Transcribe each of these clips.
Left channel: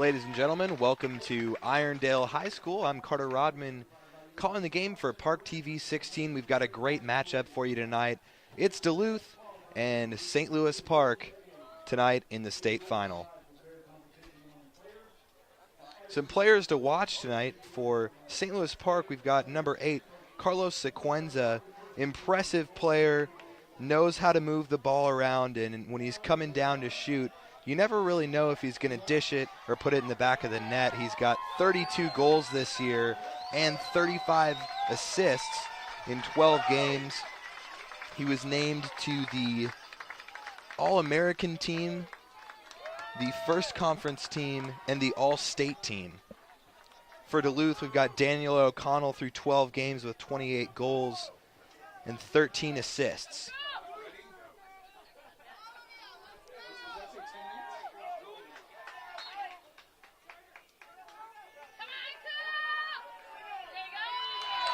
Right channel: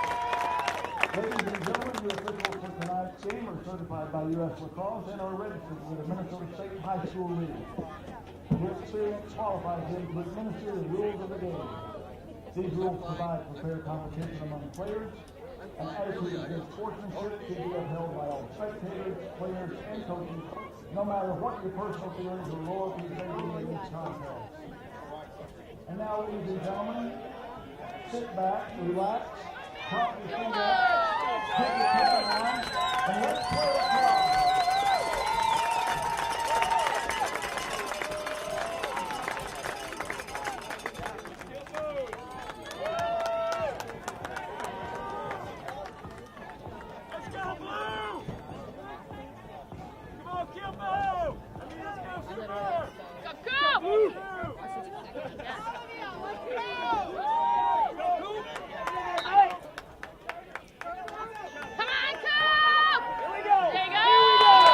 Ladies and gentlemen, welcome to Irondale High School. I'm Carter Rodman, calling the game for ParkTV 16. We've got a great matchup for you tonight. It's Duluth and St. Louis Park tonight in the state final. Some players to watch tonight for St. Louis Park. We've got number 8, Carlos Sequenza, impressive player, knows how to move the ball around, and when he's coming down to shoot, you never really know if he's going to dish it or put it in the back of the net. He's got 32 goals this year and 35 assists in 12 games. He was named to the All-American team, the first conference team, and the All-State team. For Duluth, we've got Daniel O'Connell through 12 games with 28 goals and 13 assists.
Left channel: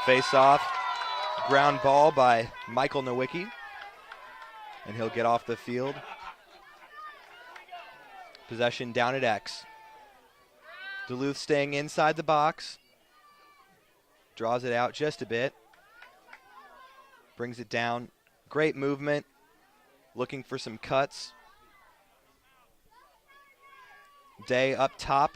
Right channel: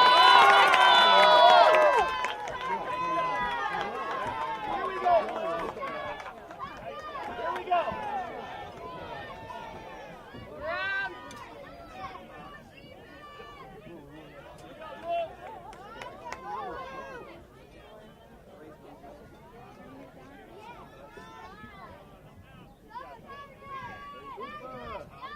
Face-off, ground ball by Michael Nowicki, and he'll get off the field. Possession down at X. Duluth staying inside the box. Draws it out just a bit. Brings it down. Great movement. Looking for some cuts. Day up top.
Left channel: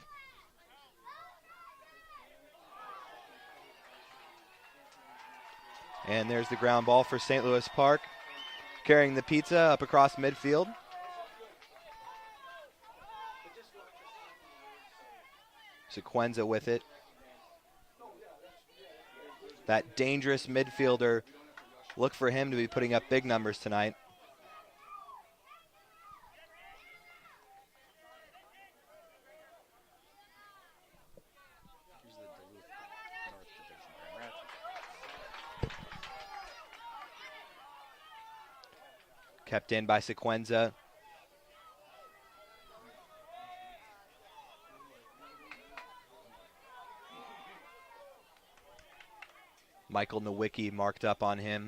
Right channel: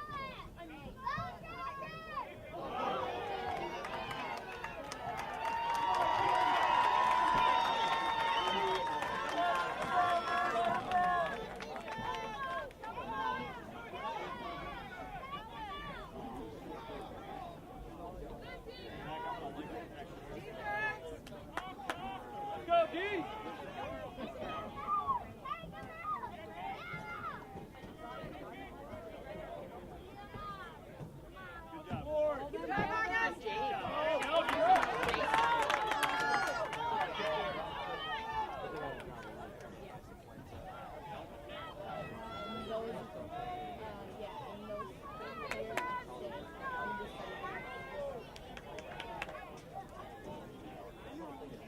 And there's the ground ball for St. Louis Park. Carrying the pizza up across midfield. Sequenza with it. That dangerous midfielder. Look for him to be putting up big numbers tonight. Kept in by Sequenza. Michael Nowicki marked up on him.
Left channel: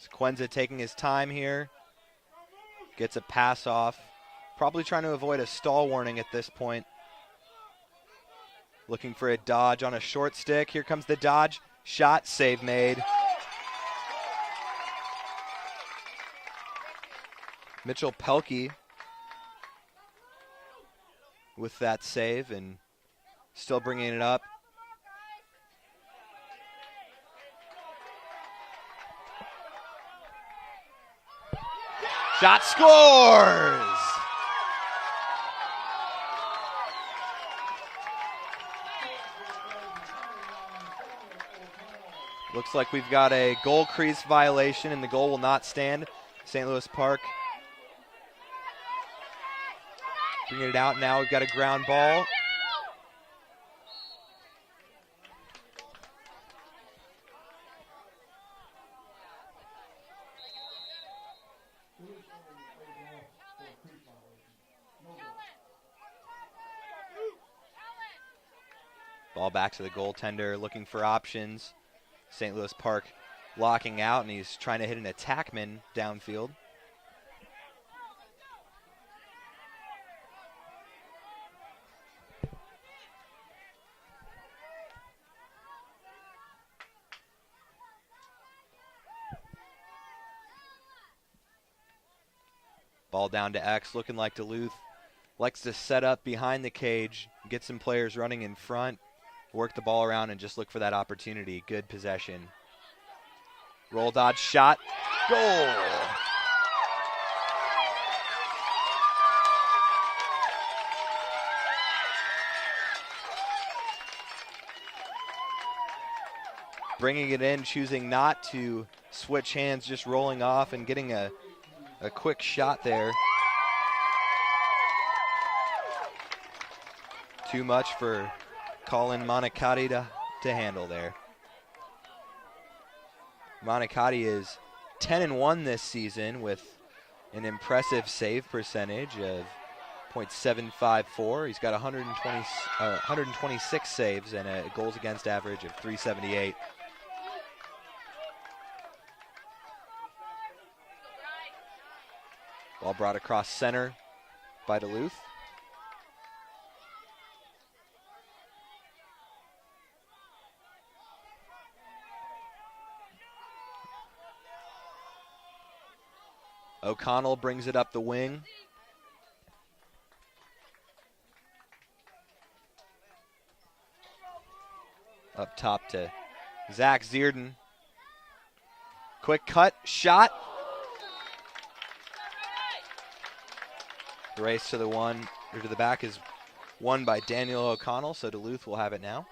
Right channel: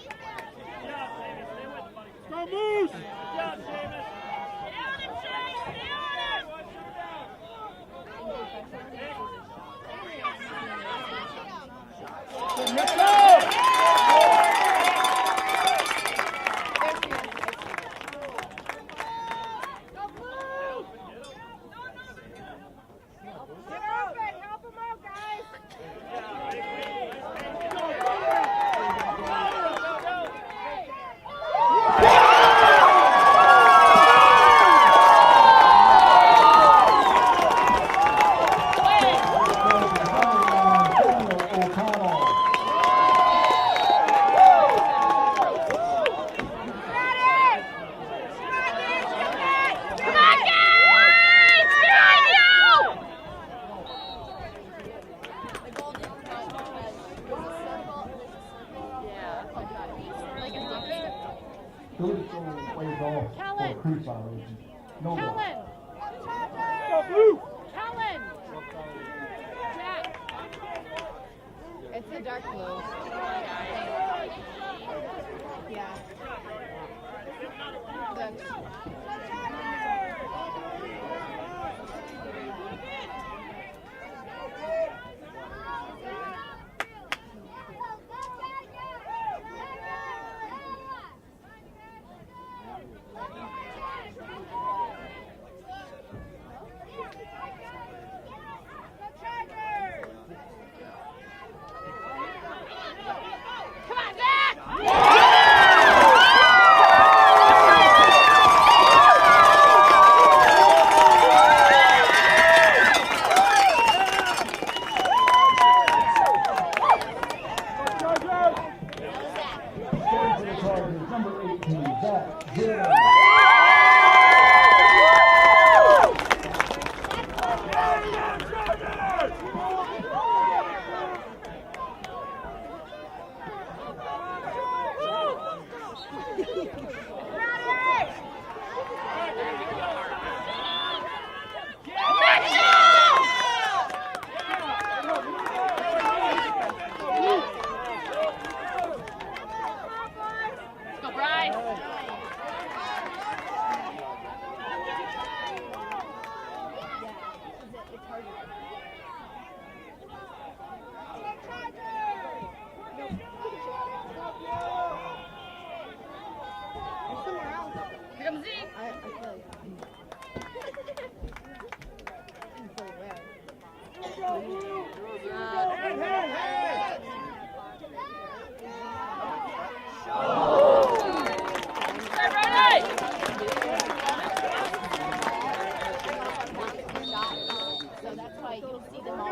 Sequenza taking his time here. Gets a pass off. Probably trying to avoid a stall warning at this point. Looking for a dodge on a short stick. Here comes the dodge. Shot, save made. Mitchell Pelkey with that save and still bringing it up. Goal crease violation, and the goal will not stand. St. Louis Park. Cleared out now. We've got a ground ball. Ball back to the goaltender, looking for options. St. Louis Park blocking out, and he's trying to hit an attackman downfield. Ball down to X, looking like Duluth likes to set up behind the cage, get some players running in front, work the ball around, and just look for that opportunity. Good possession. Roll dodge shot. Bringing it in, choosing not to switch hands, just rolling off and getting a quick shot there. Too much for Colin Monicati to handle there. Monicati is 10-1 this season with an impressive save percentage of .754. He's got 126 saves and a goals against average of .378. Ball brought across center by Duluth. O'Connell brings it up the wing. Up top to Zach Zierden. Quick cut, shot. The race to the one, to the back is won by Daniel O'Connell, so Duluth will have it now.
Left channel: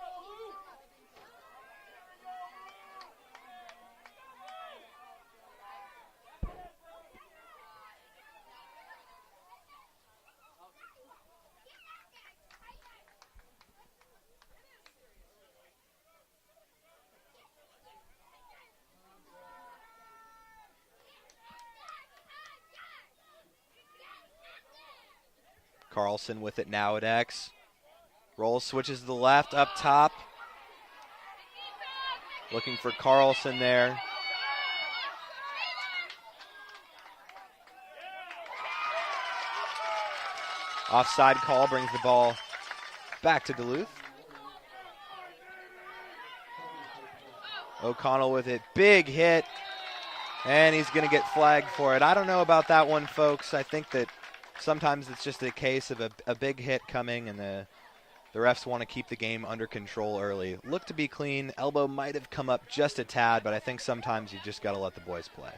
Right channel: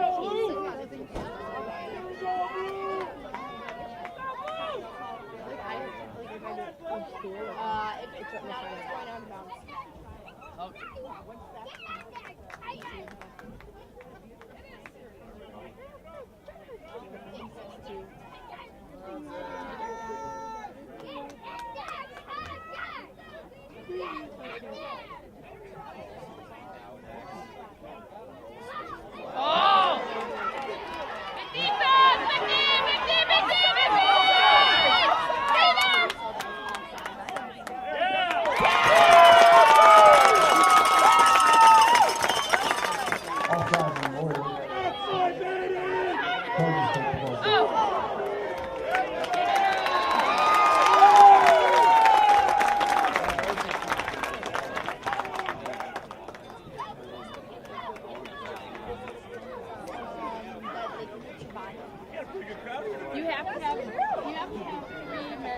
Carlson with it now at X. Roll switches to the left, up top. Looking for Carlson there. Offside call brings the ball back to Duluth. O'Connell with it, big hit, and he's going to get flagged for it. I don't know about that one, folks. I think that sometimes it's just a case of a big hit coming, and the refs want to keep the game under control early. Looked to be clean. Elbow might have come up just a tad, but I think sometimes you just got to let the boys play.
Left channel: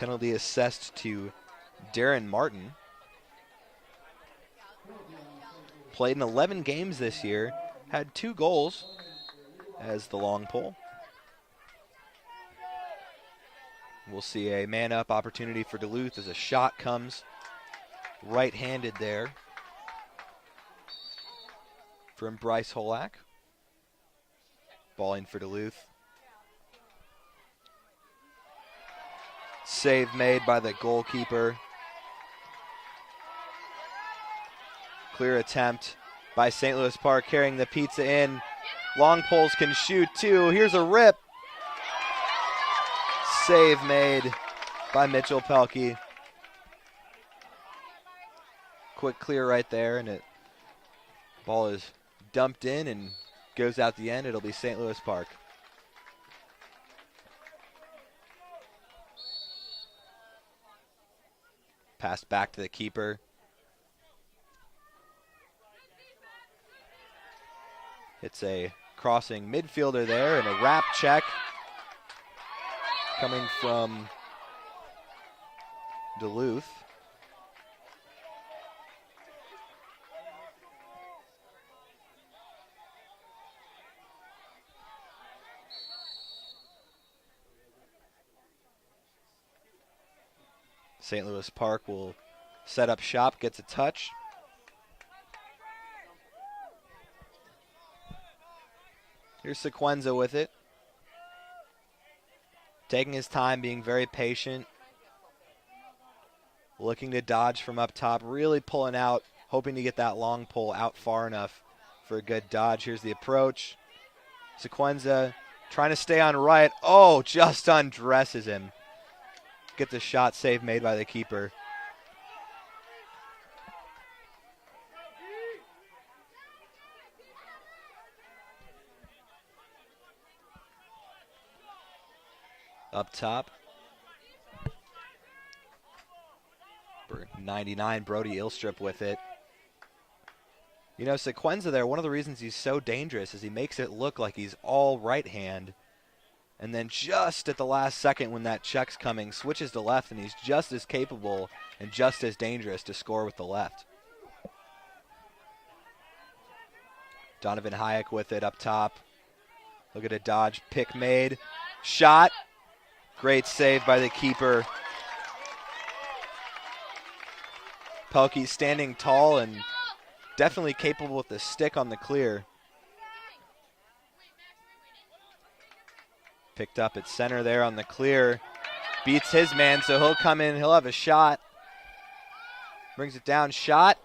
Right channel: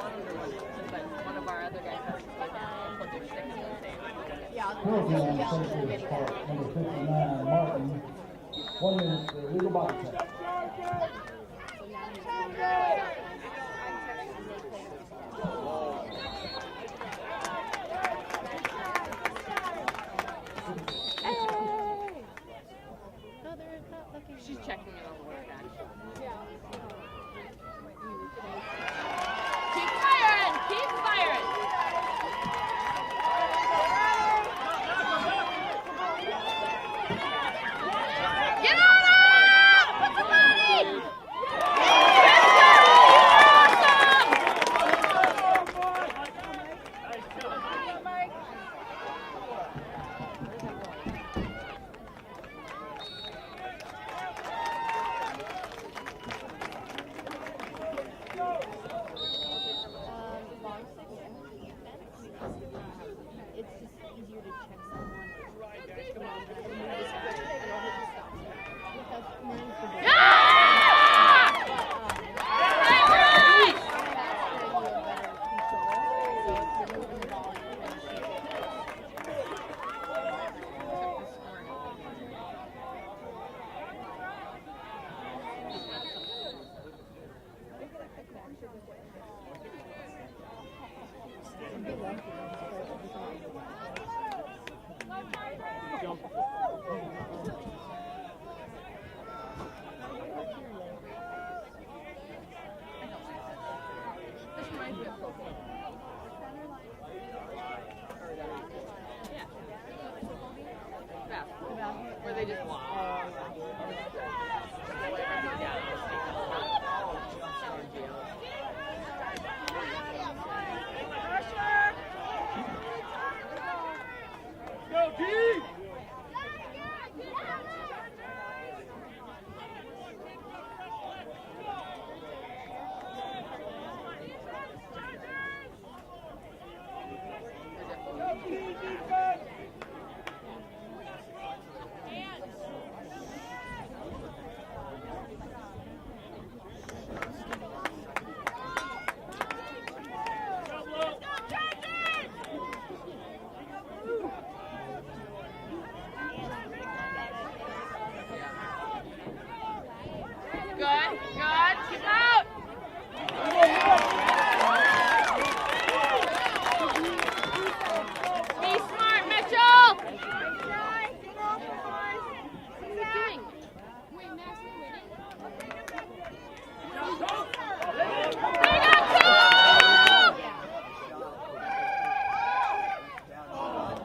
Penalty assessed to Darren Martin. Played in 11 games this year, had 2 goals as the long pole. We'll see a man-up opportunity for Duluth as a shot comes right-handed there from Bryce Holak. Ball in for Duluth. Save made by the goalkeeper. Clear attempt by St. Louis Park, carrying the pizza in. Long poles can shoot too. Here's a rip. Save made by Mitchell Pelkey. Quick clear right there, and the ball is dumped in and goes out the end. It'll be St. Louis Park. Pass back to the keeper. It's a crossing midfielder there and a wrap check coming from Duluth. St. Louis Park will set up shop, gets a touch. Here's Sequenza with it. Taking his time, being very patient. Looking to dodge from up top, really pulling out, hoping to get that long pull out far enough for a good dodge. Here's the approach. Sequenza trying to stay on right. Oh, just undresses him. Get the shot save made by the keeper. Up top. 99, Brody Ilstrup with it. You know, Sequenza there, one of the reasons he's so dangerous is he makes it look like he's all right hand. And then just at the last second when that check's coming, switches to left, and he's just as capable and just as dangerous to score with the left. Donovan Hayek with it up top. Look at a dodge, pick made, shot. Great save by the keeper. Pelkey standing tall and definitely capable with the stick on the clear. Picked up at center there on the clear. Beats his man, so he'll come in, he'll have a shot. Brings it down, shot.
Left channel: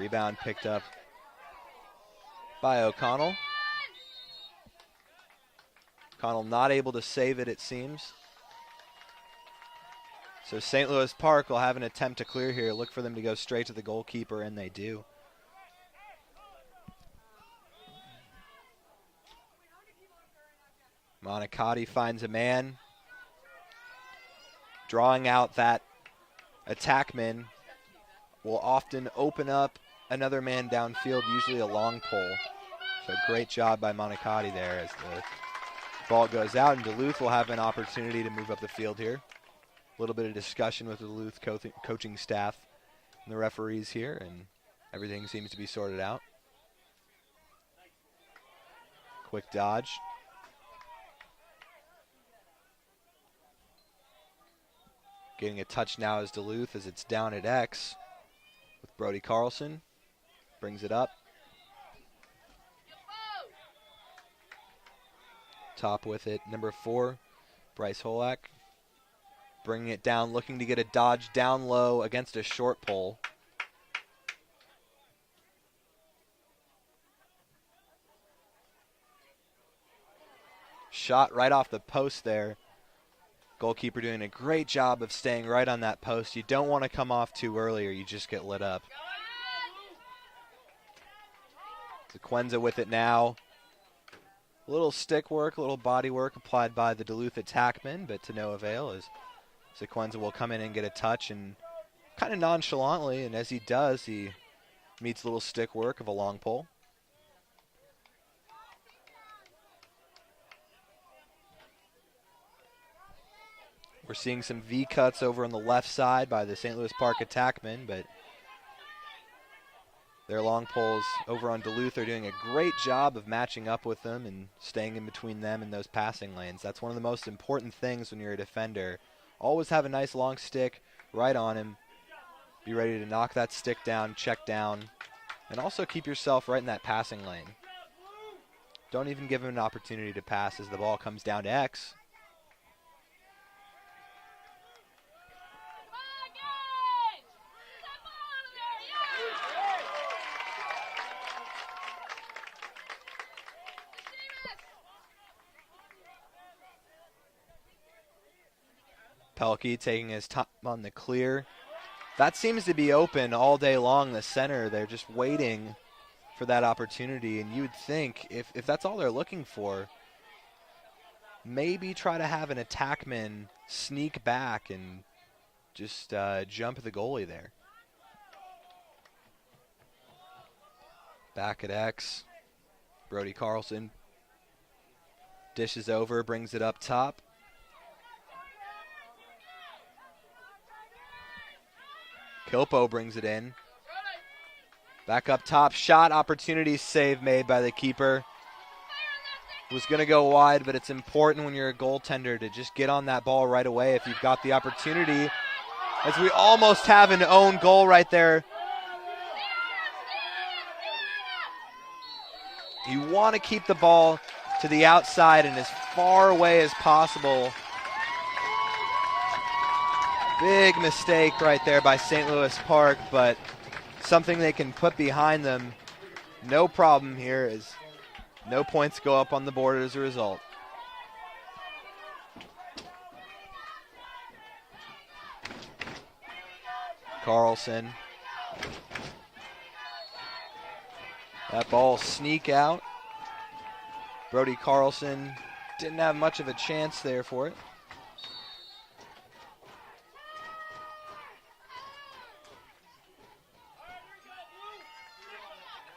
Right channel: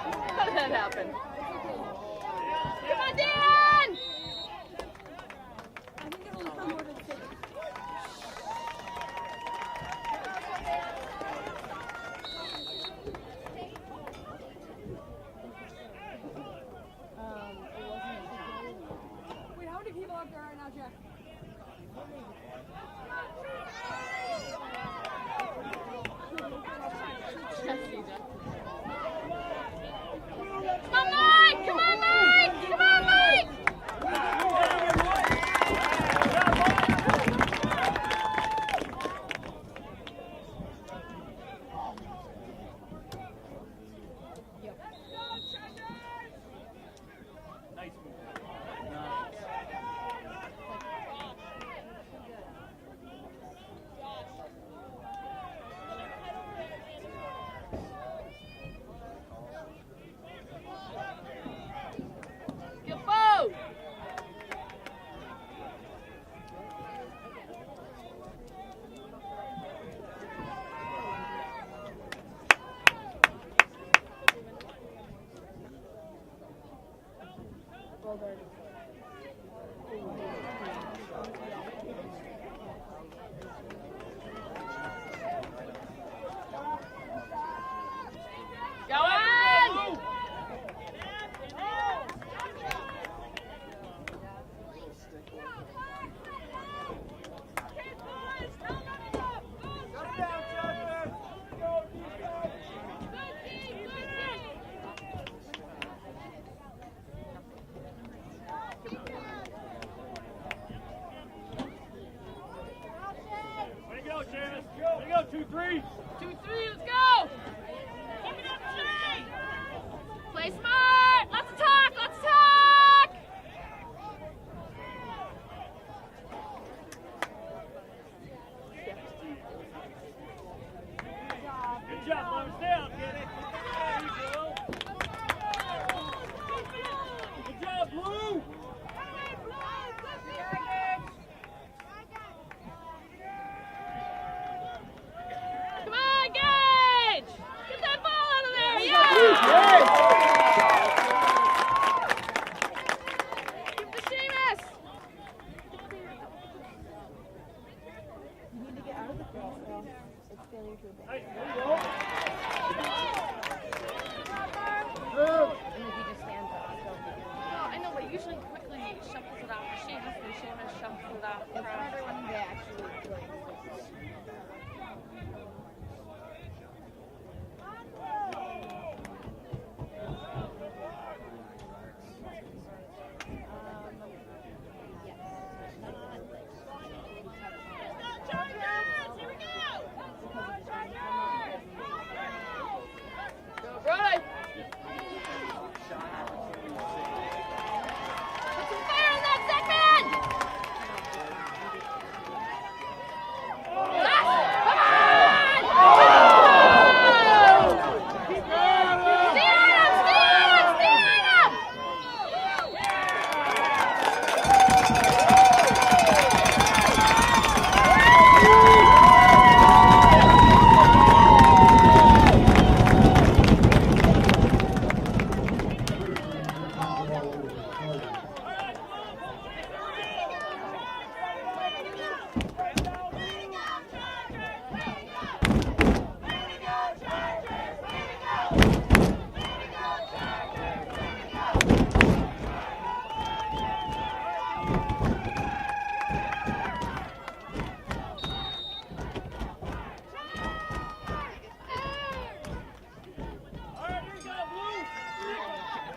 Rebound picked up by O'Connell. O'Connell not able to save it, it seems. So St. Louis Park will have an attempt to clear here. Look for them to go straight to the goalkeeper, and they do. Monicati finds a man. Drawing out that attackman will often open up another man downfield, usually a long pole. Great job by Monicati there. Ball goes out, and Duluth will have an opportunity to move up the field here. A little bit of discussion with the Duluth coaching staff and the referees here, and everything seems to be sorted out. Quick dodge. Getting a touch now is Duluth as it's down at X. Brody Carlson brings it up. Top with it, number 4, Bryce Holak. Bringing it down, looking to get a dodge down low against a short pole. Shot right off the post there. Goalkeeper doing a great job of staying right on that post. You don't want to come off too early or you just get lit up. Quenza with it now. A little stick work, a little body work applied by the Duluth attackman, but to no avail as Sequenza will come in and get a touch, and kind of nonchalantly, and as he does, he meets a little stick work of a long pole. We're seeing some V cuts over on the left side by the St. Louis Park attackmen, but their long poles over on Duluth are doing a great job of matching up with them and staying in between them and those passing lanes. That's one of the most important things when you're a defender. Always have a nice long stick right on him. Be ready to knock that stick down, check down, and also keep yourself right in that passing lane. Don't even give him an opportunity to pass as the ball comes down to X. Come on, Gage! Get that ball out of there! Yeah! Keep the Seamus! Pelkey taking his time on the clear. That seems to be open all day long, the center. They're just waiting for that opportunity, and you'd think if that's all they're looking for, maybe try to have an attackman sneak back and just jump the goalie there. Back at X, Brody Carlson dishes over, brings it up top. Kopo brings it in. Back up top, shot opportunity, save made by the keeper. It's going to go wide, but it's important when you're a goaltender to just get on that ball right away if you've got the opportunity. As we almost have an own goal right there. You want to keep the ball to the outside and as far away as possible. Big mistake right there by St. Louis Park, but something they can put behind them. No problem here as no points go up on the board as a result. Carlson. The ball sneak out. Brody Carlson didn't have much of a chance there for it.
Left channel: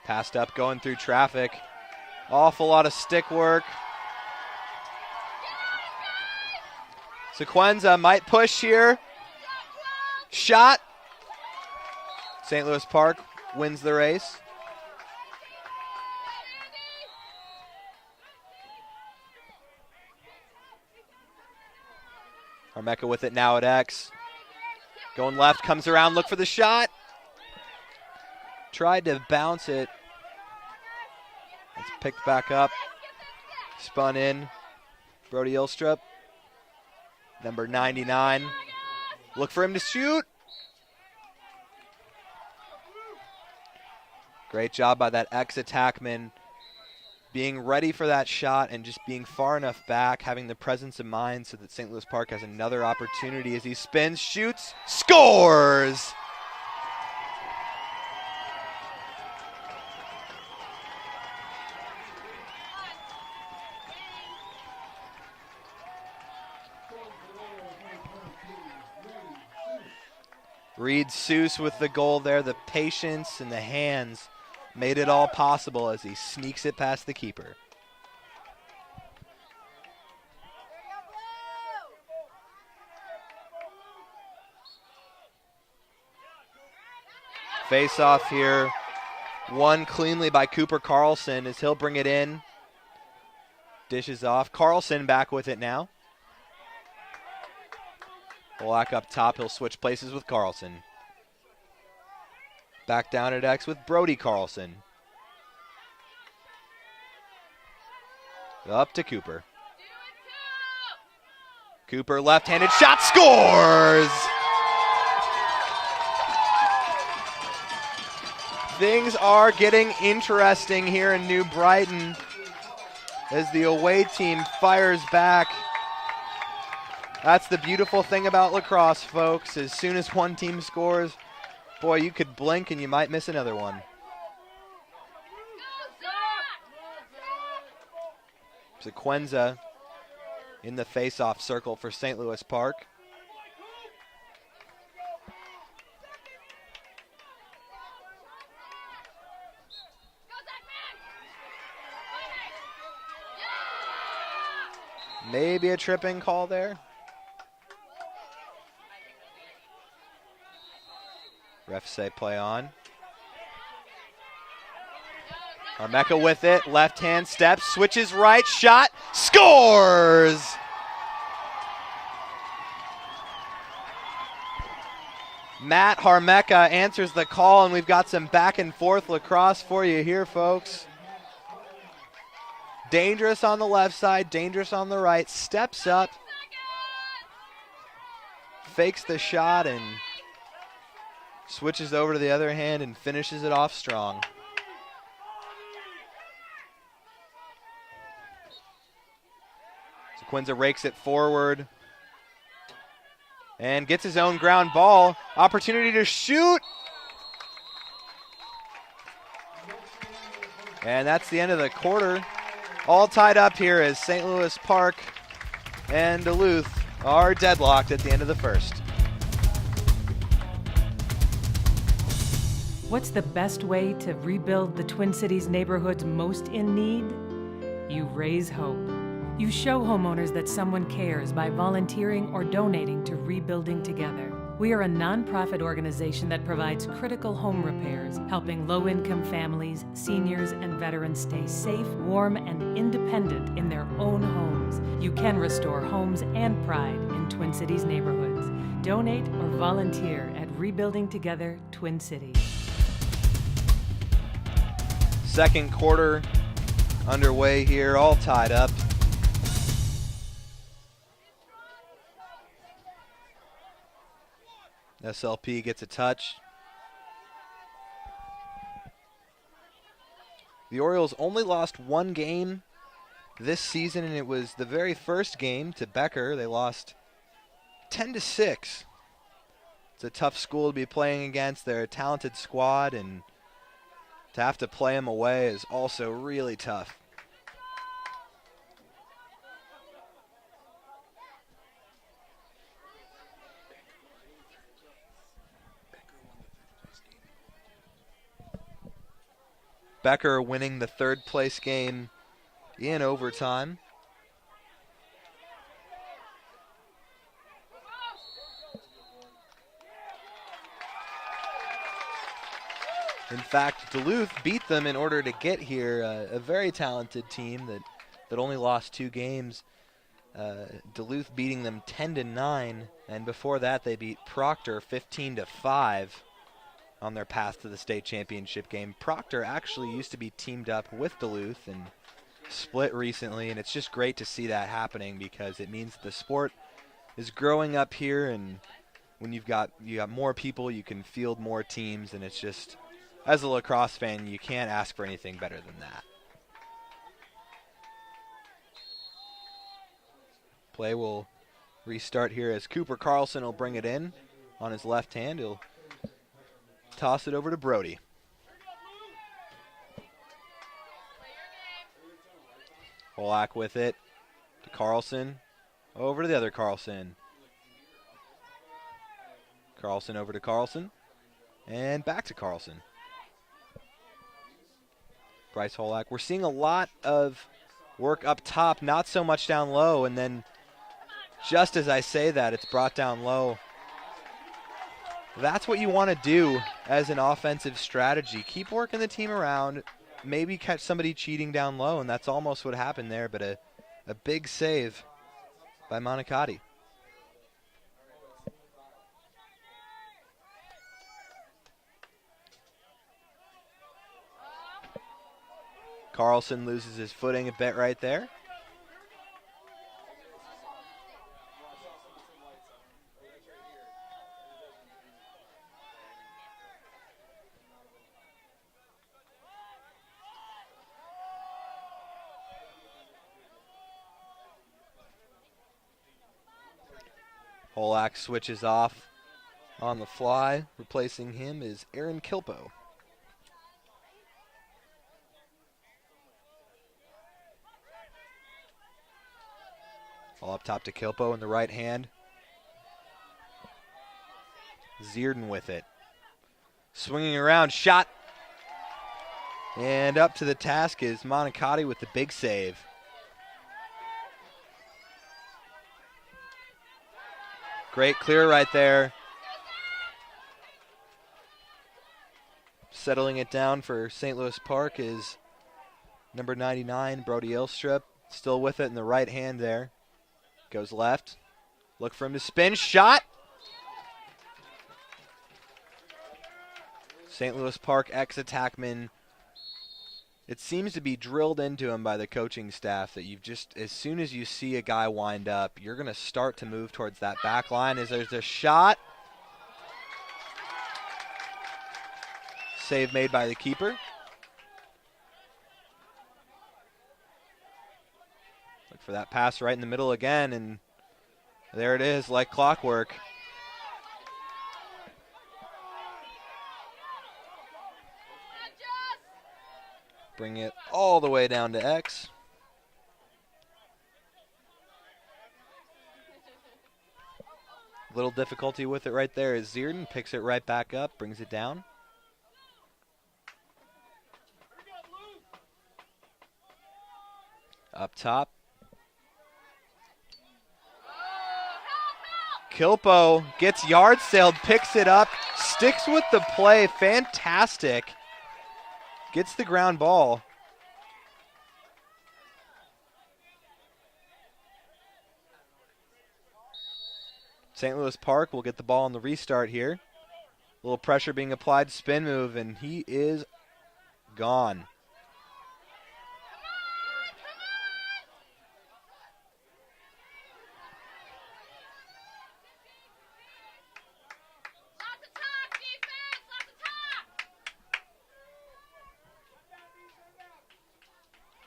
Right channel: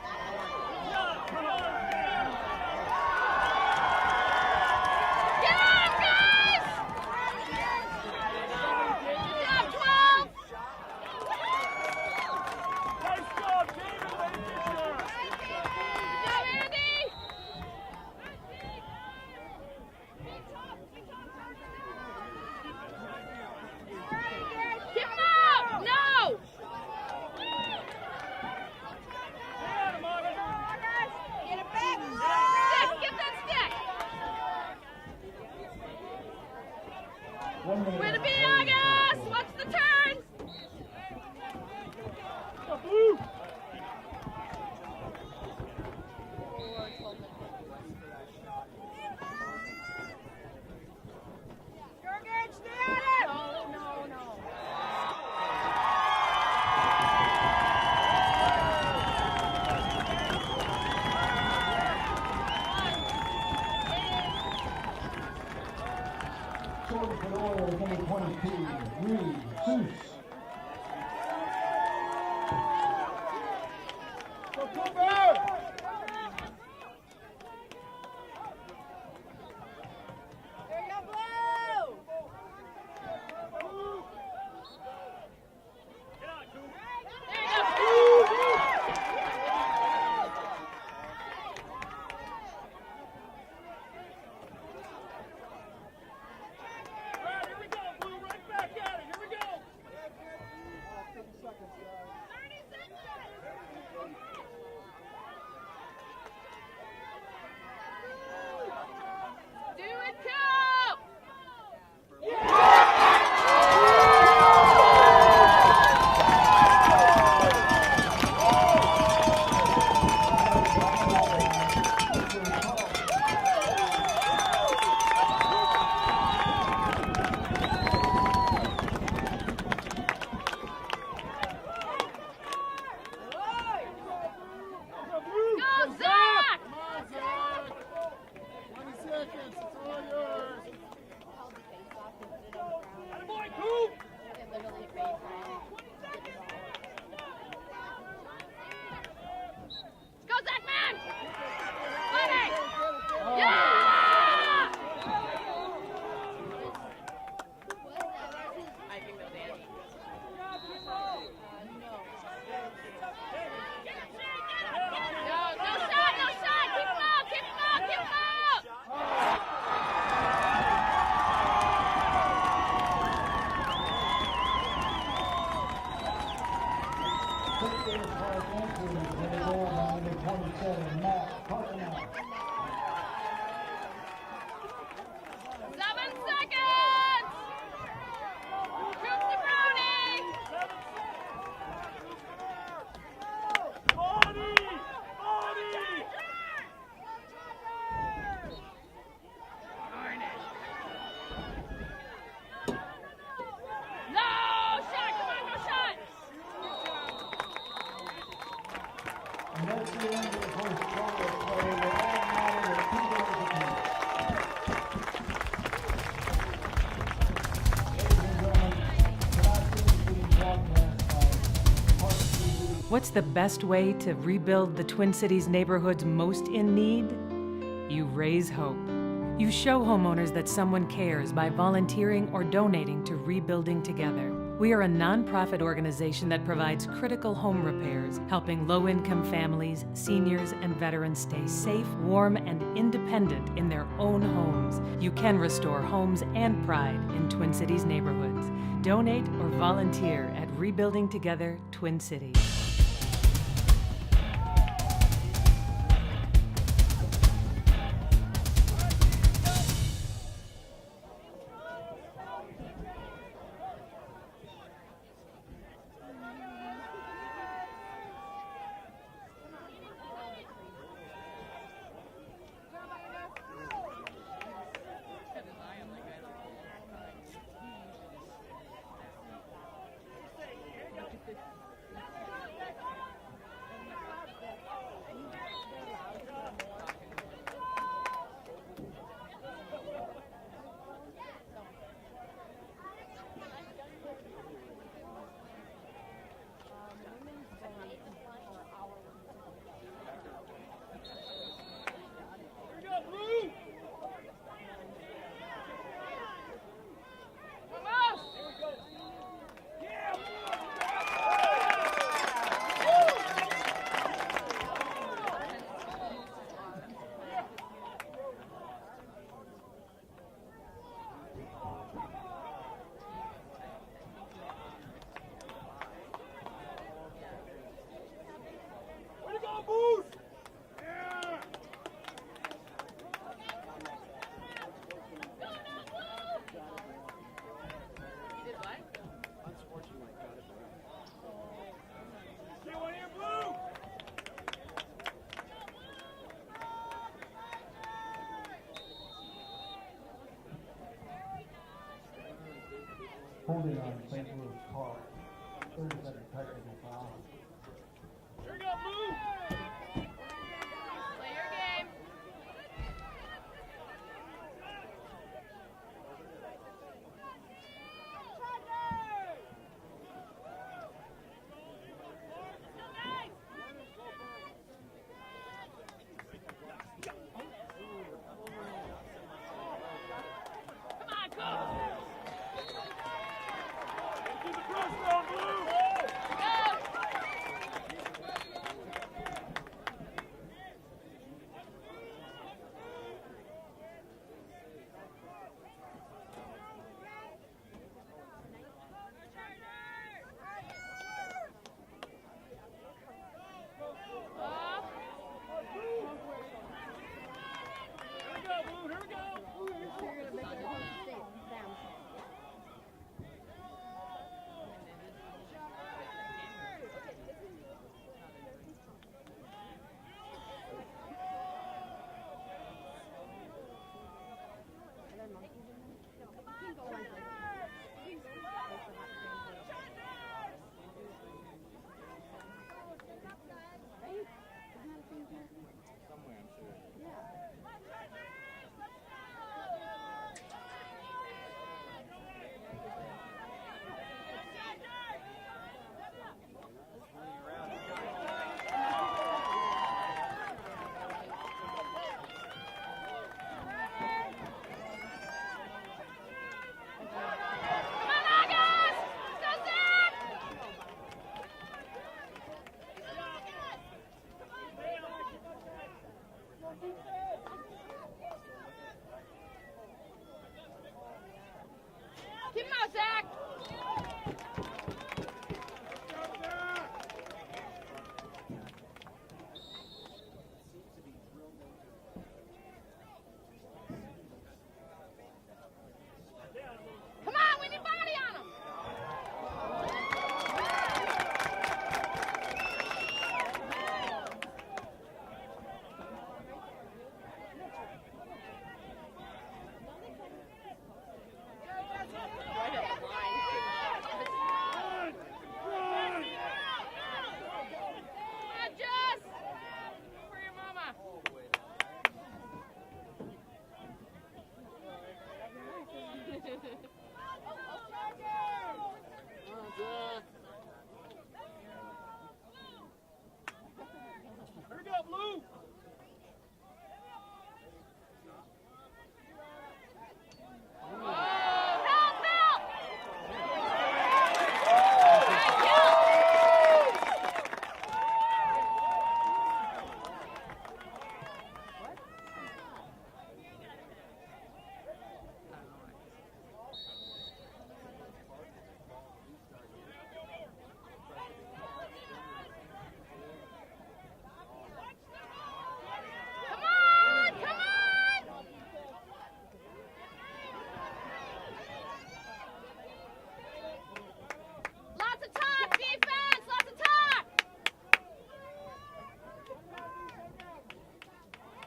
Passed up, going through traffic. Awful lot of stick work. Sequenza might push here. Shot. St. Louis Park wins the race. Armeka with it now at X. Going left, comes around, look for the shot. Tried to bounce it. Picked back up. spun in. Brody Ilstrup, number 99. Look for him to shoot. Great job by that ex-attackman, being ready for that shot and just being far enough back, having the presence of mind so that St. Louis Park has another opportunity as he spins, shoots, scores! Reed Seuss with the goal there. The patience and the hands made it all possible as he sneaks it past the keeper. Face off here. Won cleanly by Cooper Carlson as he'll bring it in. Dishes off. Carlson back with it now. Black up top, he'll switch places with Carlson. Back down at X with Brody Carlson. Up to Cooper. Cooper, left-handed shot, scores! Things are getting interesting here in New Brighton as the away team fires back. That's the beautiful thing about lacrosse, folks. As soon as one team scores, boy, you could blink and you might miss another one. Sequenza in the face-off circle for St. Louis Park. Maybe a tripping call there. Refs say play on. Mecca with it, left hand step, switches right, shot, scores! Matt Harmecca answers the call, and we've got some back and forth lacrosse for you here, folks. Dangerous on the left side, dangerous on the right, steps up, fakes the shot, and switches over to the other hand and finishes it off strong. Quinza rakes it forward and gets his own ground ball. Opportunity to shoot. And that's the end of the quarter. All tied up here as St. Louis Park and Duluth are deadlocked at the end of the first. What's the best way to rebuild the Twin Cities neighborhoods most in need? You raise hope. You show homeowners that someone cares by volunteering or donating to Rebuilding Together. We are a nonprofit organization that provides critical home repairs, helping low-income families, seniors, and veterans stay safe, warm, and independent in their own homes. You can restore homes and pride in Twin Cities neighborhoods. Donate or volunteer at Rebuilding Together Twin Cities. Second quarter underway here, all tied up. SLP gets a touch. The Orioles only lost one game this season, and it was the very first game to Becker. They lost 10-6. It's a tough school to be playing against. They're a talented squad, and to have to play them away is also really tough. Becker winning the third place game in overtime. In fact, Duluth beat them in order to get here. A very talented team that only lost 2 games. Duluth beating them 10-9, and before that they beat Proctor 15-5 on their path to the state championship game. Proctor actually used to be teamed up with Duluth, and split recently, and it's just great to see that happening because it means the sport is growing up here, and when you got more people, you can field more teams, and it's just, as a lacrosse fan, you can't ask for anything better than that. Play will restart here as Cooper Carlson will bring it in on his left hand. He'll toss it over to Brody. Polak with it. Carlson over to the other Carlson. Carlson over to Carlson. And back to Carlson. Bryce Holak. We're seeing a lot of work up top, not so much down low, and then just as I say that, it's brought down low. That's what you want to do as an offensive strategy. Keep working the team around, maybe catch somebody cheating down low, and that's almost what happened there, but a big save by Monicati. Carlson loses his footing a bit right there. Polak switches off on the fly. Replacing him is Aaron Kilpo. All up top to Kilpo in the right hand. Zierden with it. Swinging around, shot. And up to the task is Monicati with the big save. Great clear right there. Settling it down for St. Louis Park is number 99, Brody Ilstrup. Still with it in the right hand there. Goes left. Look for him to spin. Shot. St. Louis Park ex-attackman. It seems to be drilled into him by the coaching staff that you've just, as soon as you see a guy wind up, you're going to start to move towards that back line. As there's a shot. Save made by the keeper. For that pass right in the middle again, and there it is, like clockwork. Bring it all the way down to X. A little difficulty with it right there as Zierden picks it right back up, brings it down. Up top. Kilpo gets yard sailed, picks it up, sticks with the play, fantastic. Gets the ground ball. St. Louis Park will get the ball on the restart here. A little pressure being applied, spin move, and he is gone.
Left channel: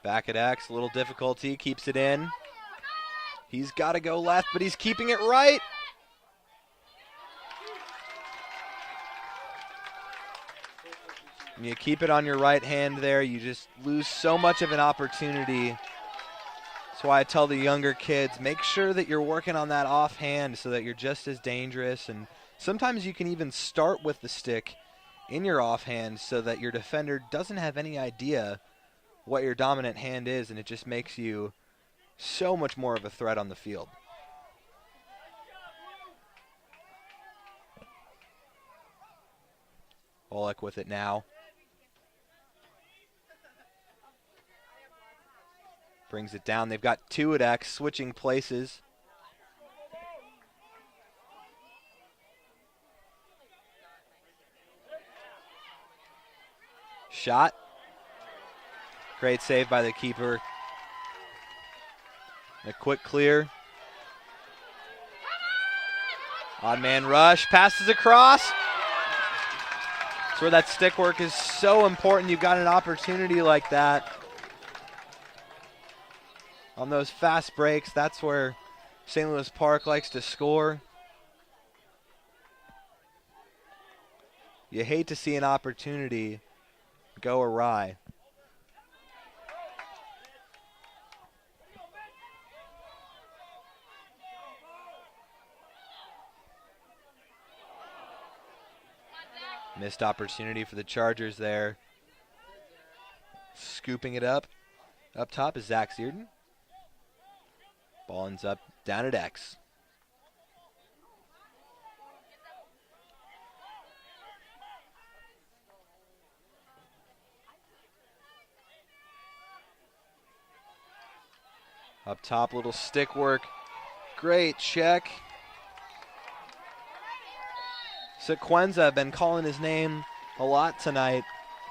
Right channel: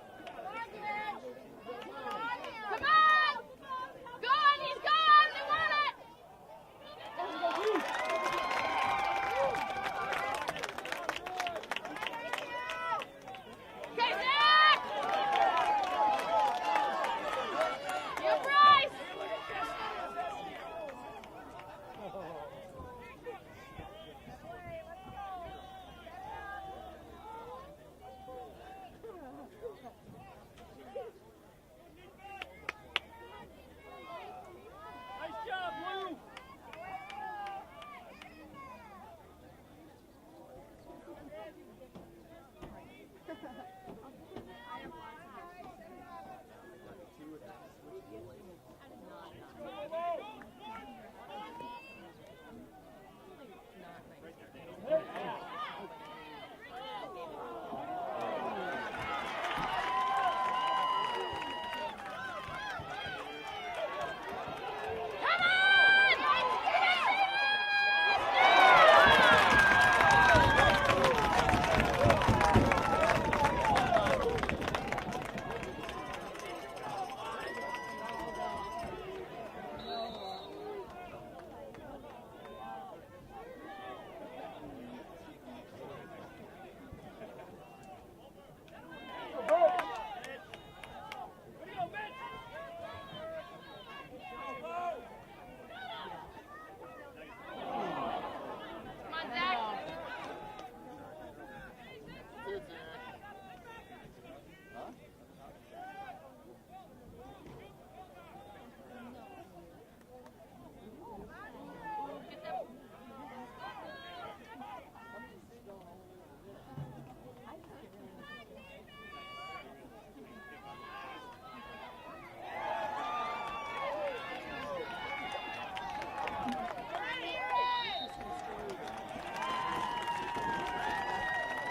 Back at X, a little difficulty, keeps it in. He's got to go left, but he's keeping it right. When you keep it on your right hand there, you just lose so much of an opportunity. That's why I tell the younger kids, make sure that you're working on that offhand so that you're just as dangerous. And sometimes you can even start with the stick in your offhand so that your defender doesn't have any idea what your dominant hand is, and it just makes you so much more of a threat on the field. Olek with it now. Brings it down. They've got two at X, switching places. Shot. Great save by the keeper. A quick clear. Odd man rush, passes across. That's where that stick work is so important. You've got an opportunity like that. On those fast breaks, that's where St. Louis Park likes to score. You hate to see an opportunity go awry. Missed opportunity for the Chargers there. Scooping it up. Up top is Zach Searden. Ball ends up down at X. Up top, little stick work. Great check. Sequenza, been calling his name a lot tonight.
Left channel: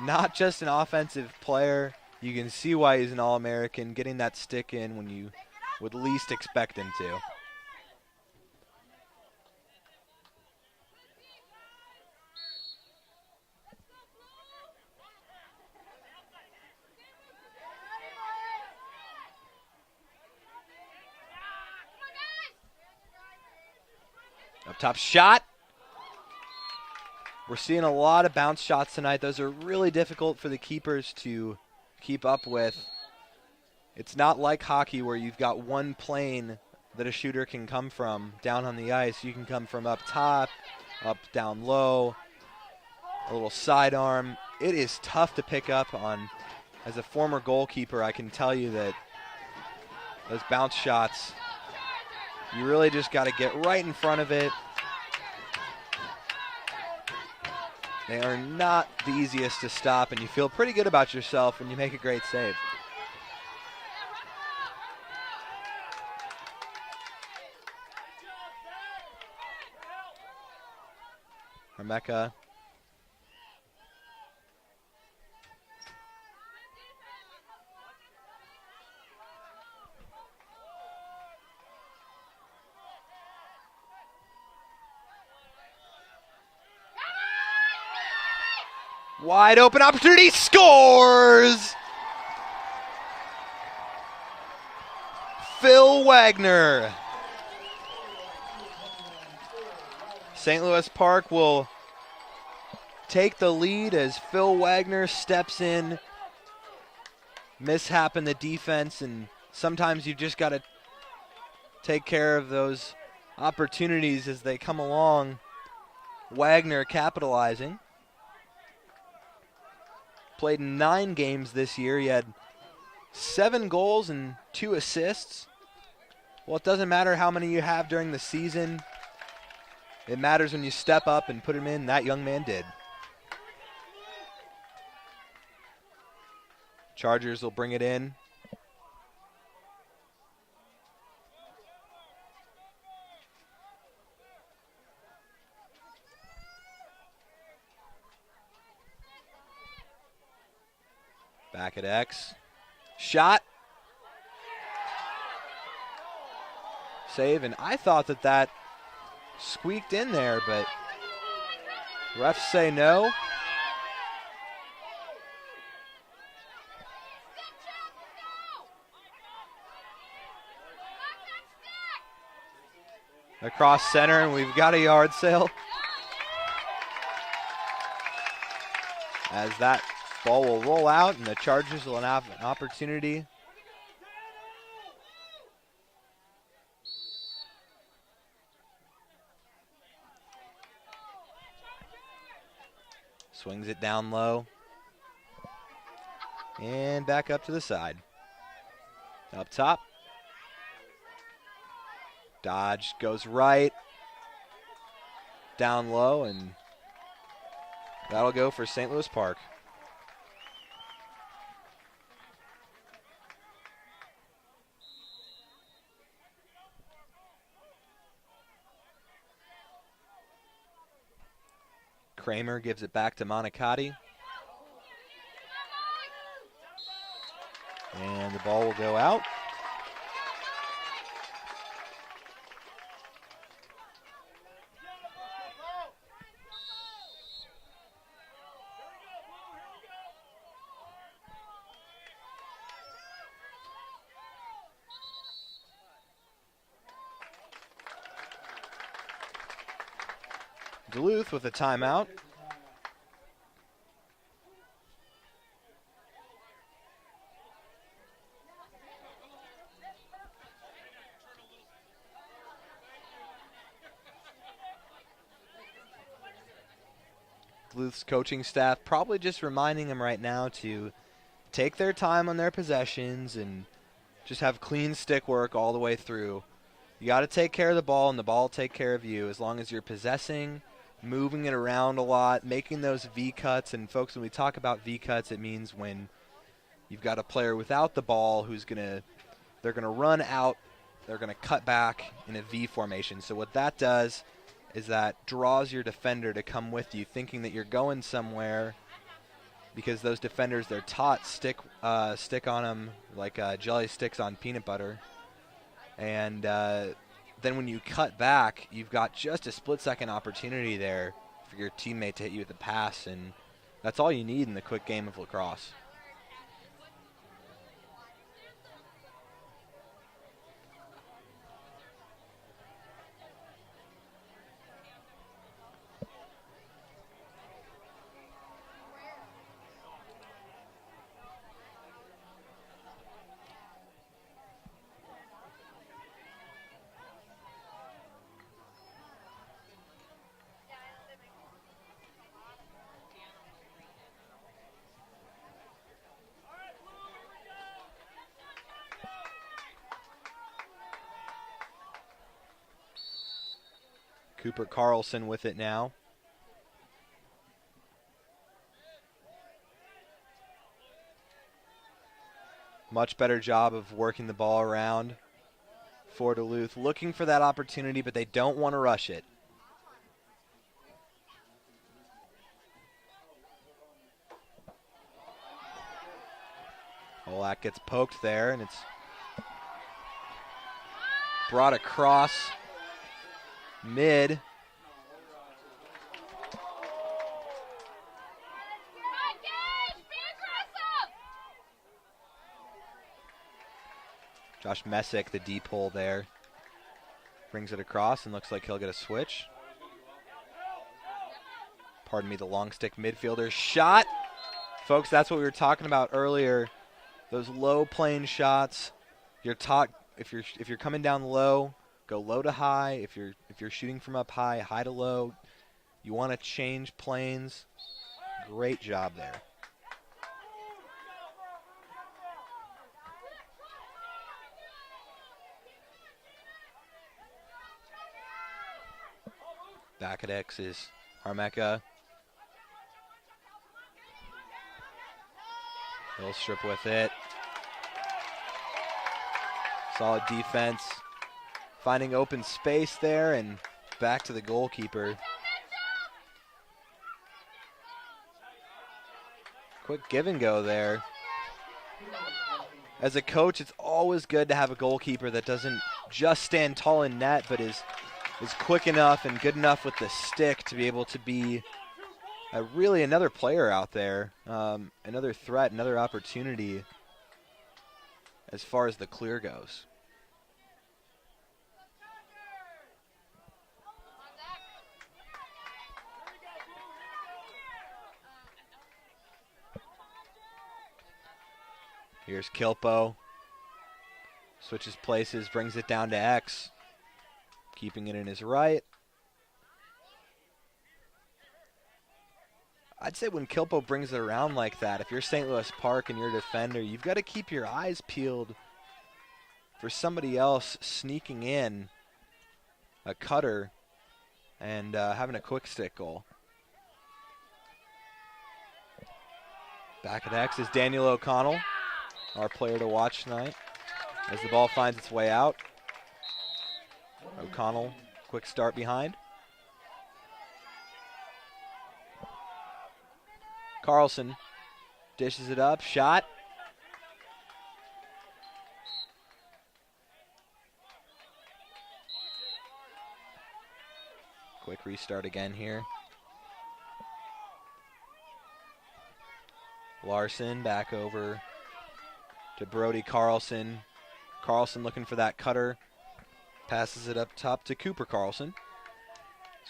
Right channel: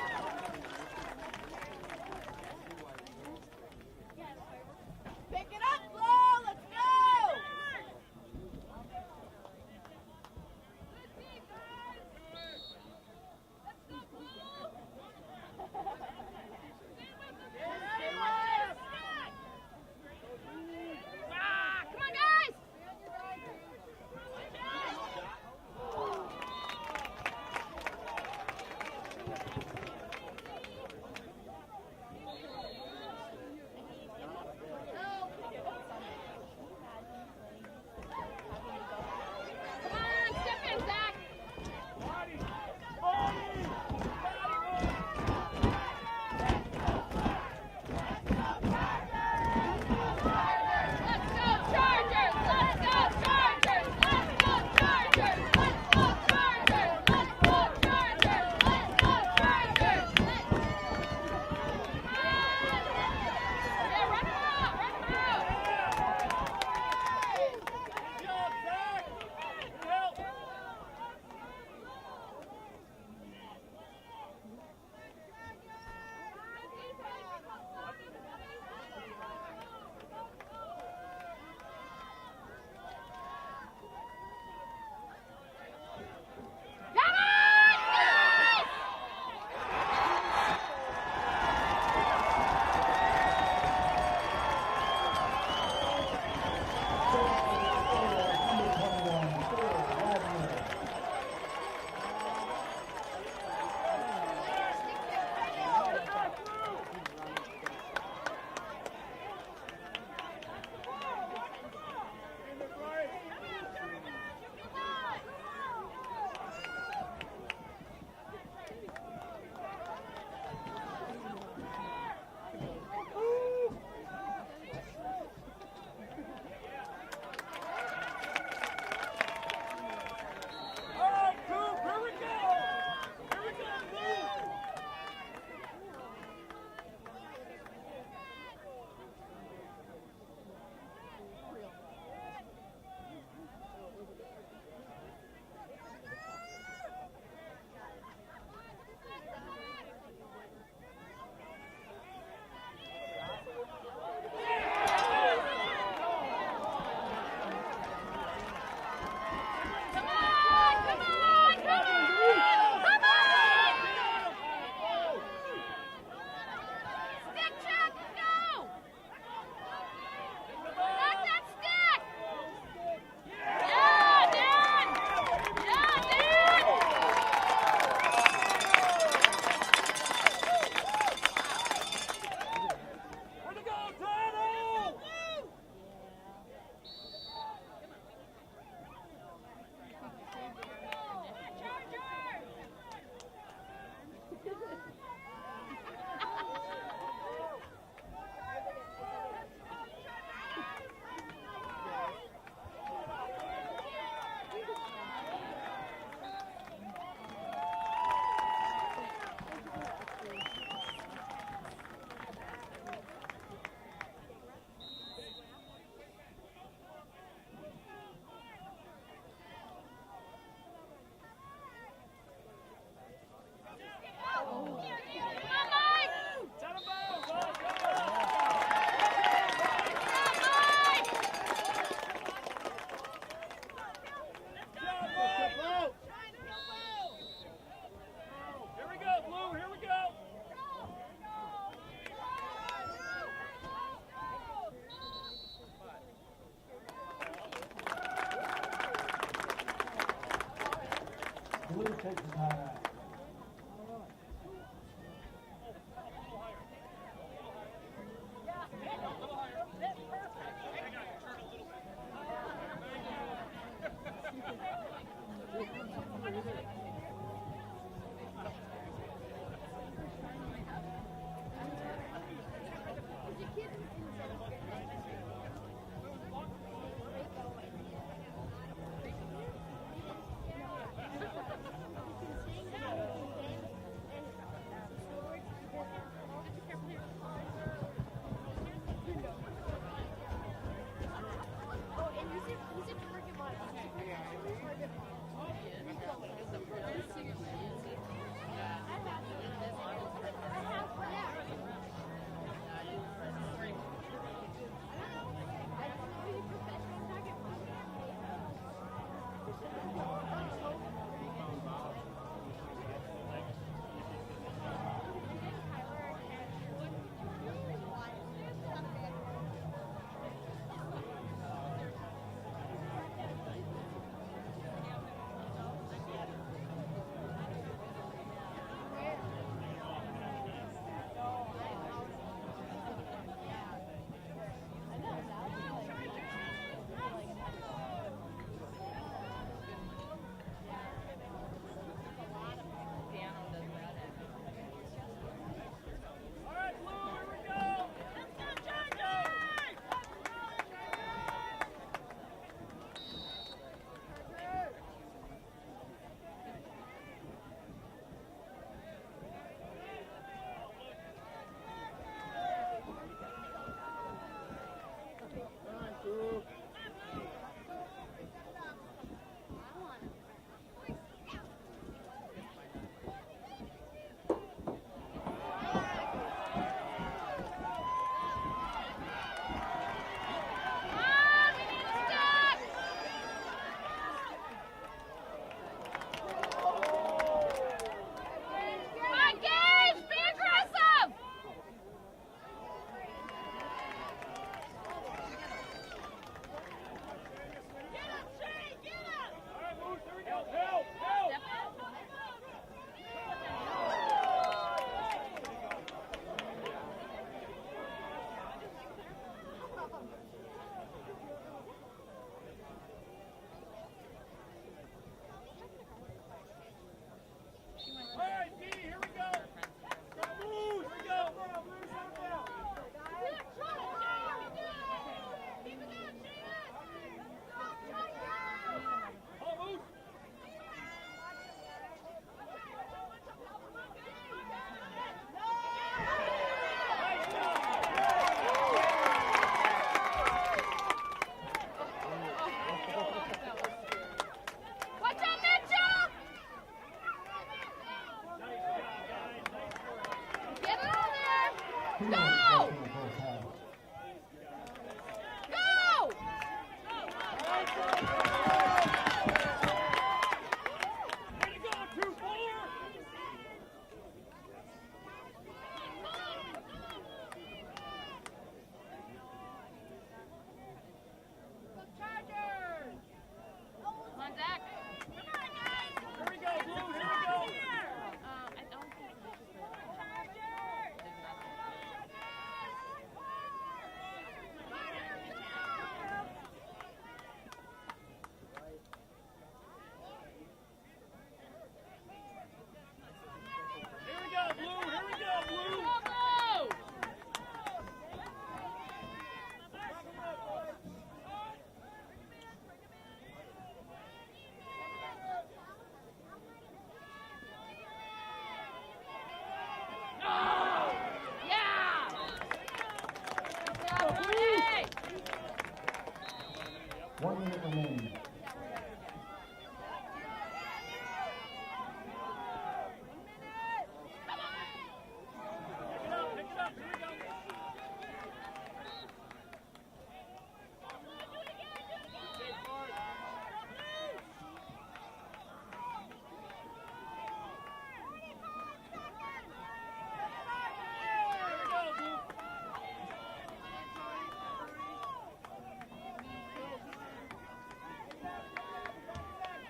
Not just an offensive player. You can see why he's an All-American, getting that stick in when you would least expect him to. Up top shot. We're seeing a lot of bounce shots tonight. Those are really difficult for the keepers to keep up with. It's not like hockey where you've got one plane that a shooter can come from down on the ice. You can come from up top, up down low, a little sidearm. It is tough to pick up on. As a former goalkeeper, I can tell you that those bounce shots, you really just got to get right in front of it. They are not the easiest to stop, and you feel pretty good about yourself when you make a great save. Rebecca. Wide open opportunity, scores! Phil Wagner. St. Louis Park will take the lead as Phil Wagner steps in. Mishap in the defense, and sometimes you just got to take care of those opportunities as they come along. Wagner capitalizing. Played 9 games this year. He had 7 goals and 2 assists. Well, it doesn't matter how many you have during the season. It matters when you step up and put him in. That young man did. Chargers will bring it in. Back at X. Shot. Save, and I thought that squeaked in there, but refs say no. Across center, and we've got a yard sale. As that ball will roll out, and the Chargers will have an opportunity. Swings it down low. And back up to the side. Up top. Dodge goes right. Down low, and that'll go for St. Louis Park. Kramer gives it back to Monicati. And the ball will go out. Duluth with a timeout. Duluth's coaching staff probably just reminding them right now to take their time on their possessions and just have clean stick work all the way through. You got to take care of the ball, and the ball will take care of you as long as you're possessing, moving it around a lot, making those V-cuts. And folks, when we talk about V-cuts, it means when you've got a player without the ball who's they're gonna run out, they're gonna cut back in a V formation. So what that does is that draws your defender to come with you, thinking that you're going somewhere, because those defenders, they're taught stick on them like jelly sticks on peanut butter. And then when you cut back, you've got just a split-second opportunity there for your teammate to hit you with the pass, and that's all you need in the quick game of lacrosse. Cooper Carlson with it now. Much better job of working the ball around for Duluth. Looking for that opportunity, but they don't want to rush it. Well, that gets poked there, and it's brought across mid. Josh Messick, the deep hole there, brings it across and looks like he'll get a switch. Pardon me, the long stick midfielder shot. Folks, that's what we were talking about earlier. Those low plane shots. You're taught if you're coming down low, go low to high. If you're shooting from up high, high to low. You want to change planes. Great job there. Back at X is Armeka. Strip with it. Solid defense. Finding open space there and back to the goalkeeper. Quick give and go there. As a coach, it's always good to have a goalkeeper that doesn't just stand tall in net, but is quick enough and good enough with the stick to be able to be really another player out there, another threat, another opportunity as far as the clear goes. Here's Kilpo. Switches places, brings it down to X. Keeping it in his right. I'd say when Kilpo brings it around like that, if you're St. Louis Park and you're a defender, you've got to keep your eyes peeled for somebody else sneaking in a cutter and having a quick stick goal. Back at X is Daniel O'Connell, our player to watch tonight, as the ball finds its way out. O'Connell, quick start behind. Carlson dishes it up, shot. Quick restart again here. Larson back over to Brody Carlson. Carlson looking for that cutter. Passes it up top to Cooper Carlson.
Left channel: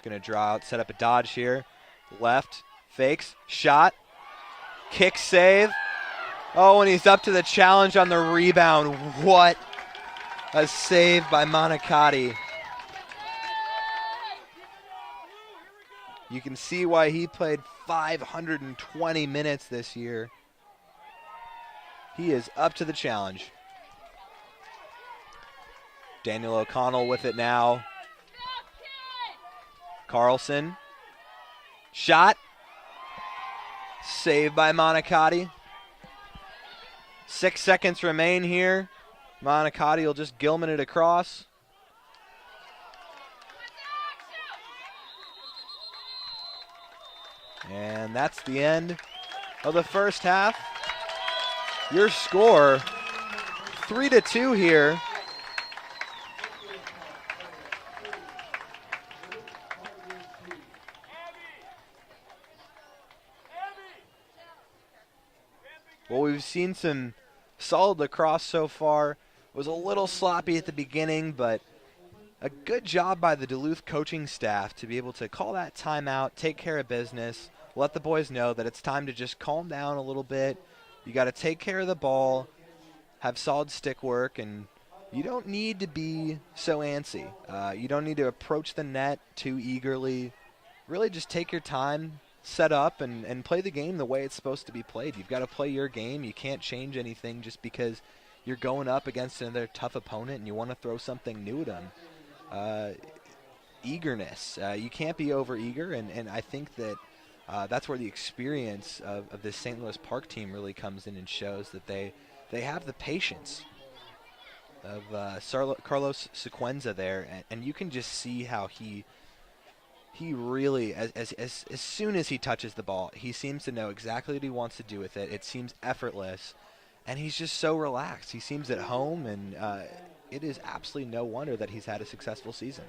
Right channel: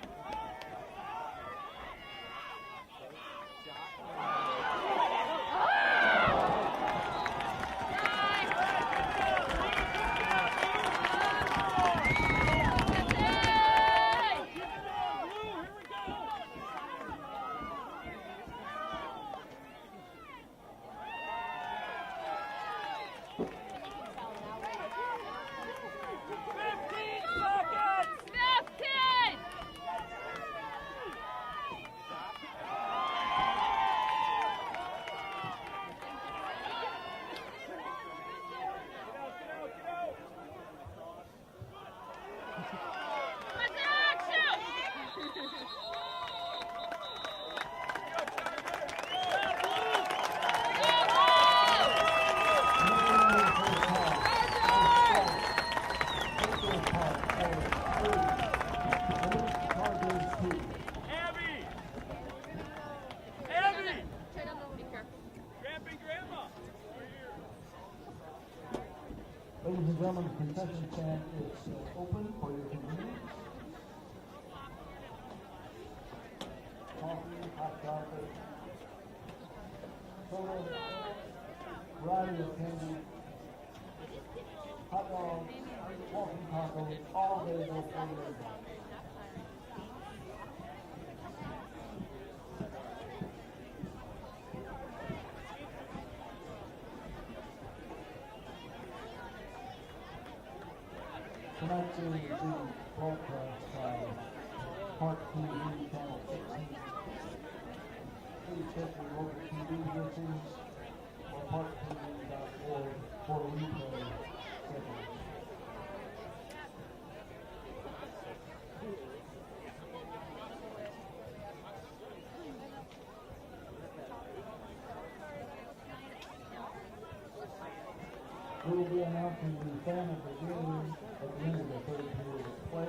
Going to draw out, set up a dodge here. Left, fakes, shot, kick save. Oh, and he's up to the challenge on the rebound. What a save by Monicati. You can see why he played 520 minutes this year. He is up to the challenge. Daniel O'Connell with it now. Carlson. Shot. Saved by Monicati. 6 seconds remain here. Monicati will just Gilman it across. And that's the end of the first half. Your score, 3-2 here. Well, we've seen some solid lacrosse so far. Was a little sloppy at the beginning, but a good job by the Duluth coaching staff to be able to call that timeout, take care of business, let the boys know that it's time to just calm down a little bit. You got to take care of the ball, have solid stick work, and you don't need to be so antsy. You don't need to approach the net too eagerly. Really just take your time, set up, and play the game the way it's supposed to be played. You've got to play your game. You can't change anything just because you're going up against another tough opponent and you want to throw something new at them. Eagerness. You can't be over-eager, and I think that that's where the experience of this St. Louis Park team really comes in and shows that they have the patience of Carlos Sequenza there, and you can just see how he really, as soon as he touches the ball, he seems to know exactly what he wants to do with it. It seems effortless, and he's just so relaxed. He seems at home, and it is absolutely no wonder that he's had a successful season.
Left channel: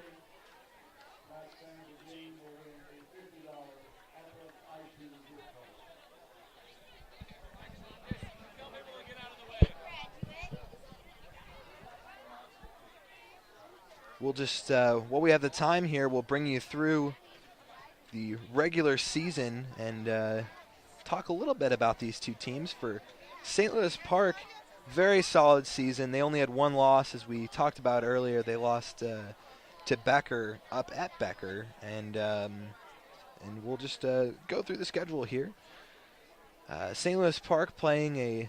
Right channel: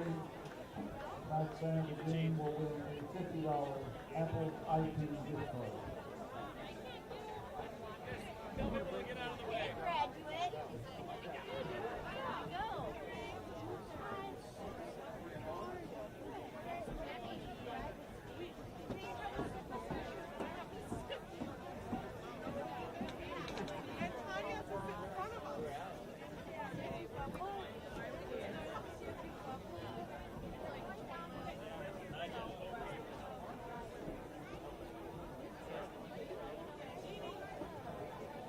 We'll just, while we have the time here, we'll bring you through the regular season and talk a little bit about these two teams. For St. Louis Park, very solid season. They only had one loss, as we talked about earlier. They lost to Becker up at Becker, and we'll just go through the schedule here. St. Louis Park playing a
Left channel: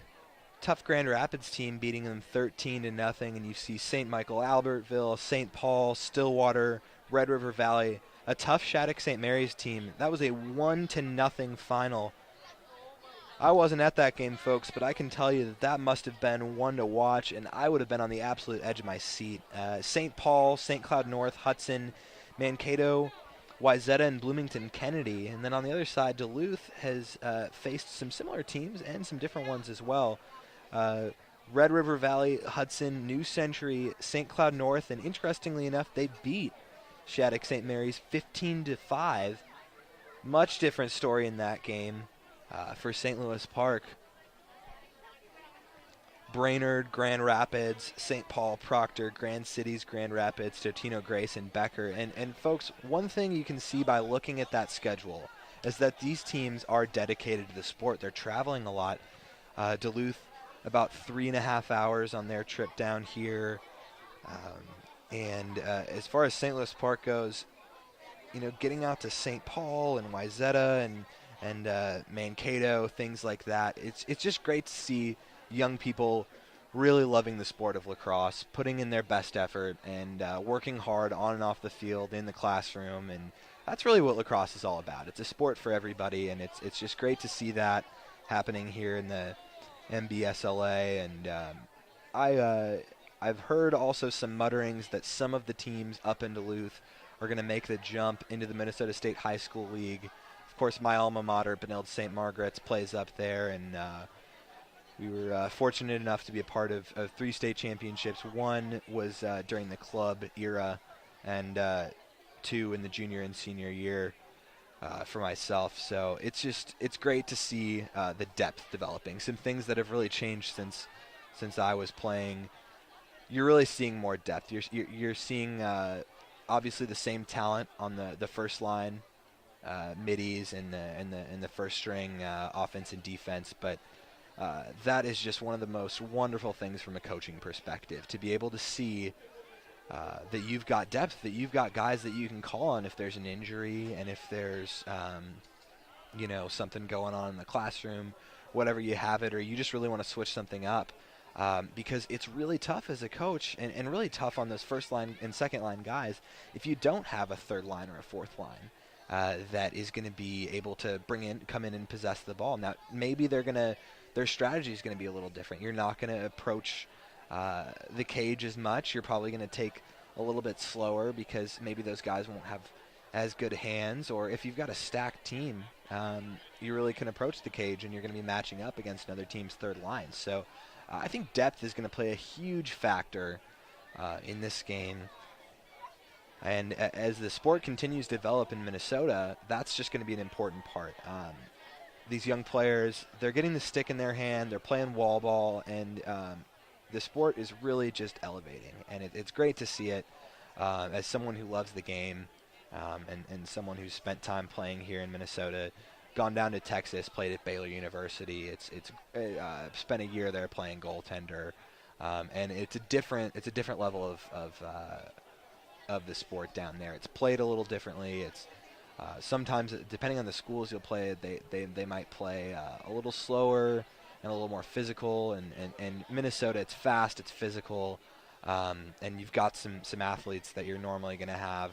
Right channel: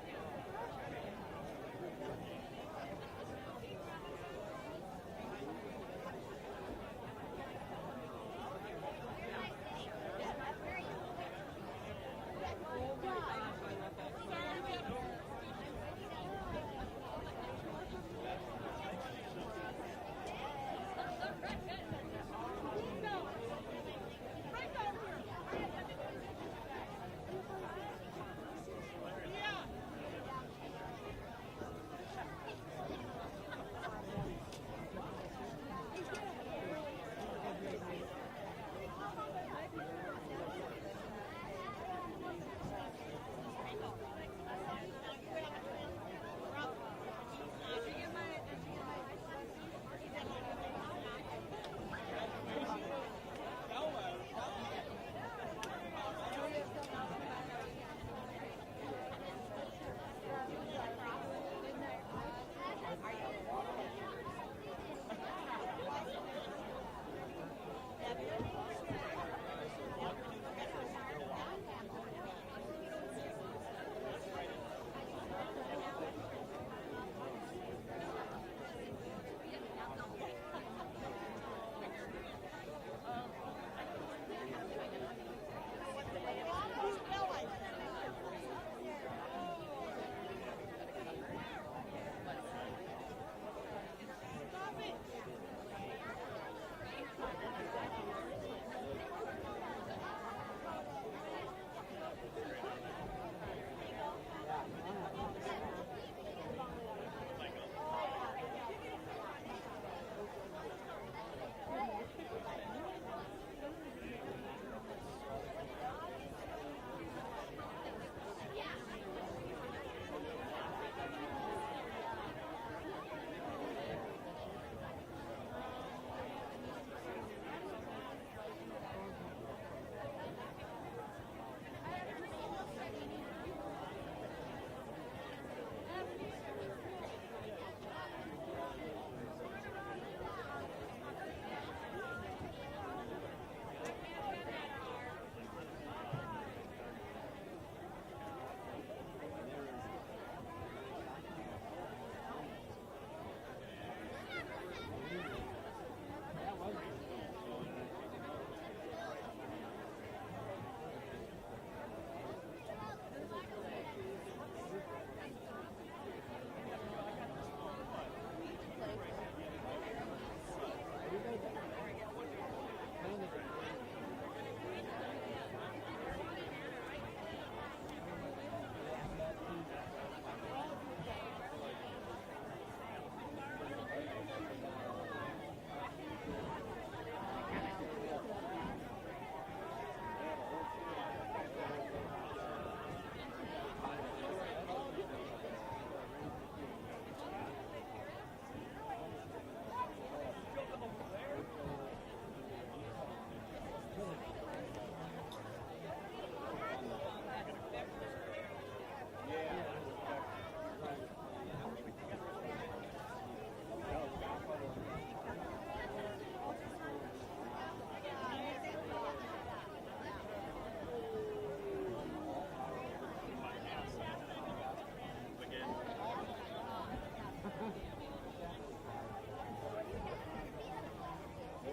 tough Grand Rapids team, beating them 13-0, and you see St. Michael Albertville, St. Paul, Stillwater, Red River Valley, a tough Shattuck St. Mary's team. That was a 1-0 final. I wasn't at that game, folks, but I can tell you that must have been one to watch, and I would have been on the absolute edge of my seat. St. Paul, St. Cloud North, Hudson, Mankato, Wayzata, and Bloomington Kennedy. And then on the other side, Duluth has faced some similar teams and some different ones as well. Red River Valley, Hudson, New Century, St. Cloud North, and interestingly enough, they beat Shattuck St. Mary's 15-5. Much different story in that game for St. Louis Park. Brainerd, Grand Rapids, St. Paul, Proctor, Grand Cities, Grand Rapids, Totino, Grace, and Becker. And folks, one thing you can see by looking at that schedule is that these teams are dedicated to the sport. They're traveling a lot. Duluth, about 3.5 hours on their trip down here. And as far as St. Louis Park goes, you know, getting out to St. Paul and Wayzata and Mankato, things like that, it's just great to see young people really loving the sport of lacrosse, putting in their best effort, and working hard on and off the field, in the classroom, and that's really what lacrosse is all about. It's a sport for everybody, and it's just great to see that happening here in the MBSLA. And I've heard also some mutterings that some of the teams up in Duluth are going to make the jump into the Minnesota State High School League. Of course, my alma mater, Benilde St. Margaret's, plays up there, and we were fortunate enough to be a part of 3 state championships. One was during the club era, and 2 in the junior and senior year for myself. So it's great to see the depth developing. Some things that have really changed since I was playing. You're really seeing more depth. You're seeing obviously the same talent on the first line, middies and the first string offense and defense, but that is just one of the most wonderful things from a coaching perspective, to be able to see that you've got depth, that you've got guys that you can call on if there's an injury and if there's something going on in the classroom, whatever you have it, or you just really want to switch something up. Because it's really tough as a coach and really tough on those first line and second line guys if you don't have a third line or a fourth line that is going to be able to come in and possess the ball. Now, maybe their strategy is going to be a little different. You're not going to approach the cage as much. You're probably going to take a little bit slower because maybe those guys won't have as good hands, or if you've got a stacked team, you really can approach the cage and you're going to be matching up against another team's third line. So I think depth is going to play a huge factor in this game. And as the sport continues to develop in Minnesota, that's just going to be an important part. These young players, they're getting the stick in their hand, they're playing wall ball, and the sport is really just elevating. And it's great to see it as someone who loves the game and someone who's spent time playing here in Minnesota, gone down to Texas, played at Baylor University. It's spent a year there playing goaltender, and it's a different level of the sport down there. It's played a little differently. It's sometimes, depending on the schools you'll play, they might play a little slower and a little more physical. And Minnesota, it's fast, it's physical, and you've got some athletes that you're normally going to have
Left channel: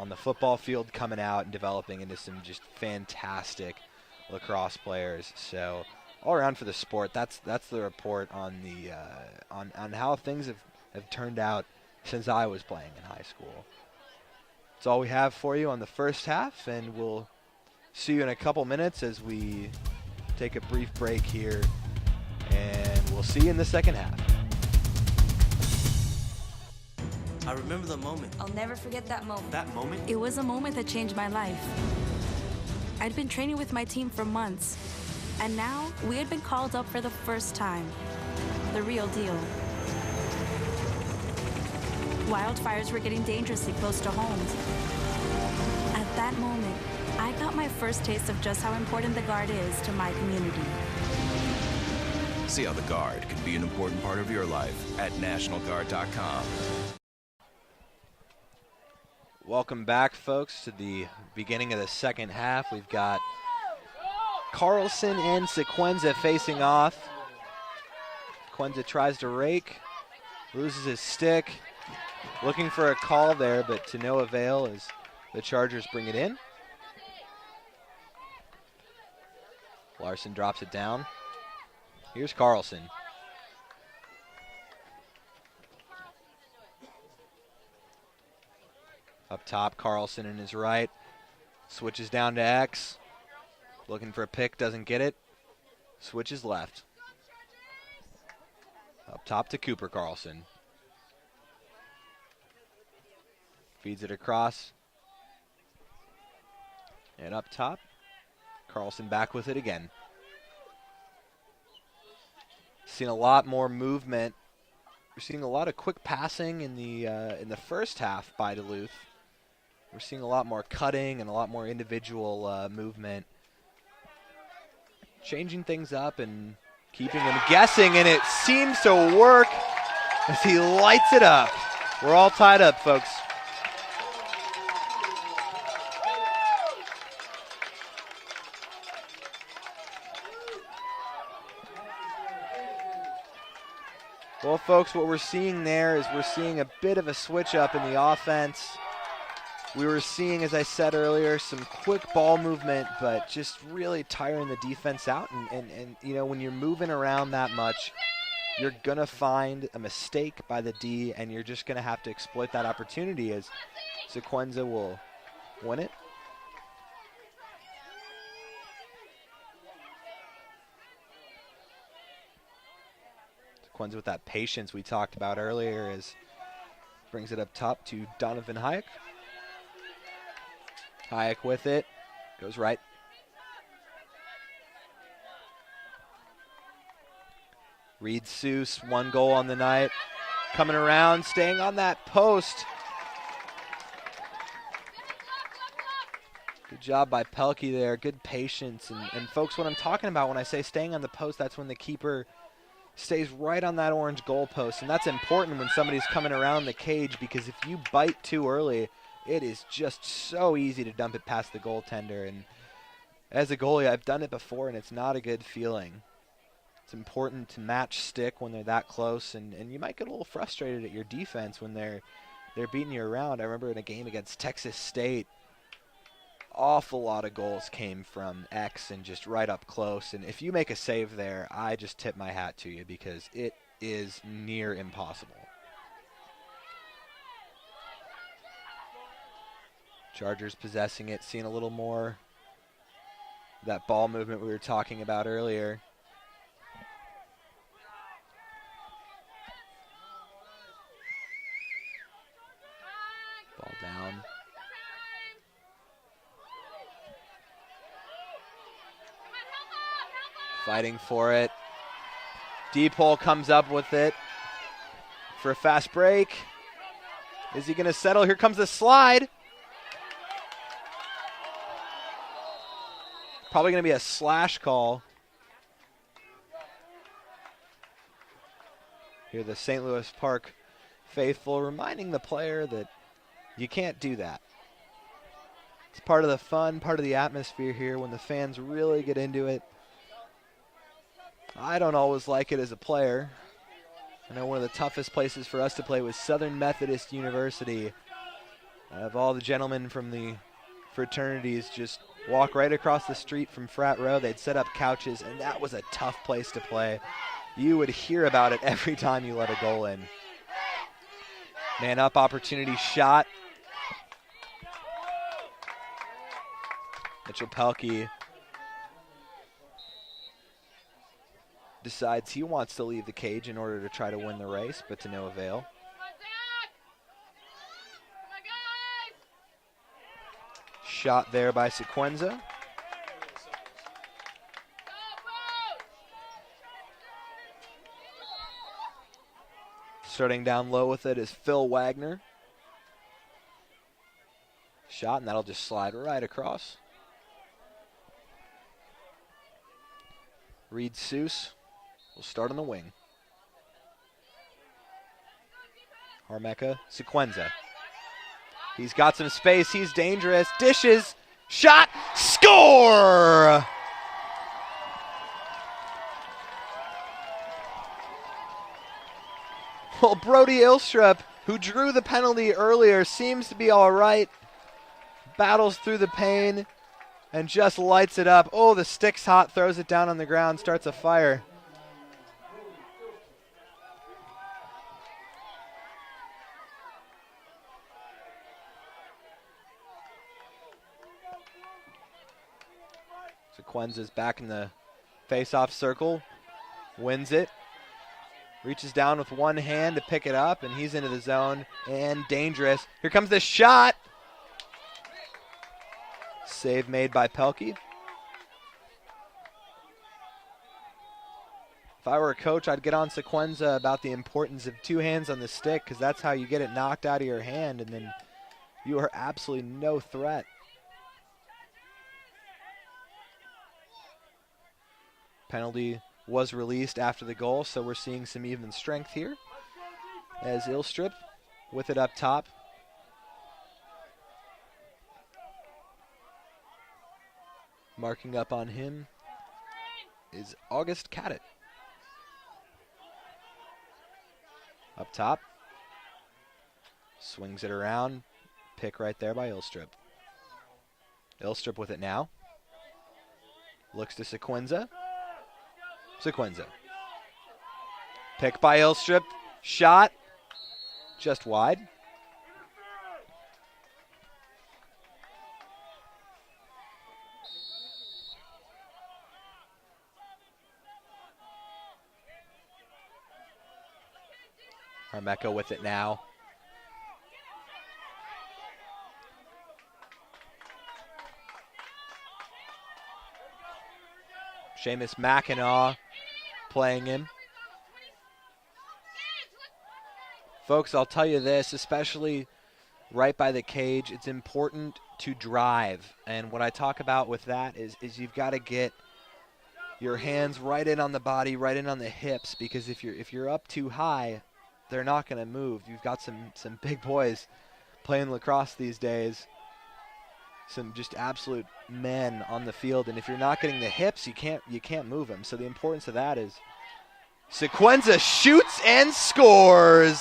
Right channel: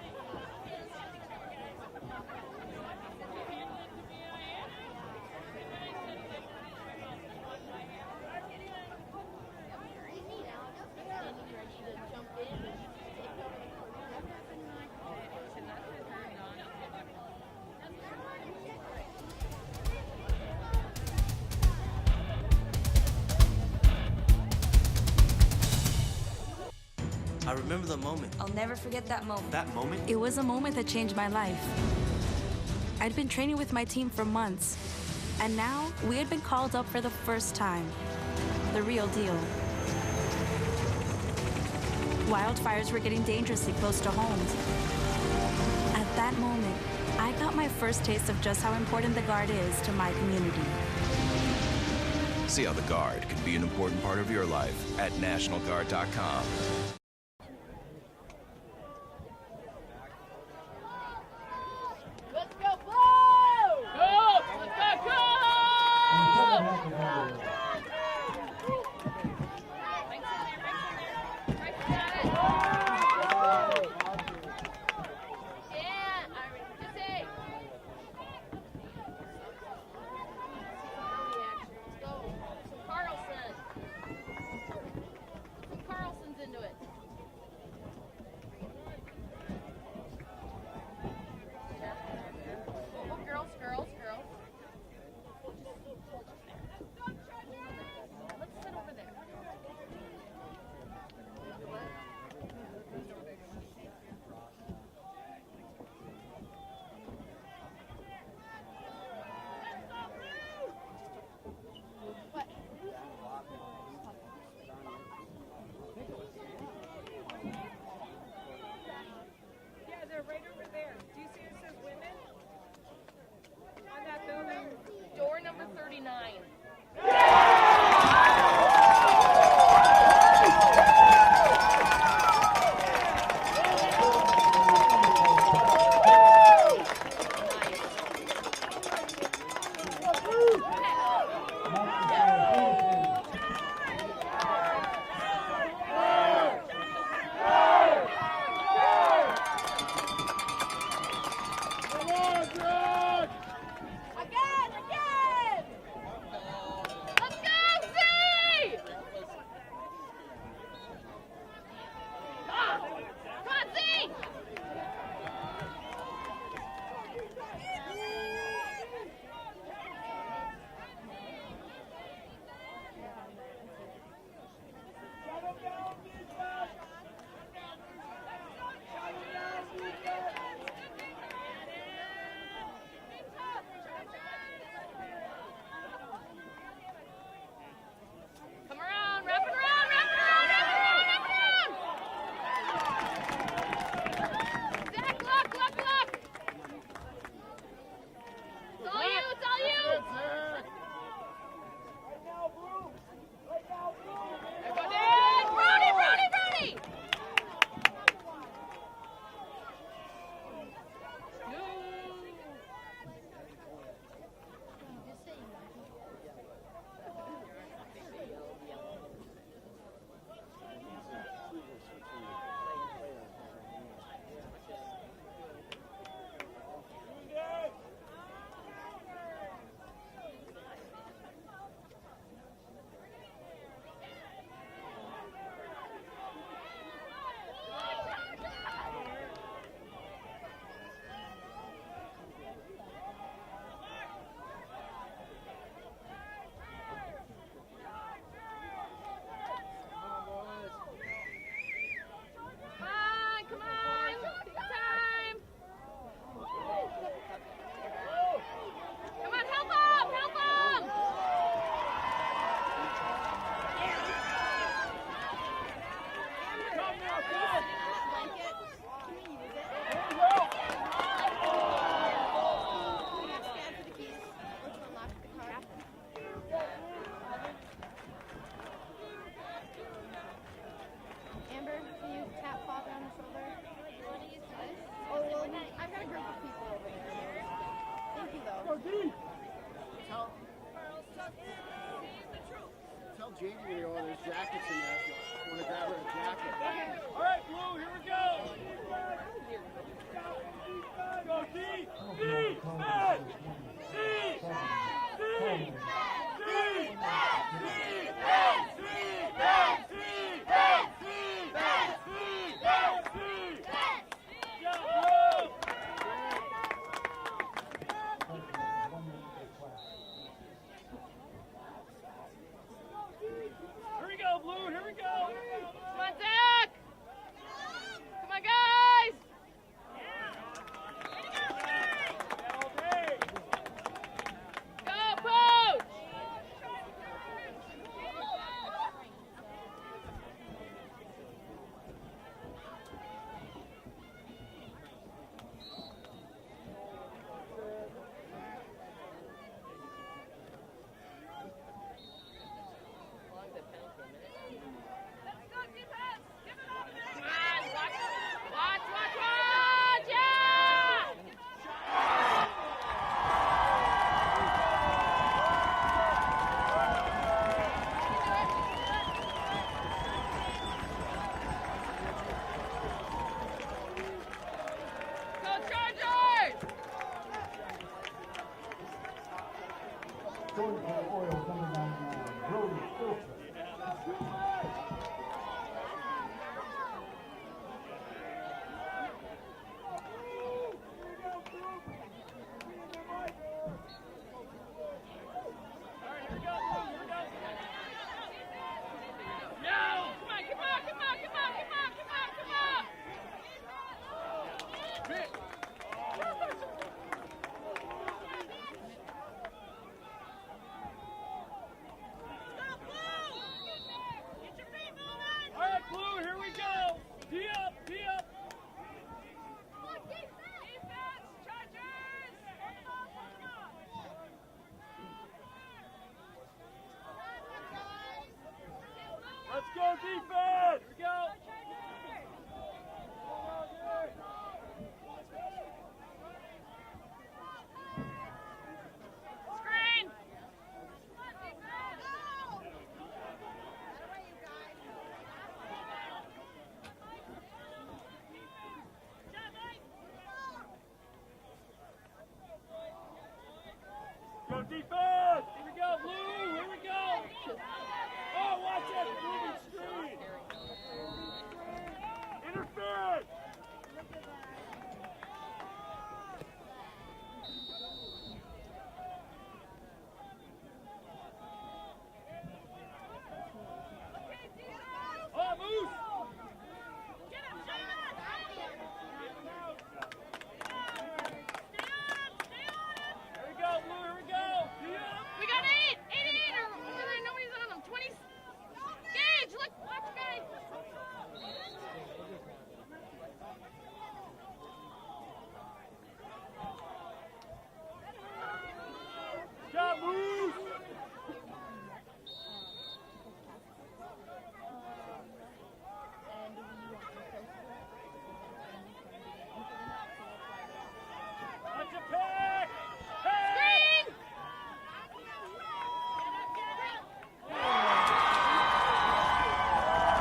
on the football field coming out and developing into some just fantastic lacrosse players. So all around for the sport, that's the report on on how things have turned out since I was playing in high school. That's all we have for you on the first half, and we'll see you in a couple minutes as we take a brief break here, and we'll see you in the second half. I remember the moment. I'll never forget that moment. That moment? It was a moment that changed my life. I'd been training with my team for months, and now we had been called up for the first time. The real deal. Wildfires were getting dangerously close to homes. At that moment, I got my first taste of just how important the Guard is to my community. See how the Guard can be an important part of your life at NationalGuard.com. Welcome back, folks, to the beginning of the second half. We've got Carlson and Sequenza facing off. Sequenza tries to rake, loses his stick, looking for a call there, but to no avail as the Chargers bring it in. Larson drops it down. Here's Carlson. Up top, Carlson in his right. Switches down to X. Looking for a pick, doesn't get it. Switches left. Up top to Cooper Carlson. Feeds it across. And up top, Carlson back with it again. Seen a lot more movement. We're seeing a lot of quick passing in the first half by Duluth. We're seeing a lot more cutting and a lot more individual movement. Changing things up and keeping him guessing, and it seems to work as he lights it up. We're all tied up, folks. Well, folks, what we're seeing there is we're seeing a bit of a switch up in the offense. We were seeing, as I said earlier, some quick ball movement, but just really tiring the defense out. And you know, when you're moving around that much, you're going to find a mistake by the D, and you're just going to have to exploit that opportunity as Sequenza will win it. Sequenza with that patience we talked about earlier as brings it up top to Donovan Hayek. Hayek with it, goes right. Reed Seuss, 1 goal on the night. Coming around, staying on that post. job by Pelkey there, good patience. And folks, what I'm talking about when I say staying on the post, that's when the keeper stays right on that orange goalpost. And that's important when somebody's coming around the cage, because if you bite too early, it is just so easy to dump it past the goaltender. And as a goalie, I've done it before, and it's not a good feeling. It's important to match stick when they're that close, and you might get a little frustrated at your defense when they're beating you around. I remember in a game against Texas State, awful lot of goals came from X and just right up close. And if you make a save there, I just tip my hat to you, because it is near impossible. Chargers possessing it, seeing a little more of that ball movement we were talking about earlier. Fighting for it. Deep hole comes up with it for a fast break. Is he going to settle? Here comes the slide. Probably going to be a slash call. Here the St. Louis Park faithful reminding the player that you can't do that. It's part of the fun, part of the atmosphere here when the fans really get into it. I don't always like it as a player. I know one of the toughest places for us to play was Southern Methodist University. Of all the gentlemen from the fraternities just walk right across the street from frat row. They'd set up couches, and that was a tough place to play. You would hear about it every time you let a goal in. Man up opportunity shot. Mitchell Pelkey decides he wants to leave the cage in order to try to win the race, but to no avail. Come on, Zach! Come on, guys! Shot there by Sequenza. Go, Coach! Starting down low with it is Phil Wagner. Shot, and that'll just slide right across. Reed Seuss will start on the wing. Harmecca, Sequenza. He's got some space, he's dangerous, dishes, shot, score! Well, Brody Ilstrup, who drew the penalty earlier, seems to be all right. Battles through the pain and just lights it up. Oh, the stick's hot, throws it down on the ground, starts a fire. Sequenza's back in the face-off circle, wins it, reaches down with one hand to pick it up, and he's into the zone, and dangerous. Here comes the shot. Save made by Pelkey. If I were a coach, I'd get on Sequenza about the importance of two hands on the stick, because that's how you get it knocked out of your hand, and then you are absolutely no threat. Penalty was released after the goal, so we're seeing some even strength here. As Ilstrup with it up top. Marking up on him is August Cadett. Up top. Swings it around. Pick right there by Ilstrup. Ilstrup with it now. Looks to Sequenza. Sequenza. Pick by Ilstrup. Shot. Just wide. Harmecca with it now. Seamus Mackinac playing him. Folks, I'll tell you this, especially right by the cage, it's important to drive. And what I talk about with that is you've got to get your hands right in on the body, right in on the hips, because if you're up too high, they're not going to move. You've got some big boys playing lacrosse these days, some just absolute men on the field, and if you're not getting the hips, you can't move them. So the importance of that is Sequenza shoots and scores.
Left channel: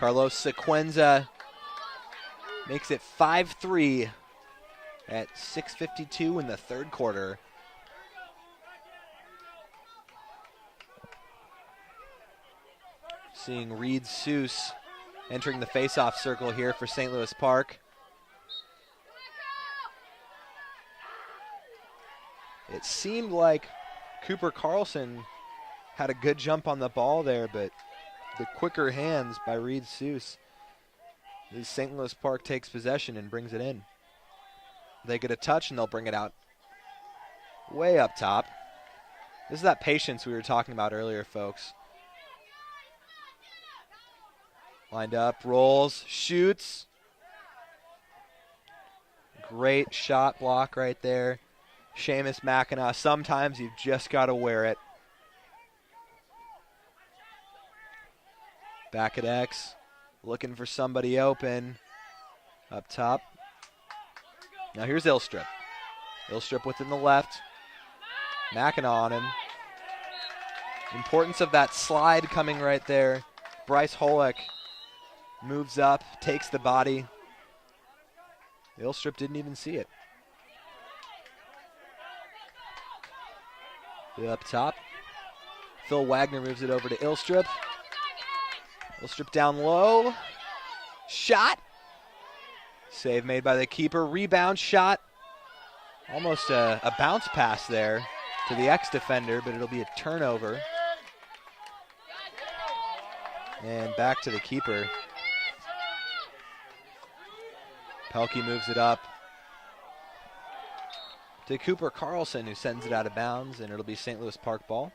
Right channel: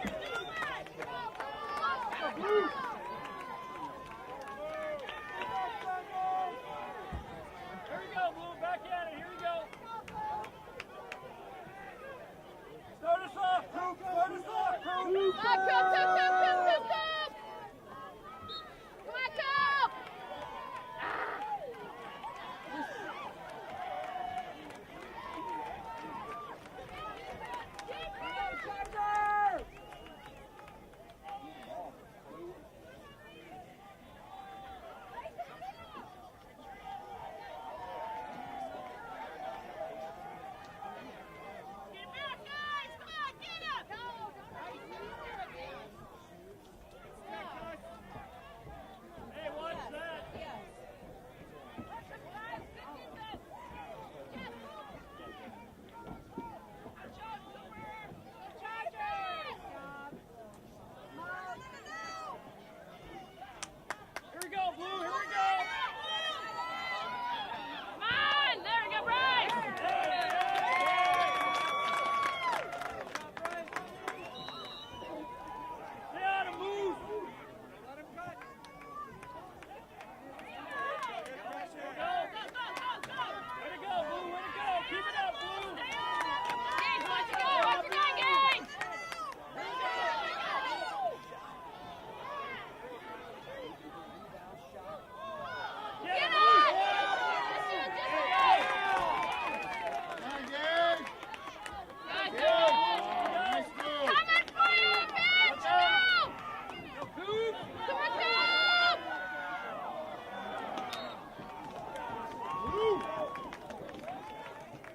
Carlos Sequenza makes it 5-3 at 6:52 in the third quarter. Seeing Reed Seuss entering the face-off circle here for St. Louis Park. It seemed like Cooper Carlson had a good jump on the ball there, but the quicker hands by Reed Seuss. As St. Louis Park takes possession and brings it in. They get a touch and they'll bring it out way up top. This is that patience we were talking about earlier, folks. Lined up, rolls, shoots. Great shot block right there. Seamus Mackinac, sometimes you've just got to wear it. Back at X, looking for somebody open. Up top. Now here's Ilstrup. Ilstrup within the left. Mackinac on him. Importance of that slide coming right there. Bryce Holick moves up, takes the body. Ilstrup didn't even see it. Up top. Phil Wagner moves it over to Ilstrup. Ilstrup down low. Shot. Save made by the keeper. Rebound shot. Almost a bounce pass there to the ex-defender, but it'll be a turnover. And back to the keeper. Pelkey moves it up to Cooper Carlson, who sends it out of bounds, and it'll be St. Louis Park ball.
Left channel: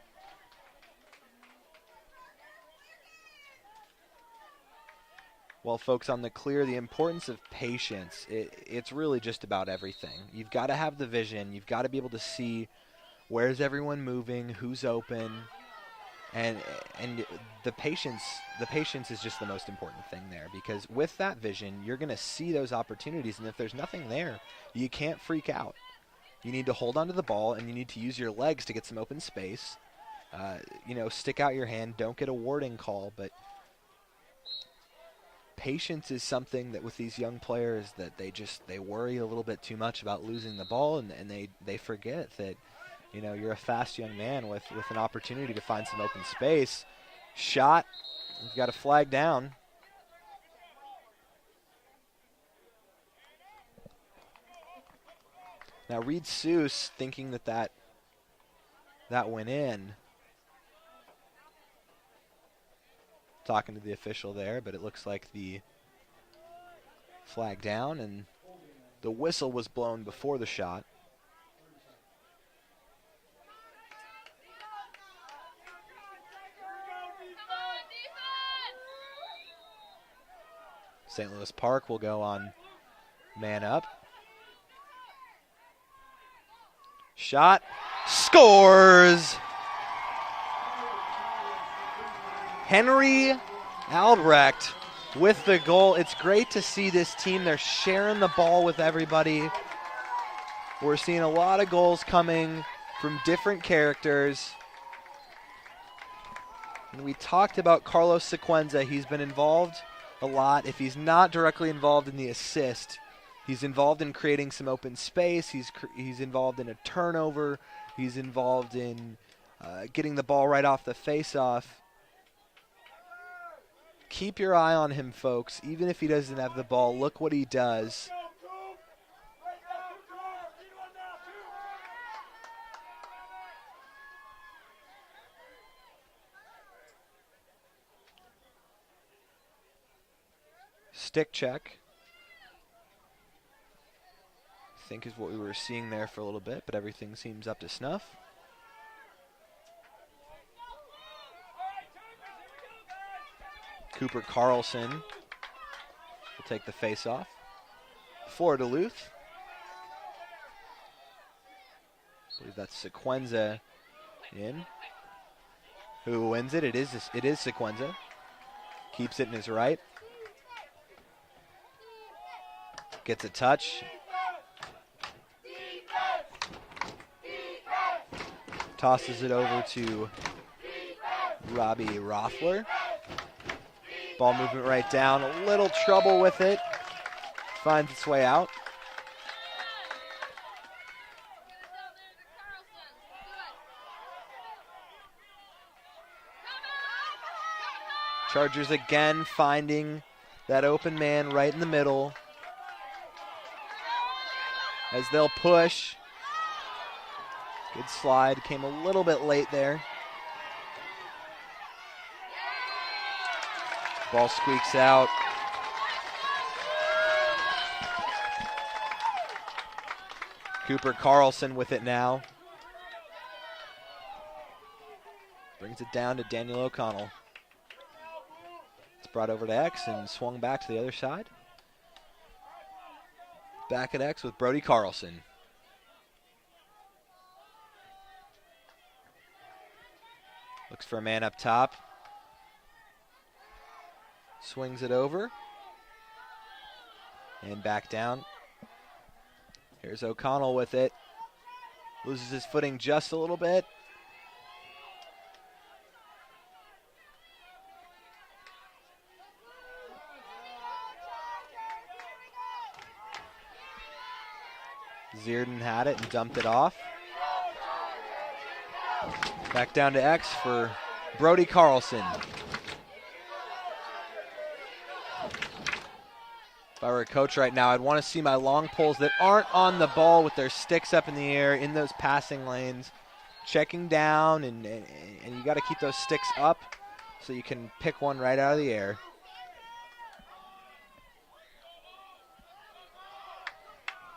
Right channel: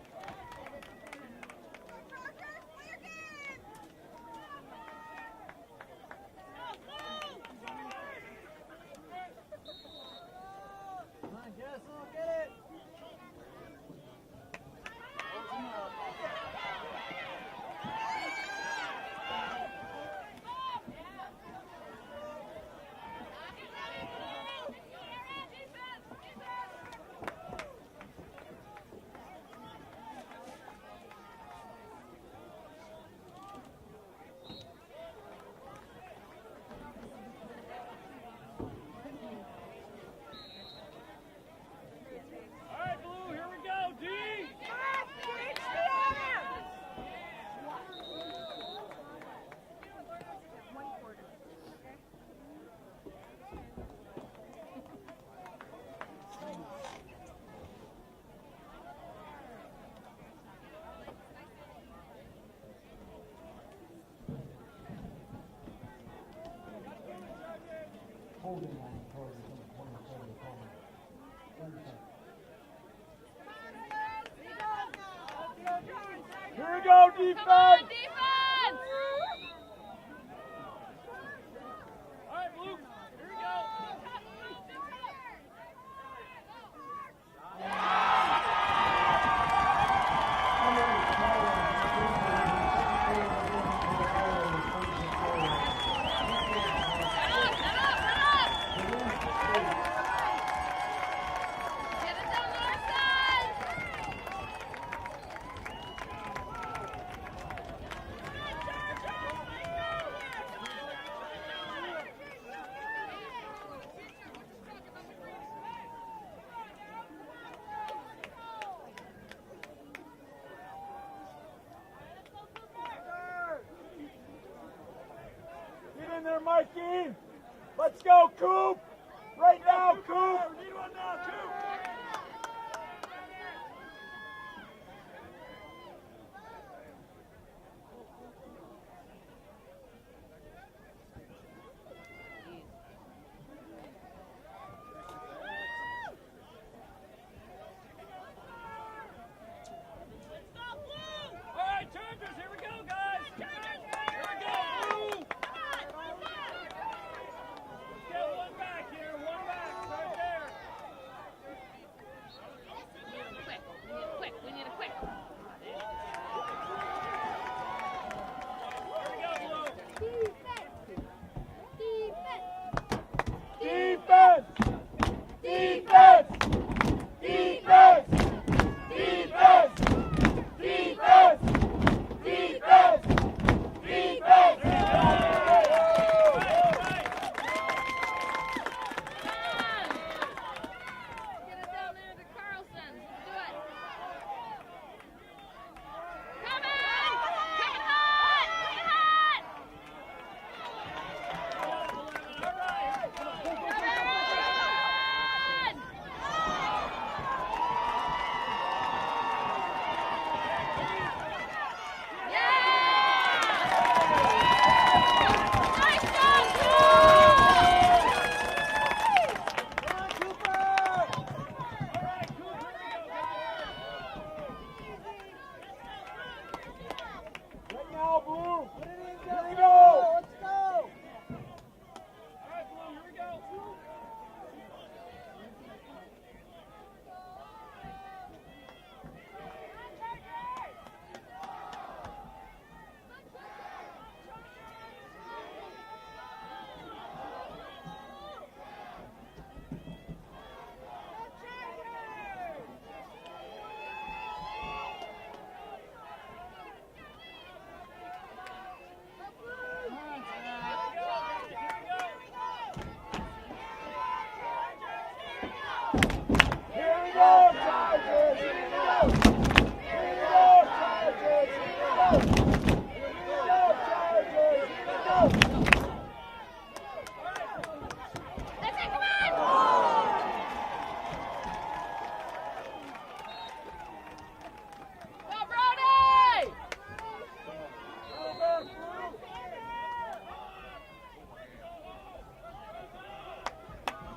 Well, folks, on the clear, the importance of patience, it's really just about everything. You've got to have the vision. You've got to be able to see where's everyone moving, who's open, and the patience is just the most important thing there, because with that vision, you're going to see those opportunities, and if there's nothing there, you can't freak out. You need to hold onto the ball, and you need to use your legs to get some open space. Stick out your hand. Don't get a warding call, but patience is something that with these young players that they worry a little bit too much about losing the ball, and they forget that you're a fast young man with an opportunity to find some open space. Shot. You've got a flag down. Now Reed Seuss thinking that went in. Talking to the official there, but it looks like the flag down, and the whistle was blown before the shot. Here we go, defense! St. Louis Park will go on man up. Shot, scores! Henry Albrecht with the goal. It's great to see this team. They're sharing the ball with everybody. We're seeing a lot of goals coming from different characters. We talked about Carlos Sequenza. He's been involved a lot. If he's not directly involved in the assist, he's involved in creating some open space. He's involved in a turnover. He's involved in getting the ball right off the face-off. Keep your eye on him, folks. Even if he doesn't have the ball, look what he does. Let's go, Coop! Right now, Coop! Stick check. think is what we were seeing there for a little bit, but everything seems up to snuff. Cooper Carlson will take the face-off for Duluth. So that's Sequenza in. Who wins it? It is Sequenza. Keeps it in his right. Gets a touch. Tosses it over to Bobby Rothler. Ball movement right down. A little trouble with it. Finds its way out. Chargers again finding that open man right in the middle. As they'll push. Good slide, came a little bit late there. Ball squeaks out. Cooper Carlson with it now. Brings it down to Daniel O'Connell. It's brought over to X and swung back to the other side. Back at X with Brody Carlson. Looks for a man up top. Swings it over. And back down. Here's O'Connell with it. Loses his footing just a little bit. Zierden had it, dumped it off. Back down to X for Brody Carlson. If I were a coach right now, I'd want to see my long poles that aren't on the ball with their sticks up in the air in those passing lanes, checking down, and you got to keep those sticks up so you can pick one right out of the air.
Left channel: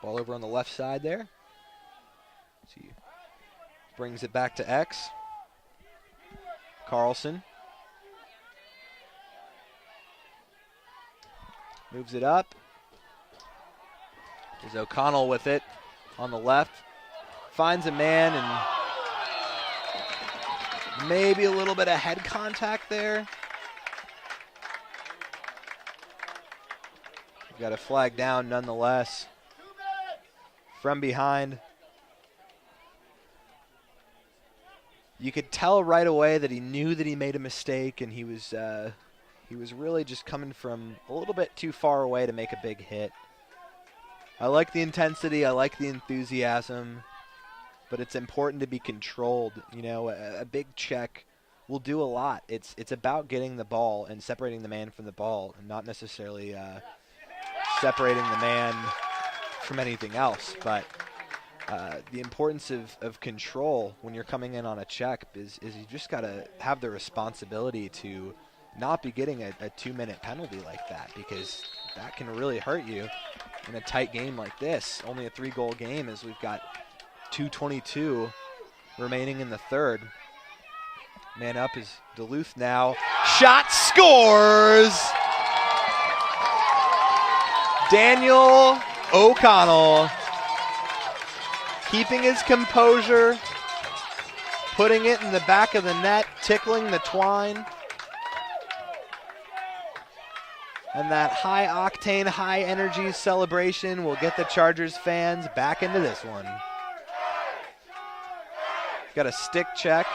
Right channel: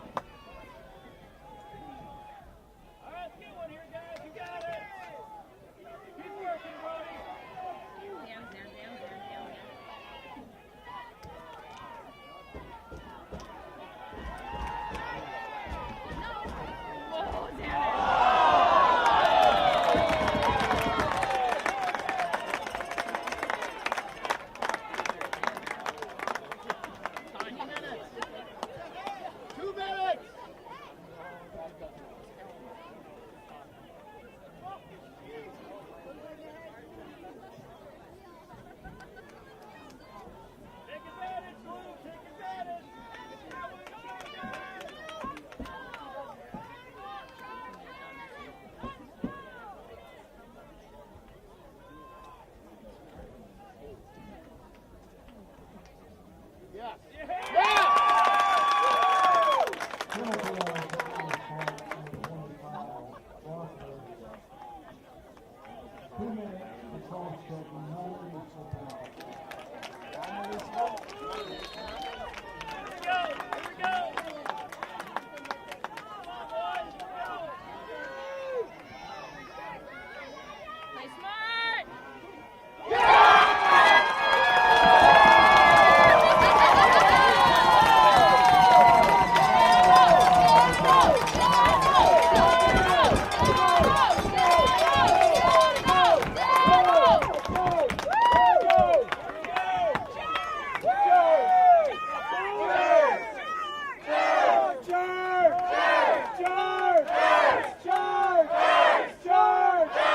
Ball over on the left side there. Brings it back to X. Carlson. Moves it up. There's O'Connell with it on the left. Finds a man and maybe a little bit of head contact there. Got a flag down nonetheless. From behind. You could tell right away that he knew that he made a mistake, and he was really just coming from a little bit too far away to make a big hit. I like the intensity, I like the enthusiasm, but it's important to be controlled. You know, a big check will do a lot. It's about getting the ball and separating the man from the ball, not necessarily separating the man from anything else. But the importance of control when you're coming in on a check is you just got to have the responsibility to not be getting a 2-minute penalty like that, because that can really hurt you in a tight game like this. Only a 3-goal game, as we've got 2:22 remaining in the third. Man up is Duluth now. Shot scores! Daniel O'Connell keeping his composure, putting it in the back of the net, tickling the twine. And that high-octane, high-energy celebration will get the Chargers fans back into this one. Got a stick check.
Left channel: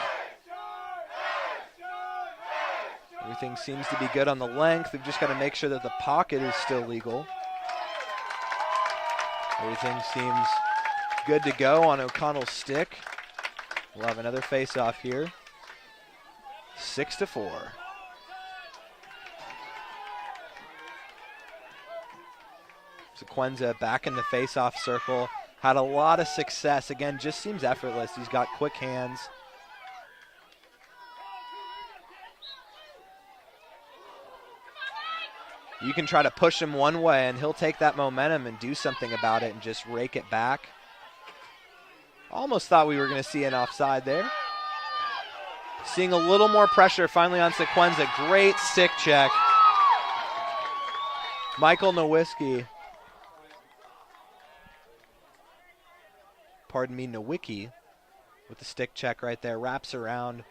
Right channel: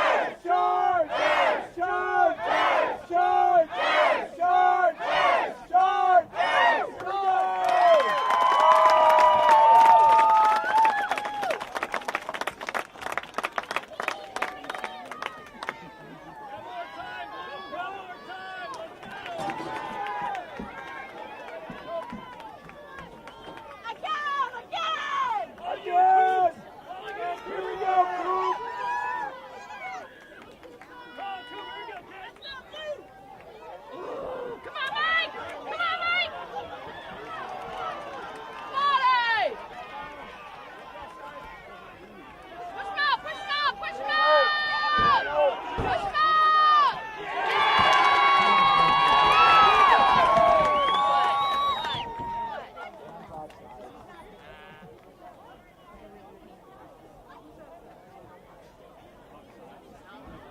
Everything seems to be good on the length. We've just got to make sure that the pocket is still legal. Everything seems good to go on O'Connell's stick. We'll have another face-off here. 6-4. Sequenza back in the face-off circle. Had a lot of success. Again, just seems effortless. He's got quick hands. You can try to push him one way, and he'll take that momentum and do something about it and just rake it back. Almost thought we were going to see an offside there. Seeing a little more pressure finally on Sequenza. Great stick check. Michael Nowicki. Pardon me, Nowicki with the stick check right there. Wraps around.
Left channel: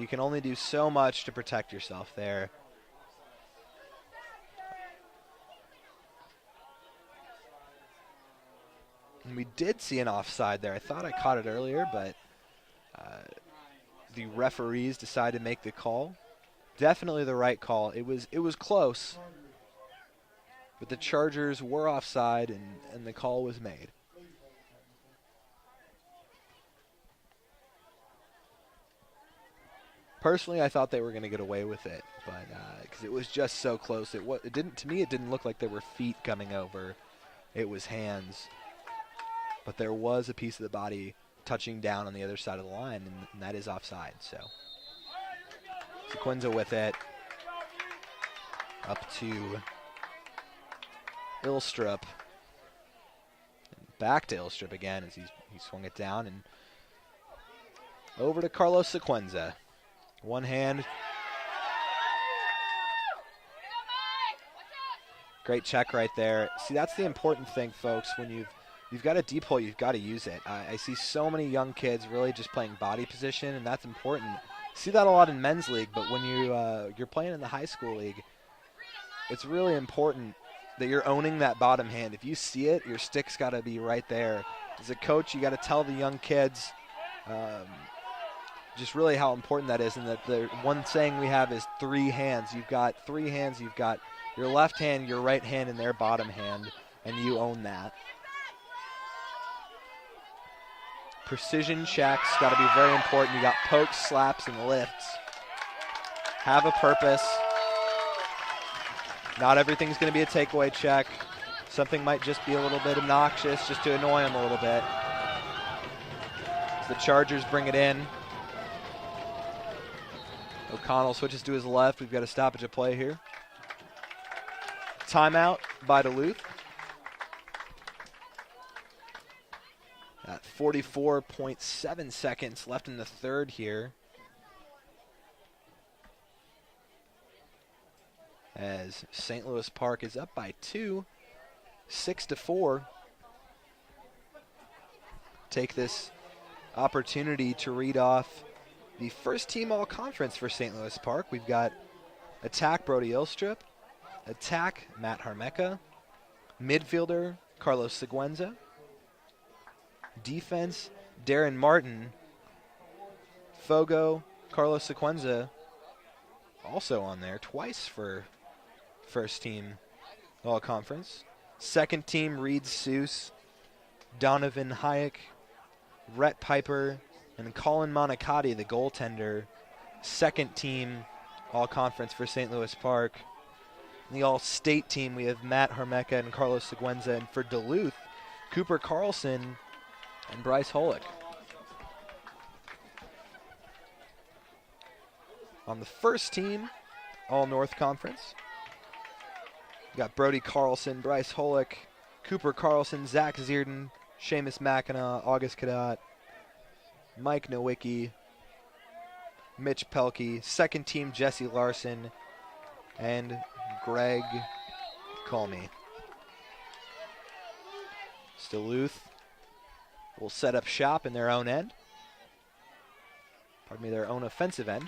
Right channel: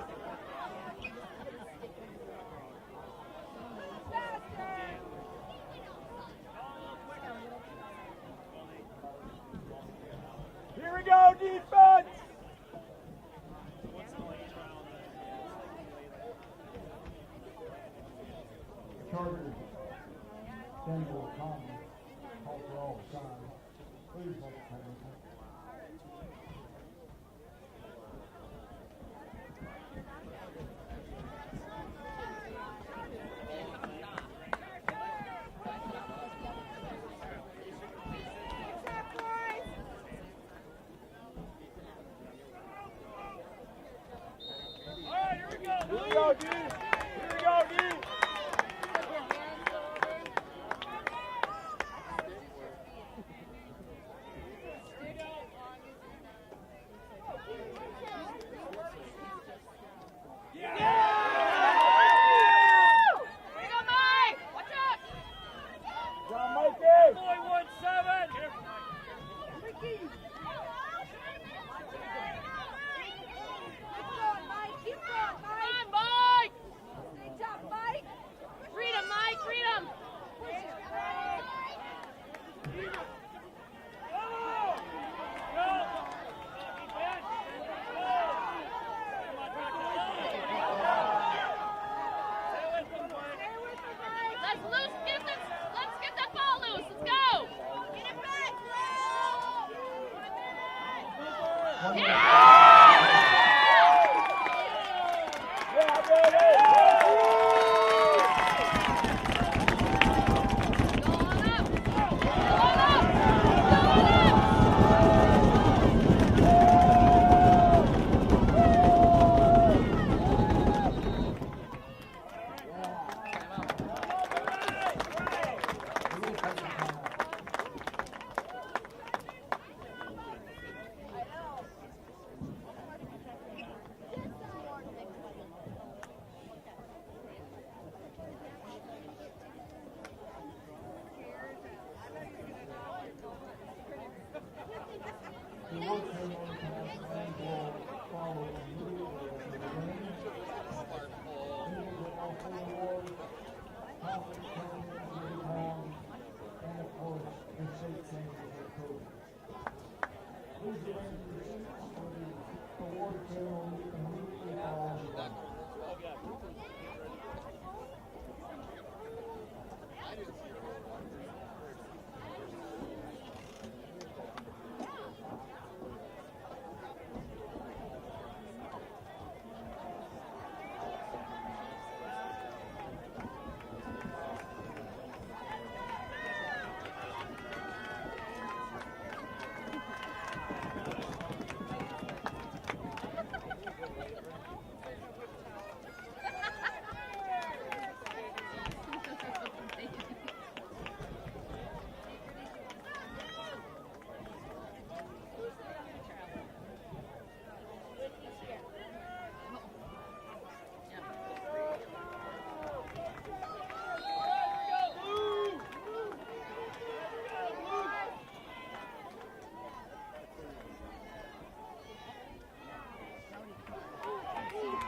You can only do so much to protect yourself there. And we did see an offside there. I thought I caught it earlier, but the referees decided to make the call. Definitely the right call. It was close, but the Chargers were offside, and the call was made. Personally, I thought they were going to get away with it, but because it was just so close. It didn't. To me, it didn't look like there were feet coming over. It was hands. But there was a piece of the body touching down on the other side of the line, and that is offside. So Quinza with it. Up to Ilstrup. Back to Ilstrup again as he swung it down, and over to Carlos Sequenza. One hand. Great check right there. See, that's the important thing, folks. When you've got a deep hole, you've got to use it. I see so many young kids really just playing body position, and that's important. You see that a lot in men's league, but when you're playing in the high school league, it's really important that you're owning that bottom hand. If you see it, your stick's got to be right there. As a coach, you got to tell the young kids just really how important that is. And the one saying we have is 3 hands. You've got 3 hands. You've got your left hand, your right hand, and their bottom hand, and you own that. Precision checks got to be very important. You got pokes, slaps, and lifts. Have a purpose. Not everything's going to be a takeaway check. Something might just be a little bit obnoxious, just to annoy him a little bit. The Chargers bring it in. Connell switches to his left. We've got a stoppage of play here. Timeout by Duluth. 44.7 seconds left in the third here. As St. Louis Park is up by 2, 6-4. Take this opportunity to read off the first team all-conference for St. Louis Park. We've got attack Brody Ilstrup, attack Matt Harmecka, midfielder Carlos Sequenza, defense Darren Martin, Fogo, Carlos Sequenza also on there twice for first team all-conference. Second team Reed Seuss, Donovan Hayek, Rhett Piper, and Colin Monicati, the goaltender. Second team all-conference for St. Louis Park. In the all-state team, we have Matt Harmecka and Carlos Sequenza. And for Duluth, Cooper Carlson and Bryce Holick. On the first team, all-North Conference, we've got Brody Carlson, Bryce Holick, Cooper Carlson, Zach Zierden, Seamus Mackinac, August Cadat, Mike Nowicki, Mitch Pelkey. Second team, Jesse Larson and Greg Colmy. Duluth will set up shop in their own end. Their own offensive end.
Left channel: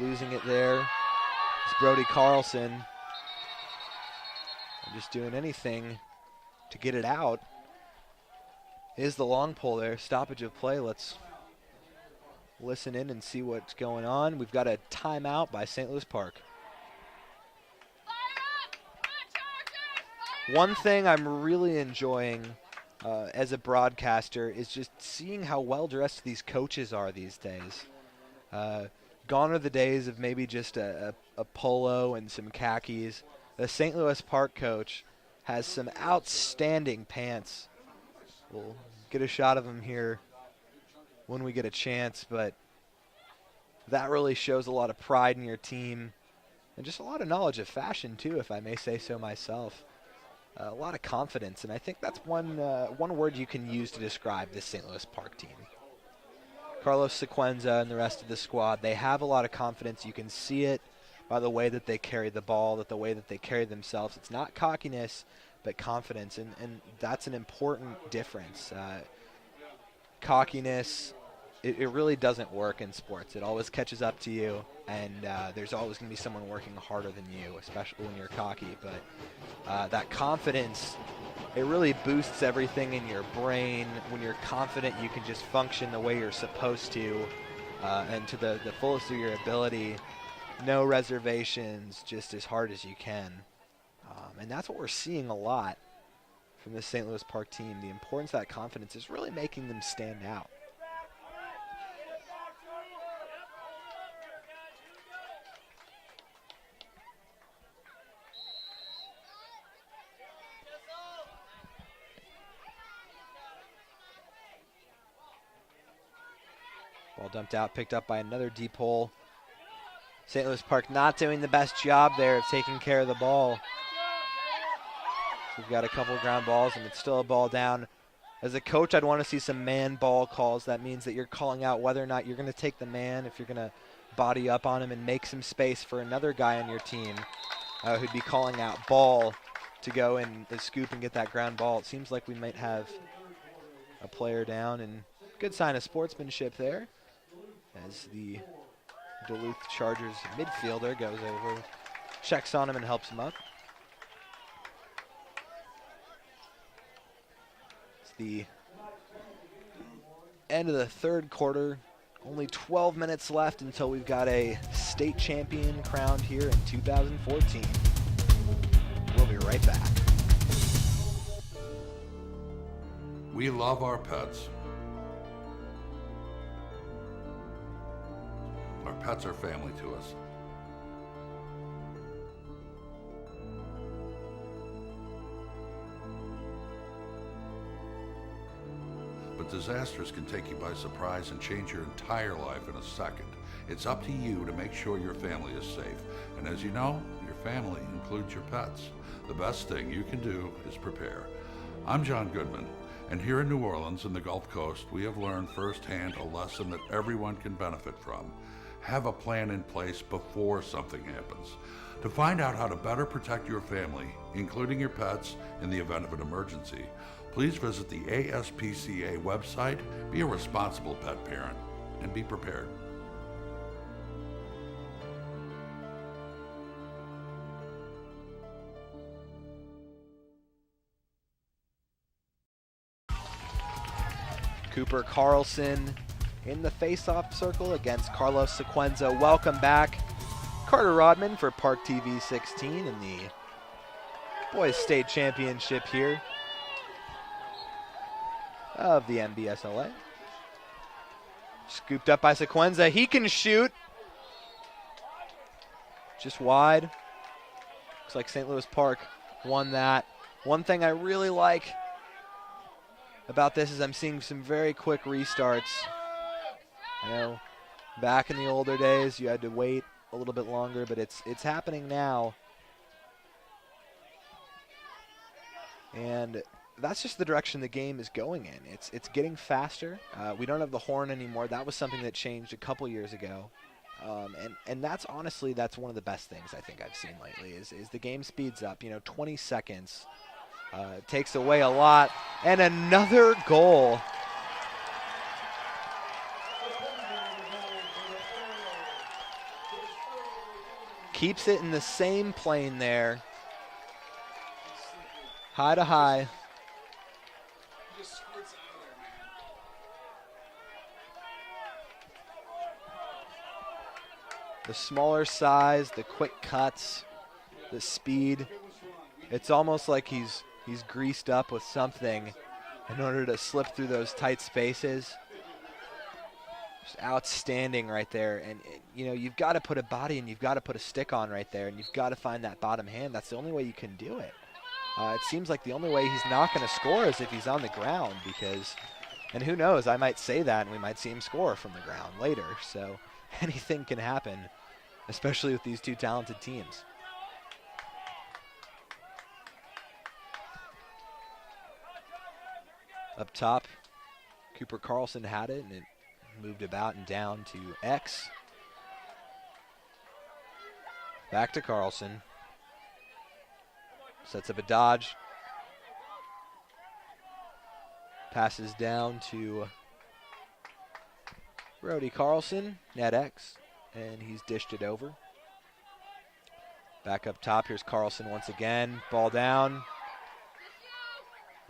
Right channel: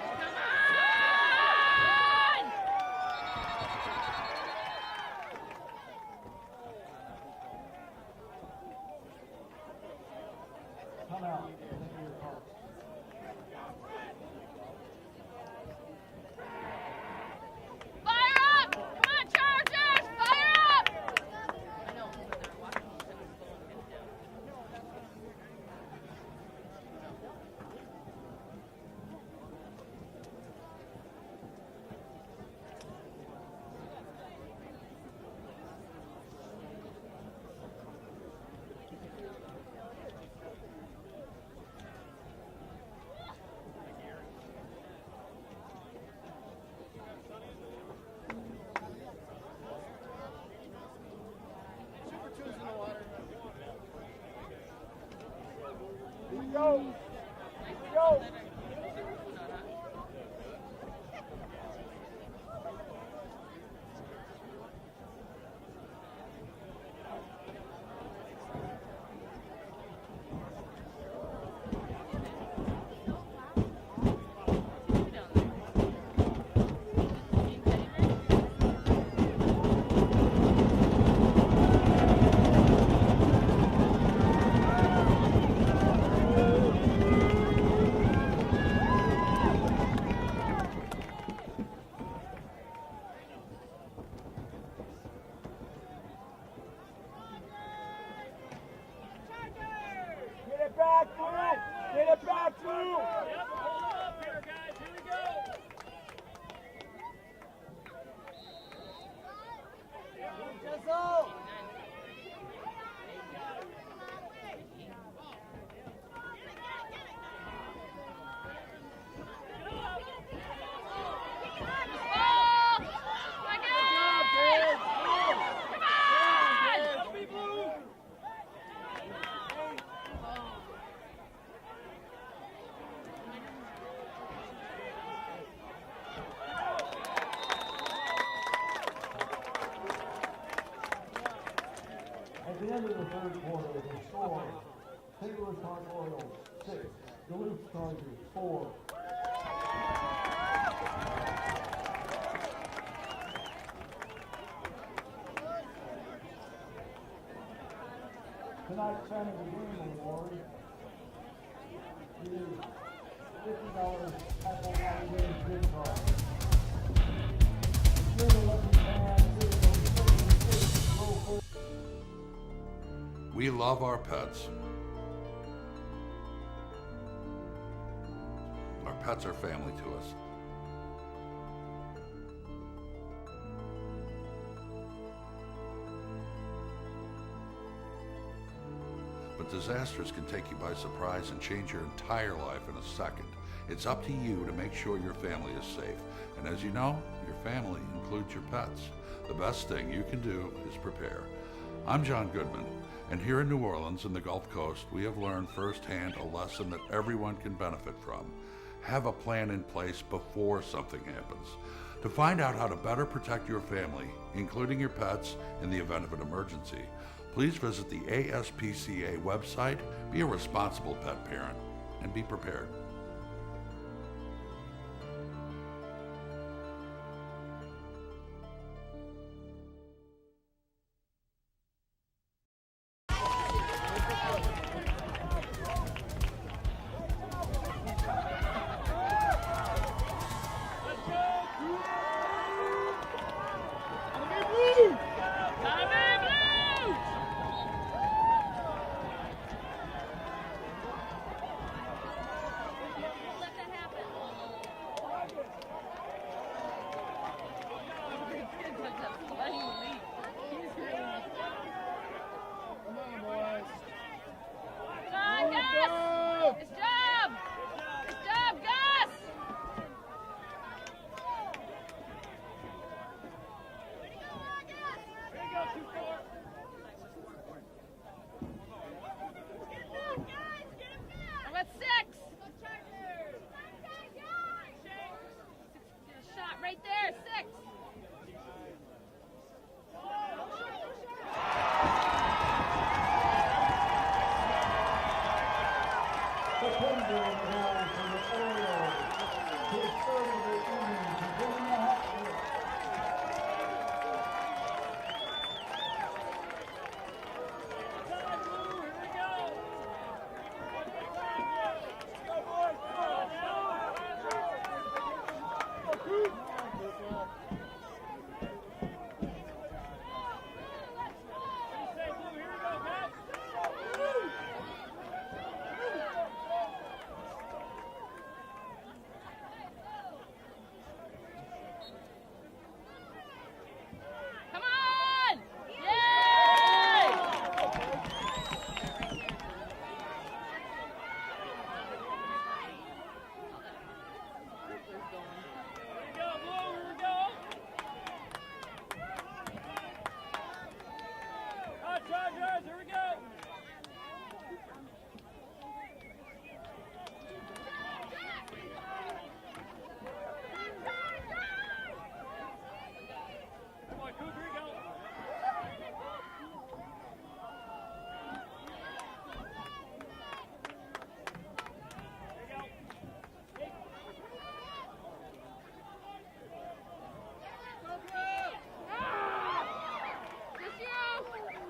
Losing it there. It's Brody Carlson. Just doing anything to get it out. Is the long pull there. Stoppage of play. Let's listen in and see what's going on. We've got a timeout by St. Louis Park. One thing I'm really enjoying as a broadcaster is just seeing how well-dressed these coaches are these days. Gone are the days of maybe just a polo and some khakis. The St. Louis Park coach has some outstanding pants. We'll get a shot of them here when we get a chance, but that really shows a lot of pride in your team. And just a lot of knowledge of fashion too, if I may say so myself. A lot of confidence, and I think that's one word you can use to describe this St. Louis Park team. Carlos Sequenza and the rest of the squad, they have a lot of confidence. You can see it by the way that they carry the ball, the way that they carry themselves. It's not cockiness, but confidence, and that's an important difference. Cockiness, it really doesn't work in sports. It always catches up to you, and there's always going to be someone working harder than you, especially when you're cocky. But that confidence, it really boosts everything in your brain. When you're confident, you can just function the way you're supposed to, and to the fullest of your ability. No reservations, just as hard as you can. And that's what we're seeing a lot from the St. Louis Park team. The importance of that confidence is really making them stand out. Get it back, Drew! Get it back, Drew! Yep, hold up here, guys. Here we go. Ball dumped out, picked up by another deep hole. St. Louis Park not doing the best job there of taking care of the ball. We've got a couple of ground balls, and it's still a ball down. As a coach, I'd want to see some man ball calls. That means that you're calling out whether or not you're going to take the man, if you're going to body up on him and make some space for another guy on your team who'd be calling out ball to go and scoop and get that ground ball. It seems like we might have a player down, and good sign of sportsmanship there as the Duluth Chargers midfielder goes over, checks on him and helps him up. It's the end of the third quarter. Only 12 minutes left until we've got a state champion crowned here in 2014. We'll be right back. We love our pets. Our pets are family to us. But disasters can take you by surprise and change your entire life in a second. It's up to you to make sure your family is safe. And as you know, your family includes your pets. The best thing you can do is prepare. I'm John Goodman, and here in New Orleans and the Gulf Coast, we have learned firsthand a lesson that everyone can benefit from. Have a plan in place before something happens. To find out how to better protect your family, including your pets, in the event of an emergency, please visit the ASPCA website, be a responsible pet parent, and be prepared. Cooper Carlson in the face-off circle against Carlos Sequenza. Welcome back. Carter Rodman for ParkTV 16 in the Boys State Championship here of the MBSLA. Scooped up by Sequenza. He can shoot. Just wide. Looks like St. Louis Park won that. One thing I really like about this is I'm seeing some very quick restarts. You know, back in the older days, you had to wait a little bit longer, but it's happening now. And that's just the direction the game is going in. It's getting faster. We don't have the horn anymore. That was something that changed a couple years ago. And that's honestly, that's one of the best things I think I've seen lately is the game speeds up. You know, 20 seconds takes away a lot. And another goal. Keeps it in the same plane there. High to high. The smaller size, the quick cuts, the speed. It's almost like he's greased up with something in order to slip through those tight spaces. Just outstanding right there. And you know, you've got to put a body and you've got to put a stick on right there, and you've got to find that bottom hand. That's the only way you can do it. It seems like the only way he's not going to score is if he's on the ground, because, and who knows, I might say that and we might see him score from the ground later. So anything can happen especially with these two talented teams. Up top, Cooper Carlson had it, and it moved about and down to X. Back to Carlson. Sets up a dodge. Passes down to Brody Carlson, net X, and he's dished it over. Back up top, here's Carlson once again. Ball down.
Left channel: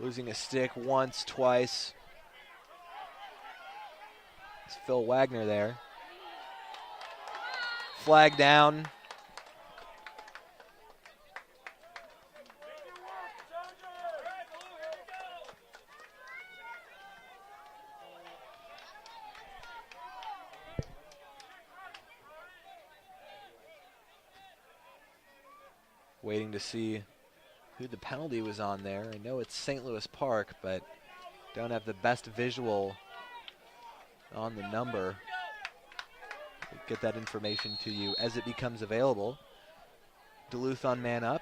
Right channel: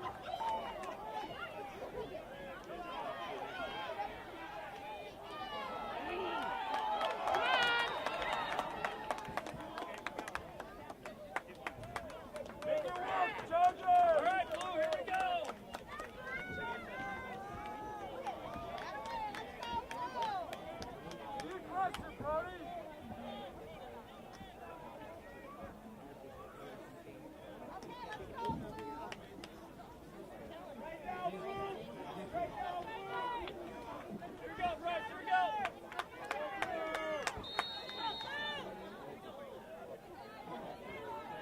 Losing a stick once, twice. It's Phil Wagner there. Flag down. Waiting to see who the penalty was on there. I know it's St. Louis Park, but don't have the best visual on the number. Get that information to you as it becomes available. Duluth on man up.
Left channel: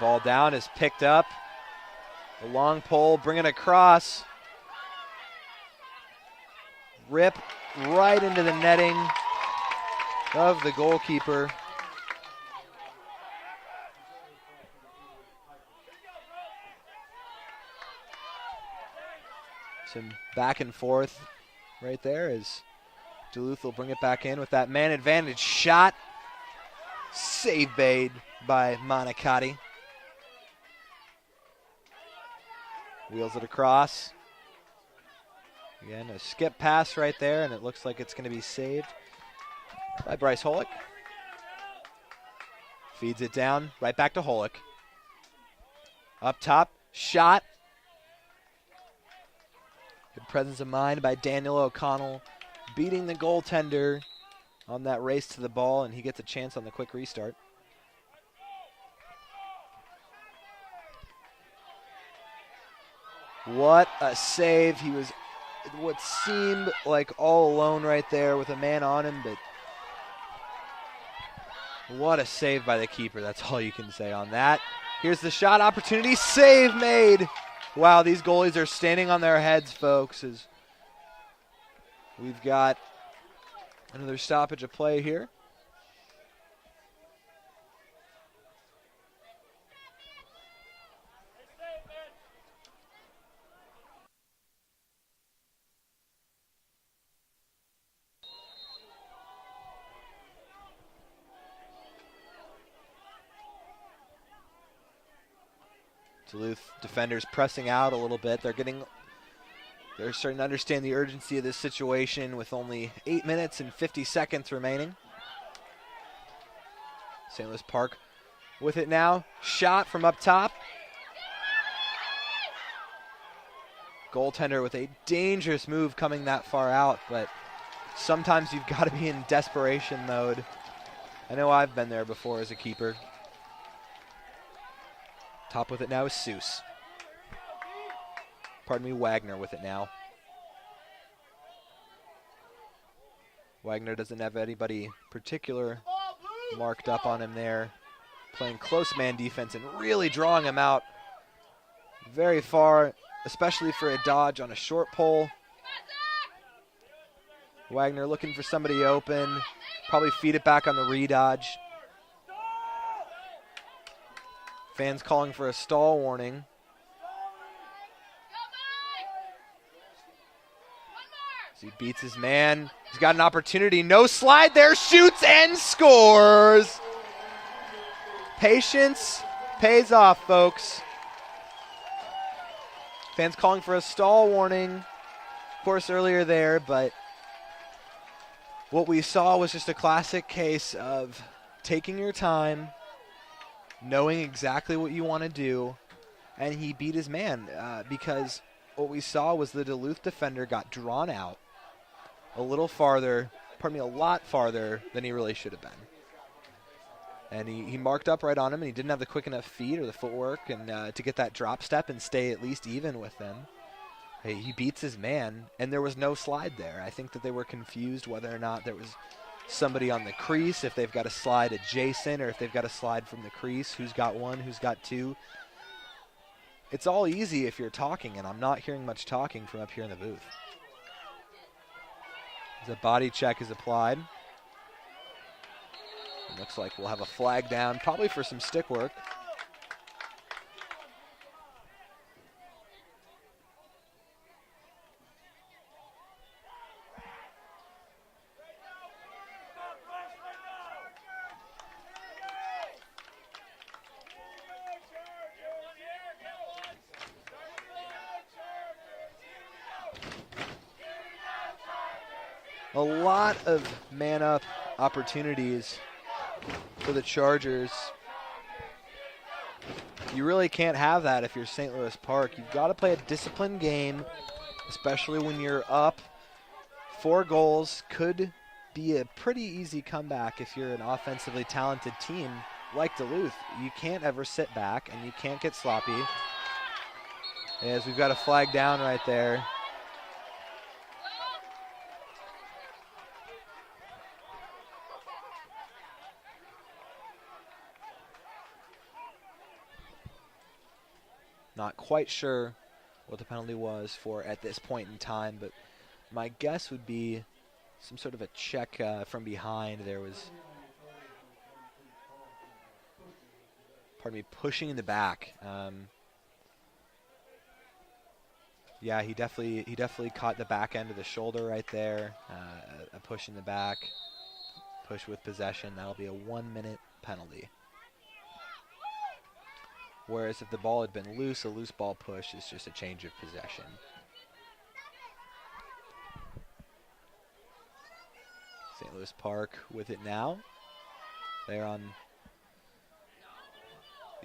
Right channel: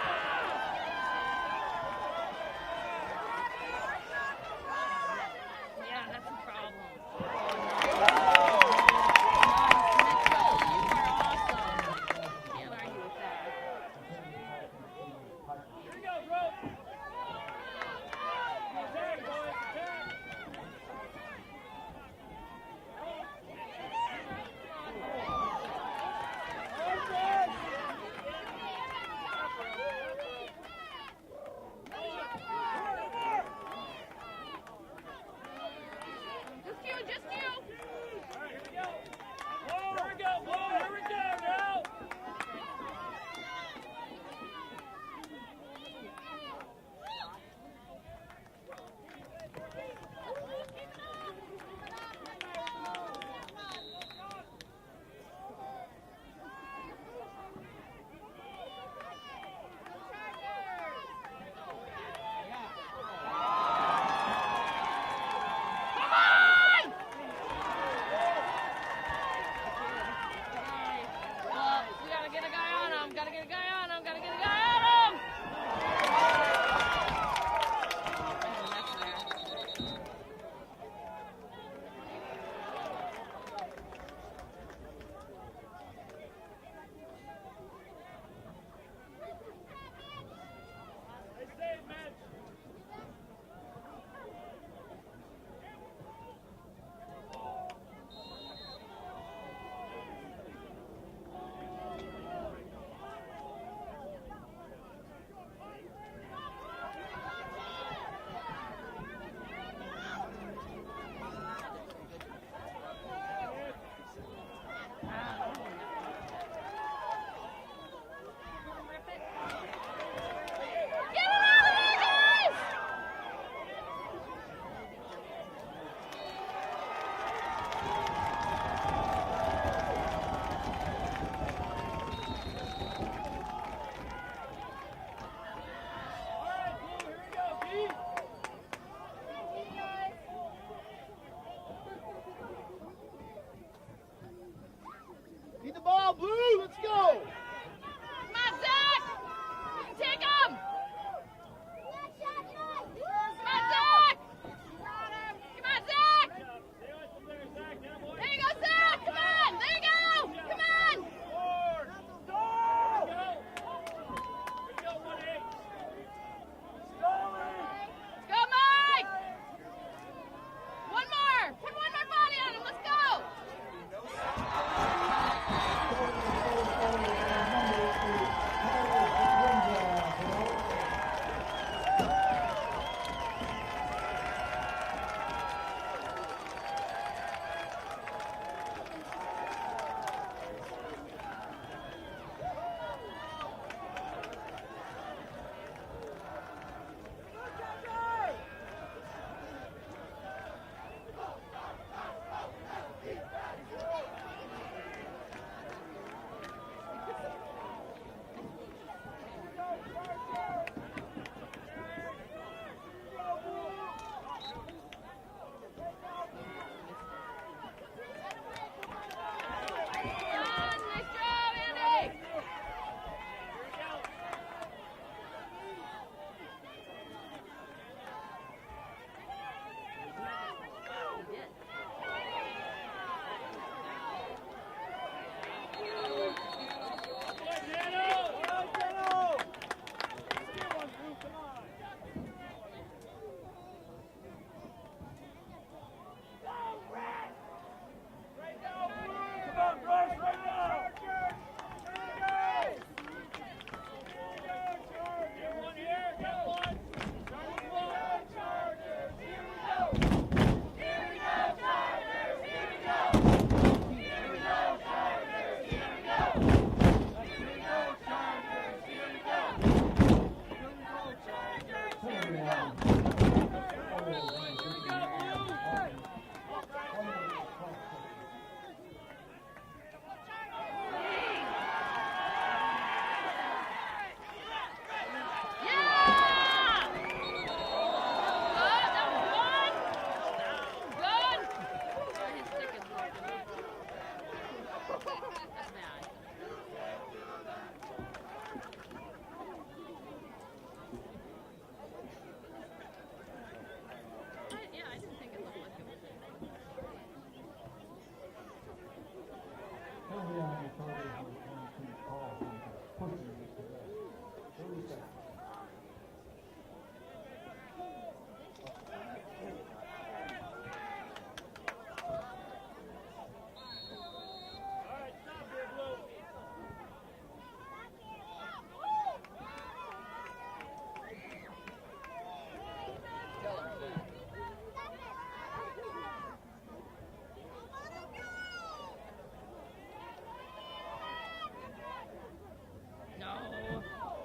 Ball down is picked up. A long pole, bring it across. Rip right into the netting of the goalkeeper. Some back and forth right there as Duluth will bring it back in with that man advantage shot. Save made by Monicati. Wheels it across. Again, a skip pass right there, and it looks like it's going to be saved by Bryce Holick. Feeds it down, right back to Holick. Up top, shot. Good presence of mind by Daniel O'Connell, beating the goaltender on that race to the ball, and he gets a chance on the quick restart. What a save. He was what seemed like all alone right there with a man on him, but what a save by the keeper. That's all you can say on that. Here's the shot opportunity. Save made. Wow, these goalies are standing on their heads, folks, as we've got another stoppage of play here. Duluth defenders pressing out a little bit. They're starting to understand the urgency of this situation with only 8 minutes and 50 seconds remaining. St. Louis Park with it now. Shot from up top. Goaltender with a dangerous move coming that far out, but sometimes you've got to be in desperation mode. I know I've been there before as a keeper. Top with it now is Seuss. Pardon me, Wagner with it now. Wagner doesn't have anybody particular marked up on him there. Playing close man defense and really drawing him out very far, especially for a dodge on a short pole. Wagner looking for somebody open. Probably feed it back on the re-dodge. Fans calling for a stall warning. As he beats his man. He's got an opportunity. No slide there. Shoots and scores. Patience pays off, folks. Fans calling for a stall warning, of course, earlier there, but what we saw was just a classic case of taking your time, knowing exactly what you want to do, and he beat his man because what we saw was the Duluth defender got drawn out a little farther a lot farther than he really should have been. And he marked up right on him, and he didn't have the quick enough feet or the footwork and to get that drop step and stay at least even with them. He beats his man, and there was no slide there. I think that they were confused whether or not there was somebody on the crease, if they've got to slide adjacent or if they've got to slide from the crease, who's got one, who's got two. It's all easy if you're talking, and I'm not hearing much talking from up here in the booth. The body check is applied. Looks like we'll have a flag down, probably for some stick work. A lot of man-up opportunities for the Chargers. You really can't have that if you're St. Louis Park. You've got to play a disciplined game, especially when you're up. 4 goals could be a pretty easy comeback if you're an offensively talented team like Duluth. You can't ever sit back, and you can't get sloppy. As we've got a flag down right there. Not quite sure what the penalty was for at this point in time, but my guess would be some sort of a check from behind. There was, pardon me, pushing in the back. Yeah, he definitely caught the back end of the shoulder right there. A push in the back, push with possession. That'll be a 1-minute penalty. Whereas if the ball had been loose, a loose ball push is just a change of possession. St. Louis Park with it now. They're on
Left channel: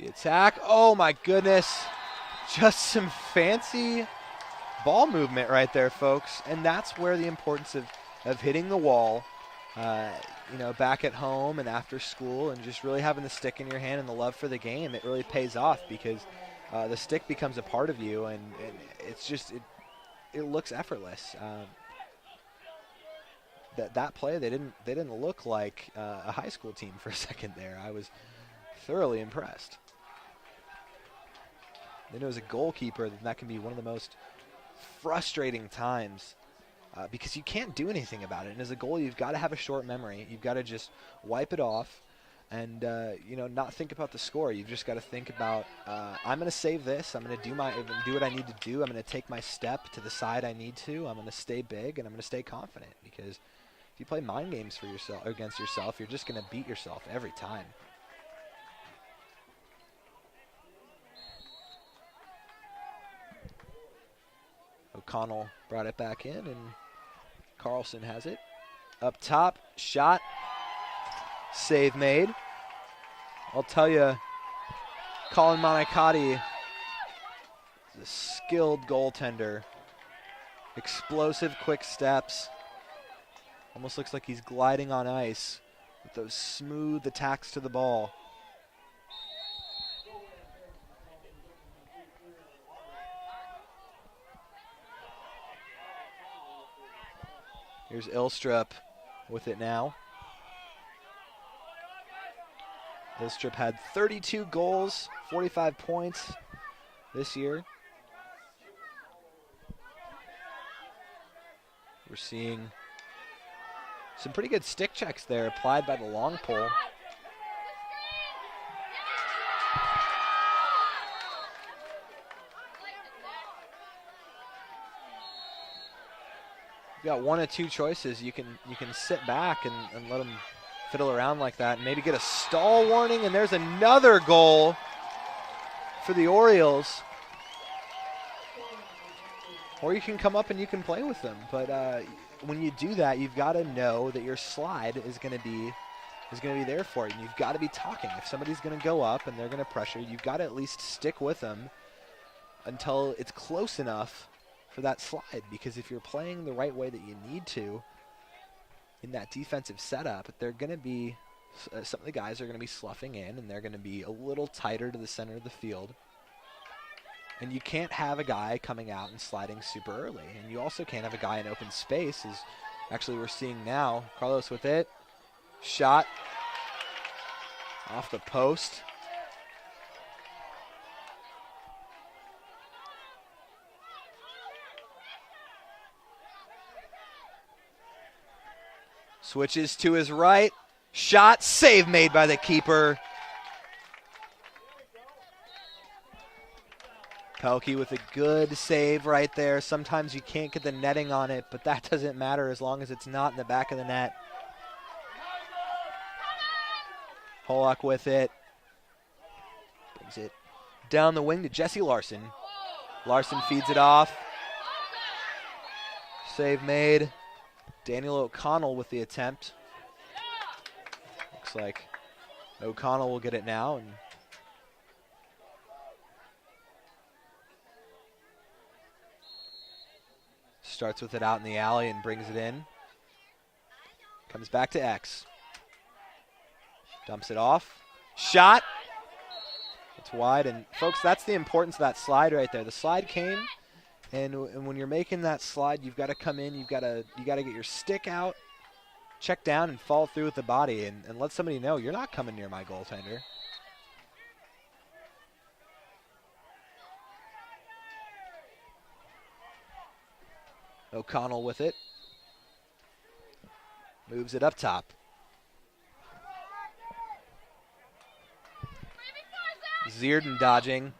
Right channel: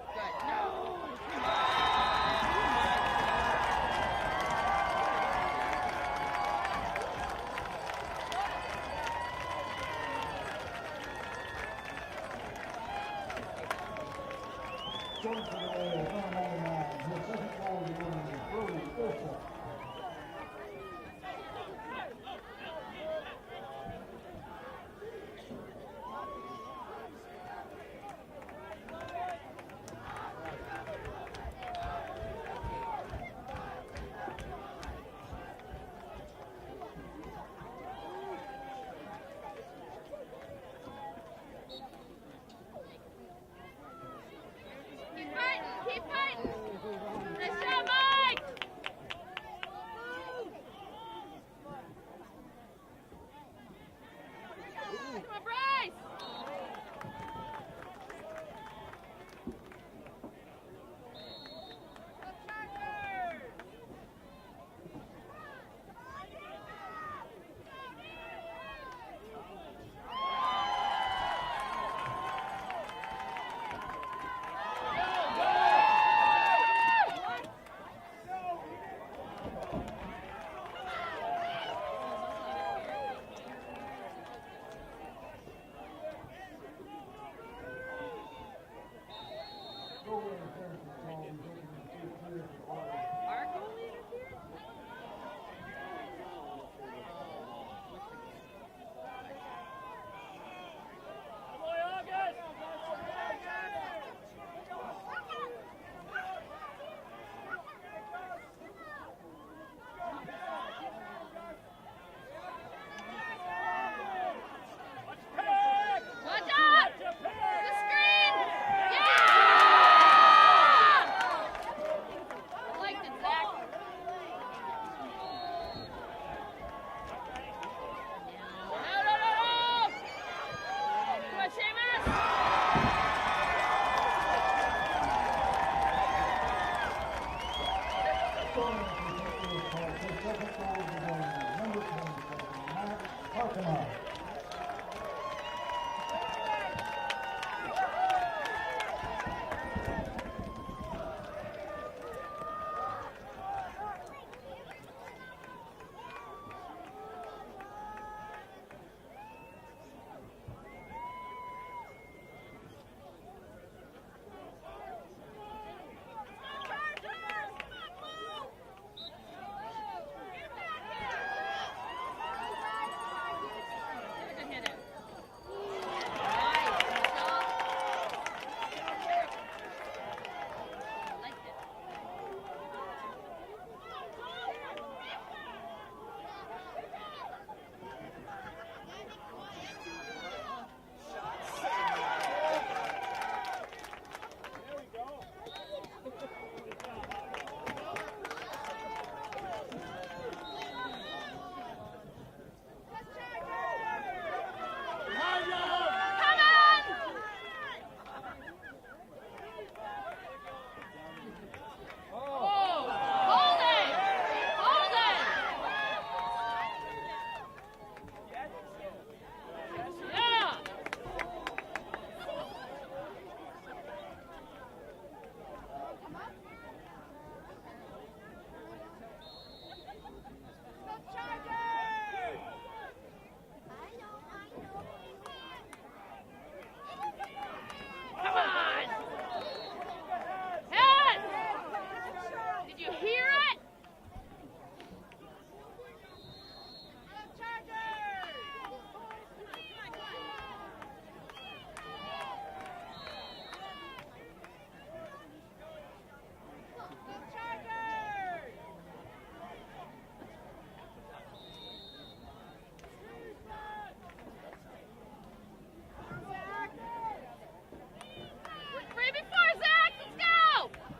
the attack. Oh my goodness. Just some fancy ball movement right there, folks. And that's where the importance of hitting the wall, you know, back at home and after school, and just really having the stick in your hand and the love for the game, it really pays off because the stick becomes a part of you, and it's just, it looks effortless. That play, they didn't look like a high school team for a second there. I was thoroughly impressed. And as a goalkeeper, that can be one of the most frustrating times. Because you can't do anything about it. And as a goalie, you've got to have a short memory. You've got to just wipe it off and you know, not think about the score. You've just got to think about, I'm going to save this. I'm going to do what I need to do. I'm going to take my step to the side I need to. I'm going to stay big, and I'm going to stay confident. Because if you play mind games for yourself against yourself, you're just going to beat yourself every time. O'Connell brought it back in, and Carlson has it. Up top, shot, save made. I'll tell you, Colin Monicati is a skilled goaltender. Explosive, quick steps. Almost looks like he's gliding on ice. Those smooth attacks to the ball. Here's Ilstrup with it now. Ilstrup had 32 goals, 45 points this year. We're seeing some pretty good stick checks there applied by the long pole. You got one of two choices. You can sit back and let them fiddle around like that, and maybe get a stall warning, and there's another goal for the Orioles. Or you can come up and you can play with them. But when you do that, you've got to know that your slide is going to be there for you. You've got to be talking. If somebody's going to go up and they're going to pressure, you've got to at least stick with them until it's close enough for that slide, because if you're playing the right way that you need to, in that defensive setup, they're going to be, some of the guys are going to be sloughing in, and they're going to be a little tighter to the center of the field. And you can't have a guy coming out and sliding super early. And you also can't have a guy in open space, as actually we're seeing now. Carlos with it. Shot off the post. Switches to his right. Shot, save made by the keeper. Pelkey with a good save right there. Sometimes you can't get the netting on it, but that doesn't matter as long as it's not in the back of the net. Pollock with it. Is it down the wing to Jesse Larson. Larson feeds it off. Save made. Daniel O'Connell with the attempt. Looks like O'Connell will get it now. And starts with it out in the alley and brings it in. Comes back to X. Dumps it off. Shot. It's wide, and folks, that's the importance of that slide right there. The slide came, and when you're making that slide, you've got to come in. You got to get your stick out, check down, and fall through with the body, and let somebody know you're not coming near my goaltender. O'Connell with it. Moves it up top. Zierden dodging.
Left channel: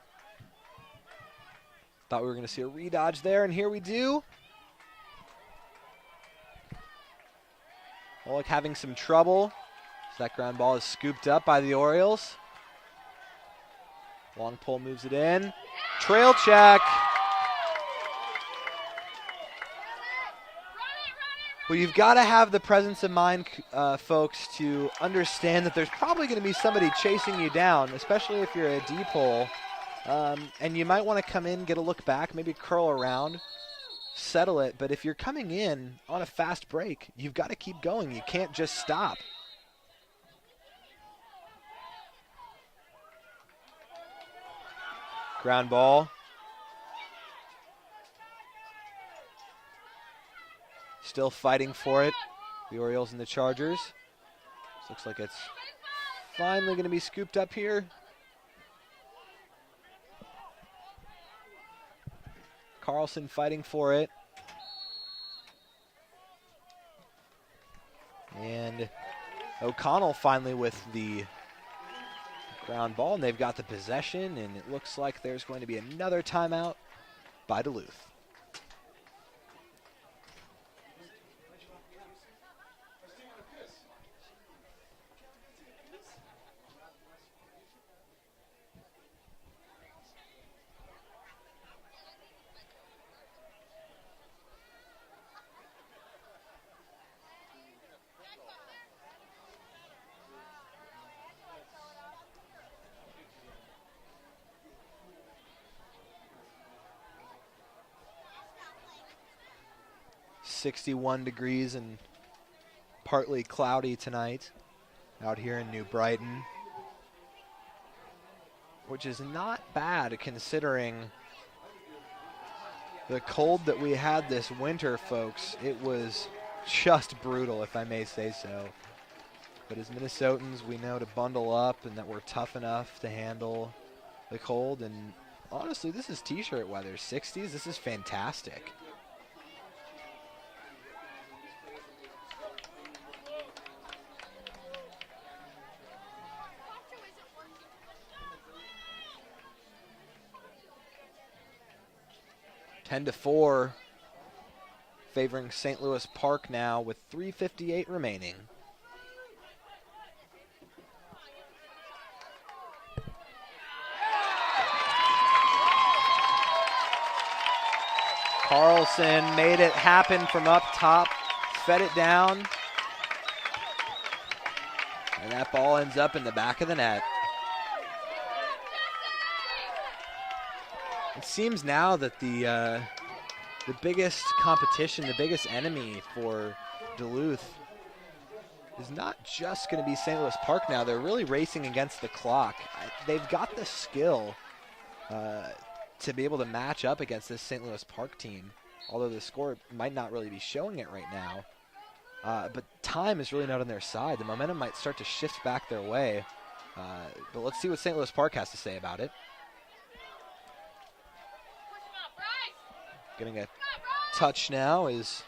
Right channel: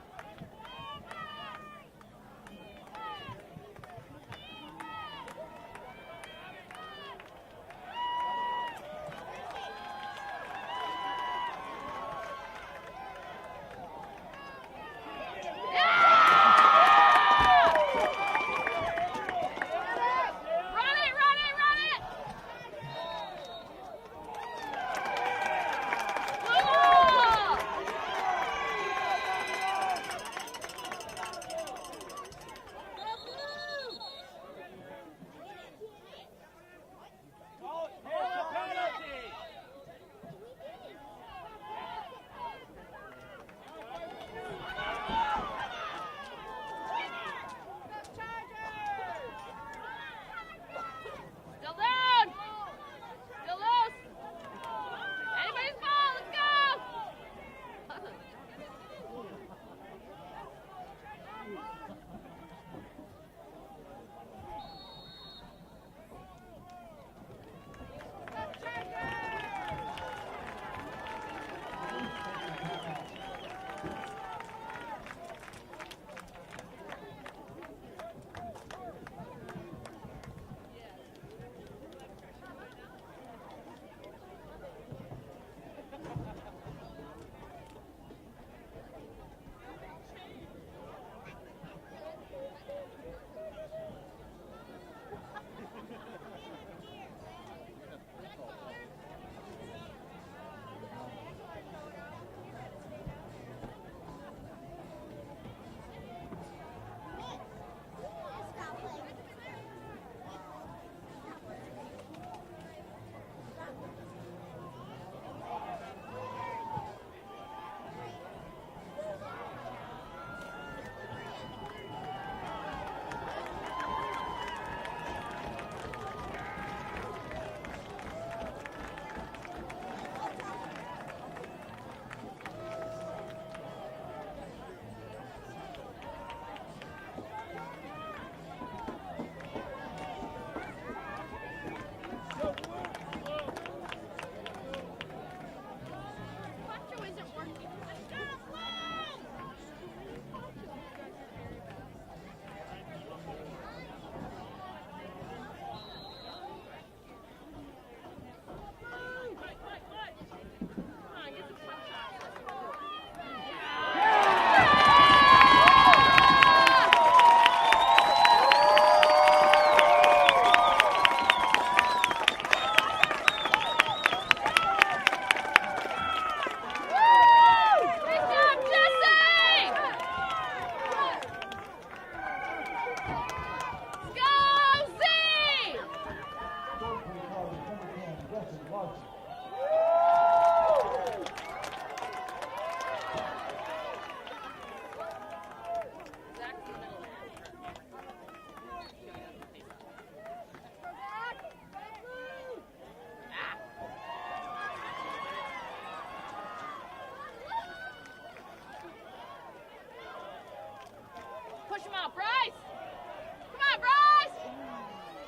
Thought we were going to see a redodge there, and here we do. Pollock having some trouble. That ground ball is scooped up by the Orioles. Long pole moves it in. Trail check. Well, you've got to have the presence of mind, folks, to understand that there's probably going to be somebody chasing you down, especially if you're a deep hole. And you might want to come in, get a look back, maybe curl around, settle it. But if you're coming in on a fast break, you've got to keep going. You can't just stop. Ground ball. Still fighting for it, the Orioles and the Chargers. Looks like it's finally going to be scooped up here. Carlson fighting for it. And O'Connell finally with the ground ball, and they've got the possession, and it looks like there's going to be another timeout by Duluth. .61 degrees and partly cloudy tonight out here in New Brighton, which is not bad considering the cold that we had this winter, folks. It was just brutal, if I may say so. But as Minnesotans, we know to bundle up and that we're tough enough to handle the cold. And honestly, this is t-shirt weather. 60s, this is fantastic. to 4, favoring St. Louis Park now with 3:58 remaining. Carlson made it happen from up top, fed it down, and that ball ends up in the back of the net. It seems now that the biggest competition, the biggest enemy for Duluth is not just going to be St. Louis Park now. They're really racing against the clock. They've got the skill to be able to match up against this St. Louis Park team, although the score might not really be showing it right now. But time is really not on their side. The momentum might start to shift back their way. But let's see what St. Louis Park has to say about it. Push him out, Bryce! Getting a Come on, Bryce! touch now is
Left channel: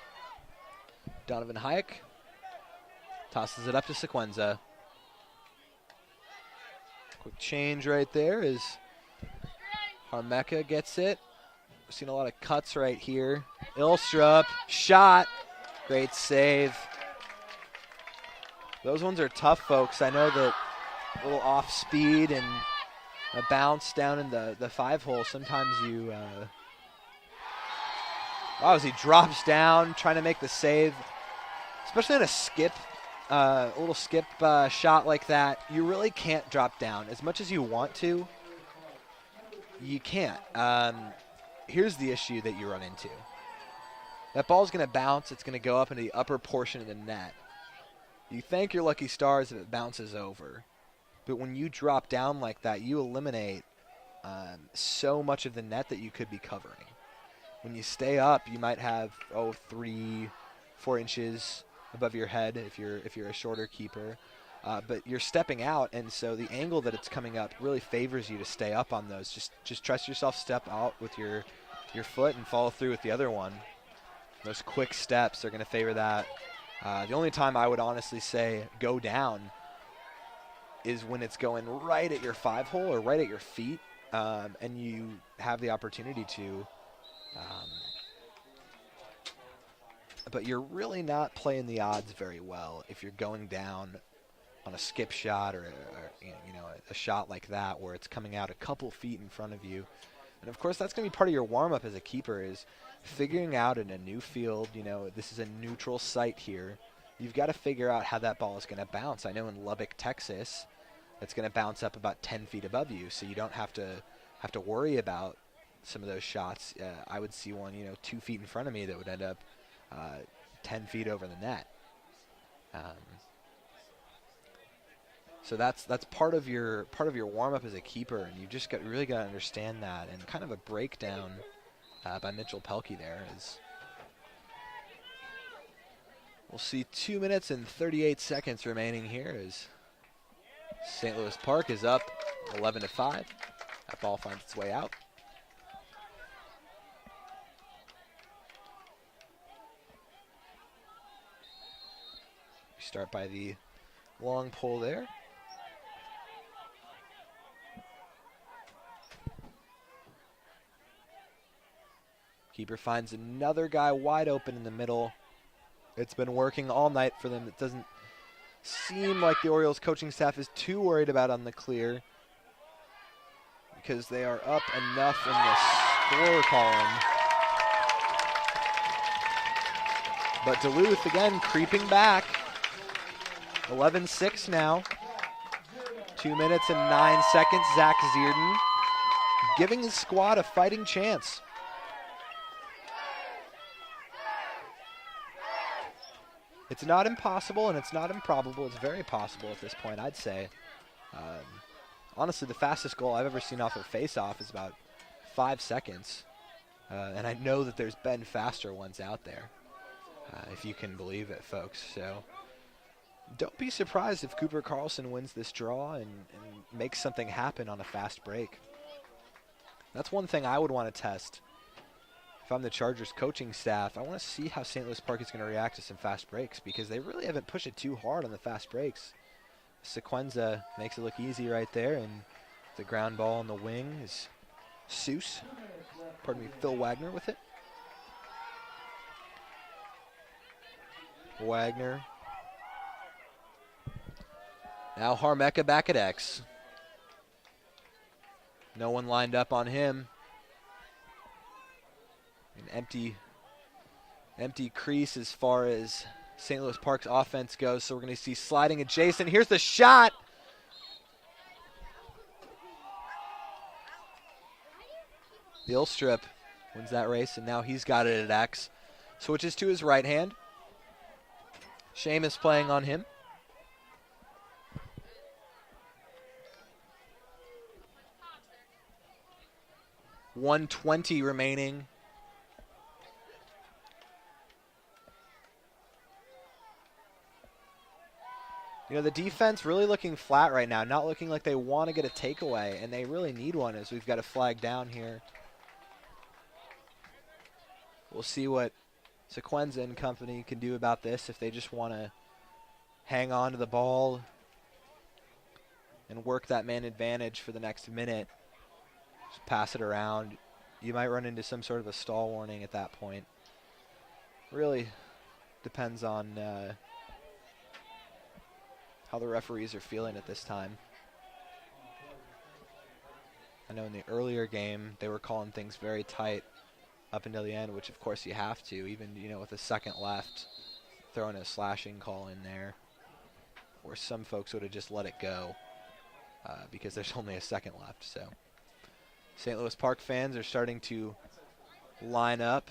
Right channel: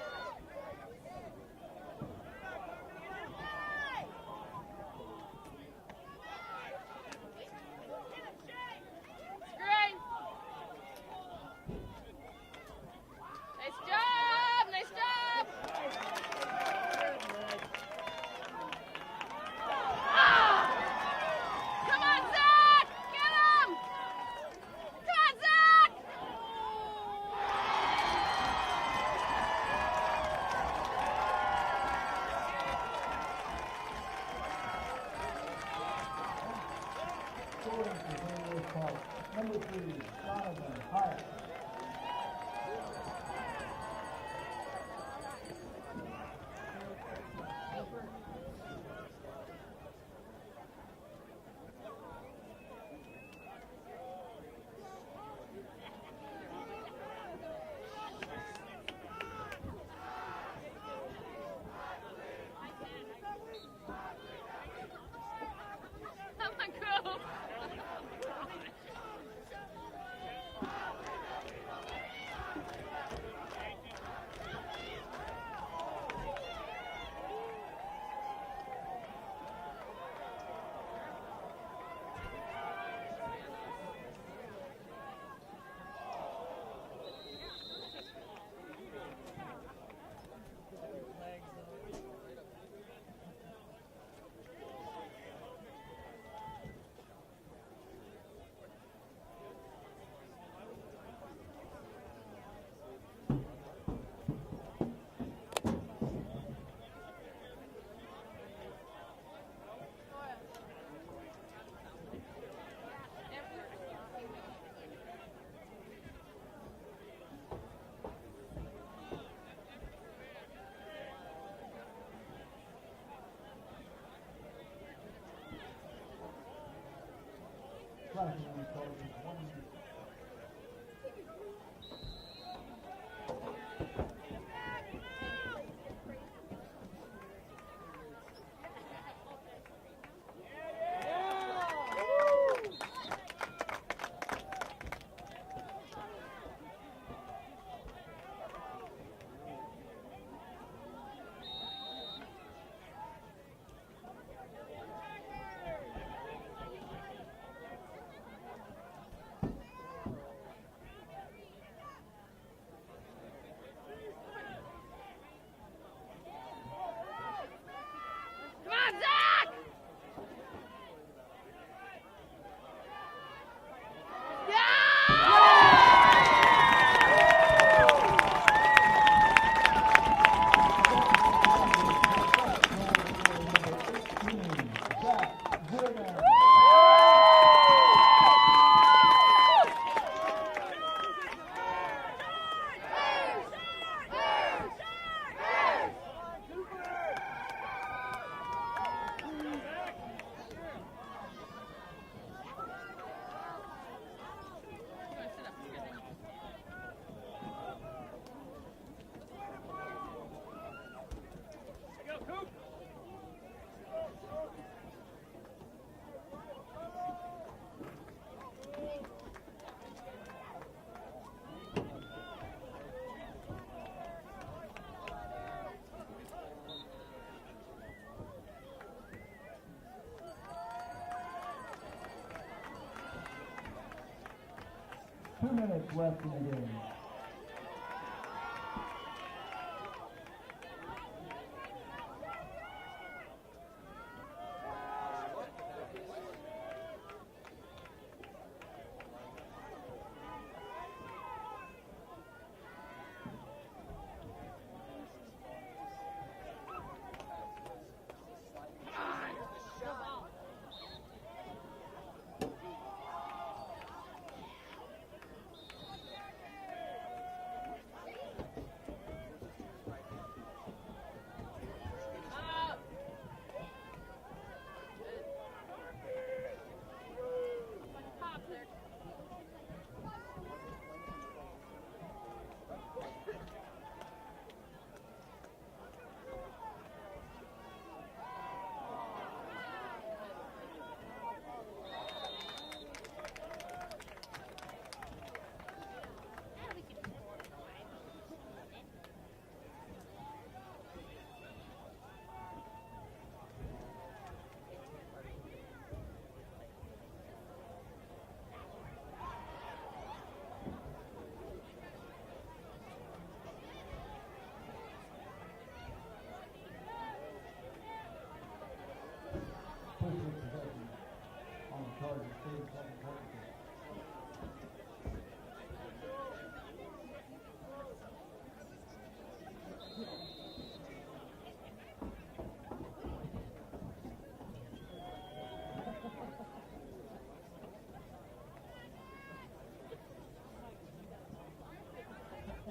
Donovan Hayek. Tosses it up to Sequenza. Quick change right there as Harmeka gets it. We've seen a lot of cuts right here. Ilstrup, shot. Great save. Those ones are tough, folks. I know that a little off speed and a bounce down in the 5-hole, sometimes you, as he drops down, trying to make the save, especially on a skip, a little skip shot like that, you really can't drop down. As much as you want to, you can't. Here's the issue that you run into. That ball's going to bounce. It's going to go up into the upper portion of the net. You thank your lucky stars if it bounces over. But when you drop down like that, you eliminate so much of the net that you could be covering. When you stay up, you might have 3-4 inches above your head if you're a shorter keeper. But you're stepping out, and so the angle that it's coming up really favors you to stay up on those. Just trust yourself, step out with your foot and follow through with the other one. Those quick steps are going to favor that. The only time I would honestly say go down is when it's going right at your 5-hole or right at your feet, and you have the opportunity to. But you're really not playing the odds very well if you're going down on a skip shot or a shot like that where it's coming out a couple feet in front of you. And of course, that's going to be part of your warm-up as a keeper, is figuring out in a new field, this is a neutral site here. You've got to figure out how that ball is going to bounce. I know in Lubbock, Texas, it's going to bounce up about 10 feet above you, so you don't have to worry about some of those shots. I would see one, 2 feet in front of me that would end up 10 feet over the net. So that's part of your warm-up as a keeper. You just really got to understand that, and kind of a breakdown by Mitchell Pelkey there. We'll see 2 minutes and 38 seconds remaining here as St. Louis Park is up 11-5. That ball finds its way out. Start by the long pull there. Keeper finds another guy wide open in the middle. It's been working all night for them. It doesn't seem like the Orioles coaching staff is too worried about on the clear, because they are up enough in the score column. But Duluth again creeping back. 11-6 now. 2 minutes and 9 seconds. Zach Zierden giving his squad a fighting chance. It's not impossible and it's not improbable. It's very possible at this point, I'd say. Honestly, the fastest goal I've ever seen off of face-off is about 5 seconds. And I know that there's been faster ones out there, if you can believe it, folks. So don't be surprised if Cooper Carlson wins this draw and makes something happen on a fast break. That's one thing I would want to test. If I'm the Chargers coaching staff, I want to see how St. Louis Park is going to react to some fast breaks, because they really haven't pushed it too hard on the fast breaks. Sequenza makes it look easy right there, and the ground ball on the wing is Seuss. Pardon me, Phil Wagner with it. Wagner. Now Harmeka back at X. No one lined up on him. Empty crease as far as St. Louis Park's offense goes, so we're going to see sliding adjacent. Here's the shot. Ilstrup wins that race, and now he's got it at X. Switches to his right hand. Seamus playing on him. .120 remaining. You know, the defense really looking flat right now, not looking like they want to get a takeaway, and they really need one as we've got a flag down here. We'll see what Sequenza and company can do about this if they just want to hang on to the ball and work that man advantage for the next minute. Just pass it around. You might run into some sort of a stall warning at that point. Really depends on how the referees are feeling at this time. I know in the earlier game they were calling things very tight up until the end, which of course you have to, even with a second left, throwing a slashing call in there, where some folks would have just let it go because there's only a second left. So St. Louis Park fans are starting to line up.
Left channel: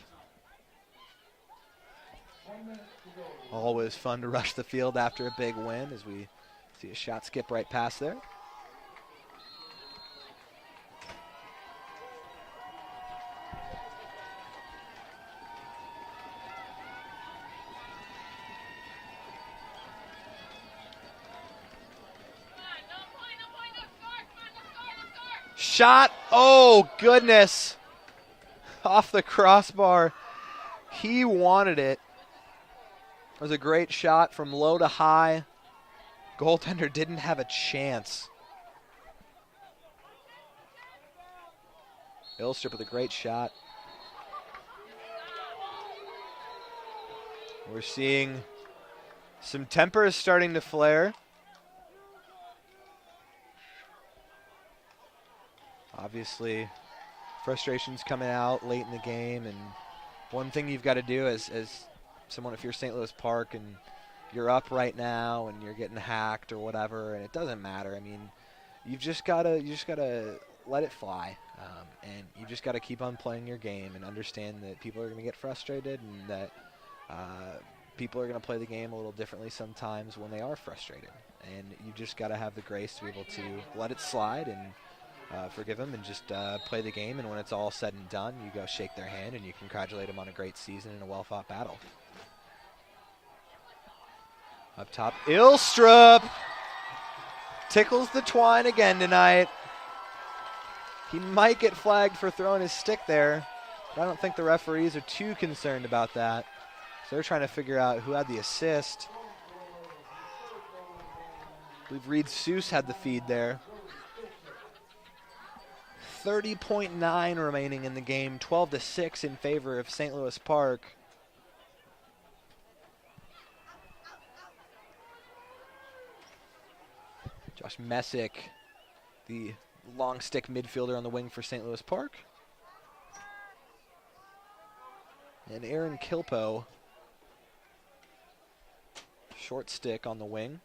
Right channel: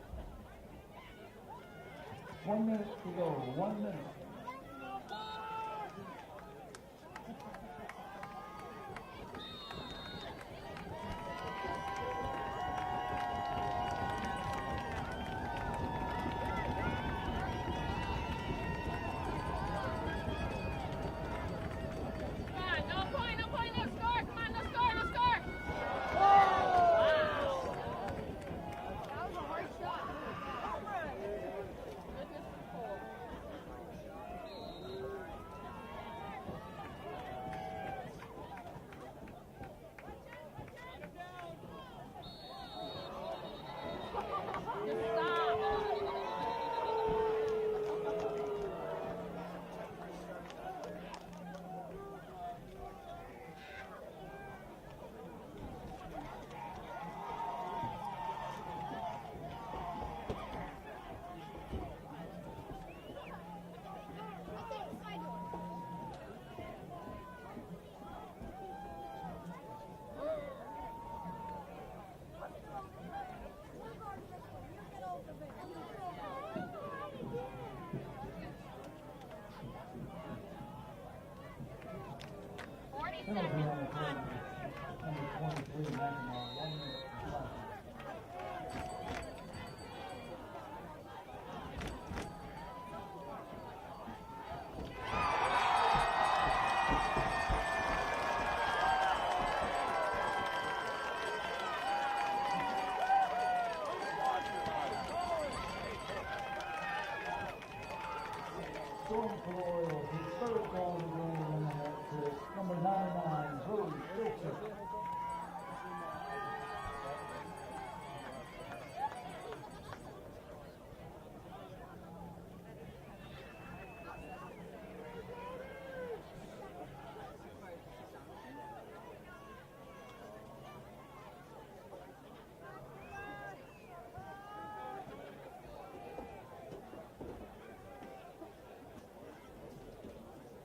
Always fun to rush the field after a big win, as we see a shot skip right past there. Shot, oh goodness, off the crossbar. He wanted it. It was a great shot from low to high. Goaltender didn't have a chance. Ilstrup with a great shot. We're seeing some tempers starting to flare. Obviously, frustration's coming out late in the game, and one thing you've got to do as someone, if you're St. Louis Park and you're up right now and you're getting hacked or whatever, and it doesn't matter. I mean, you just gotta let it fly, and you just gotta keep on playing your game and understand that people are gonna get frustrated, and that people are gonna play the game a little differently sometimes when they are frustrated, and you just gotta have the grace to be able to let it slide and forgive them and just play the game. And when it's all said and done, you go shake their hand and you congratulate them on a great season and a well-fought battle. Up top, Ilstrup tickles the twine again tonight. He might get flagged for throwing his stick there. I don't think the referees are too concerned about that. So they're trying to figure out who had the assist. I believe Reed Seuss had the feed there. 30.9 remaining in the game, 12-6 in favor of St. Louis Park. Josh Messick, the long stick midfielder on the wing for St. Louis Park. And Aaron Kilpo, short stick on the wing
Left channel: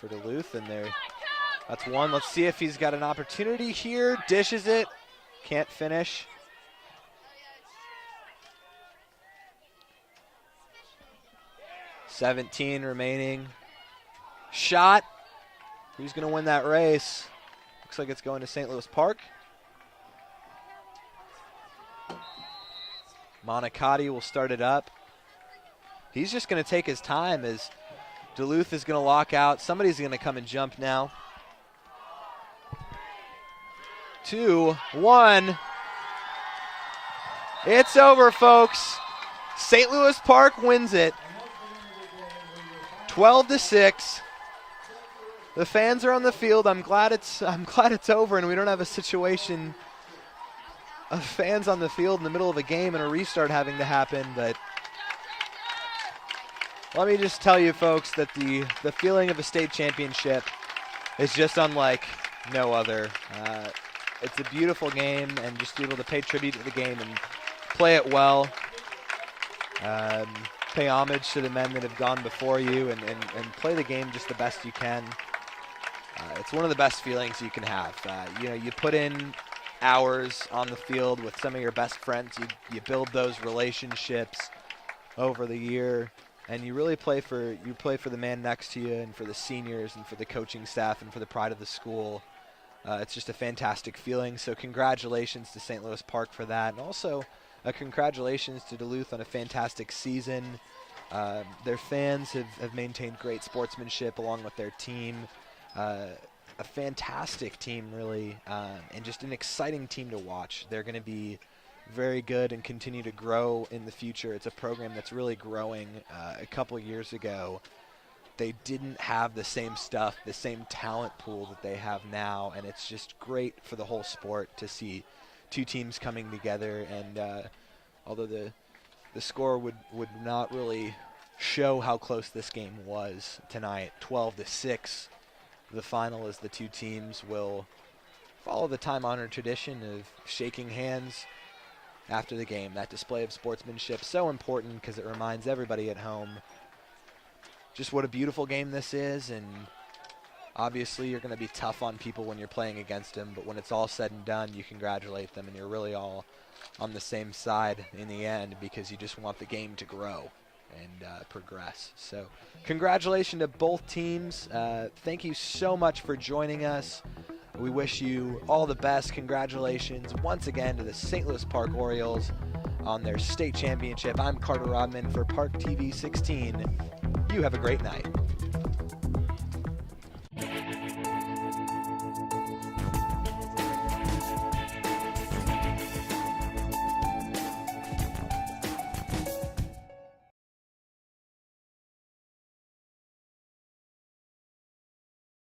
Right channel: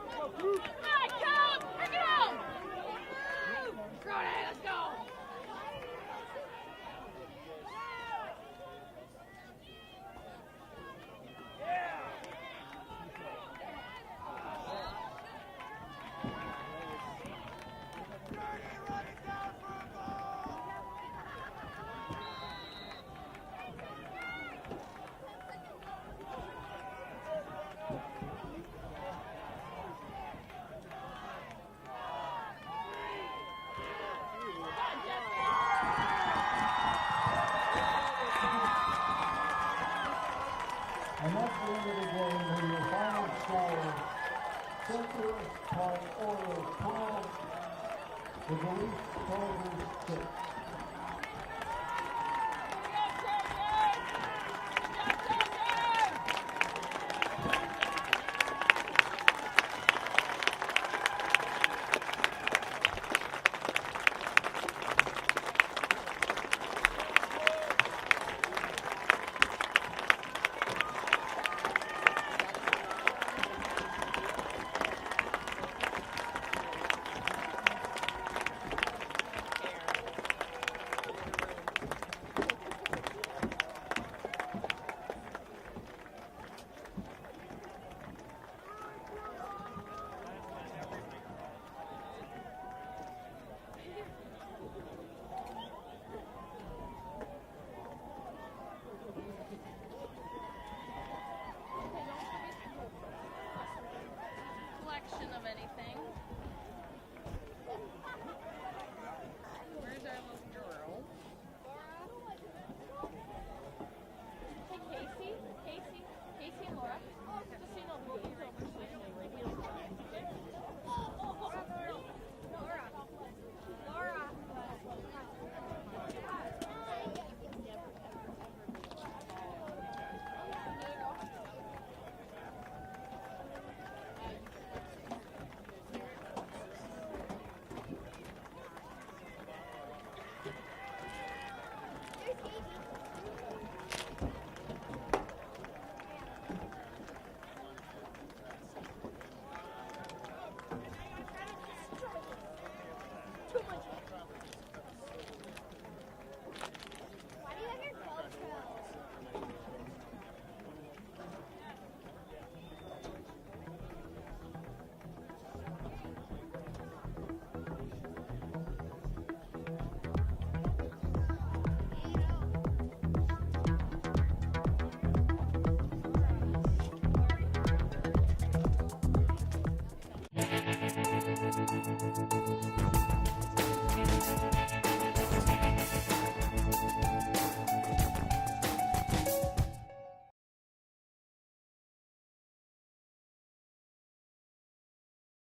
for Duluth, and there. That's one. Let's see if he's got an opportunity here. Dishes it. Can't finish. .17 remaining. Shot. Who's going to win that race? Looks like it's going to St. Louis Park. Monicati will start it up. He's just going to take his time as Duluth is going to lock out. Somebody's going to come and jump now. 2, 1. It's over, folks. St. Louis Park wins it. 12-6. The fans are on the field. I'm glad it's over and we don't have a situation of fans on the field in the middle of a game and a restart having to happen. But let me just tell you, folks, that the feeling of a state championship is just unlike no other. It's a beautiful game, and just be able to pay tribute to the game and play it well. Pay homage to the men that have gone before you and play the game just the best you can. It's one of the best feelings you can have. You put in hours on the field with some of your best friends. You build those relationships. over the year, and you really play for the man next to you and for the seniors and for the coaching staff and for the pride of the school. It's just a fantastic feeling. So congratulations to St. Louis Park for that, and also congratulations to Duluth on a fantastic season. Their fans have maintained great sportsmanship along with their team. A fantastic team, really, and just an exciting team to watch. They're going to be very good and continue to grow in the future. It's a program that's really growing. A couple years ago, they didn't have the same stuff, the same talent pool that they have now, and it's just great for the whole sport to see two teams coming together. And although the score would not really show how close this game was tonight, 12-6, the final is the two teams will follow the time-honored tradition of shaking hands after the game. That display of sportsmanship, so important because it reminds everybody at home just what a beautiful game this is. And obviously you're going to be tough on people when you're playing against them, but when it's all said and done, you congratulate them, and you're really all on the same side in the end because you just want the game to grow and progress. So congratulations to both teams. Thank you so much for joining us. We wish you all the best. Congratulations once again to the St. Louis Park Orioles on their state championship. I'm Carter Rodman for ParkTV 16. You have a great night.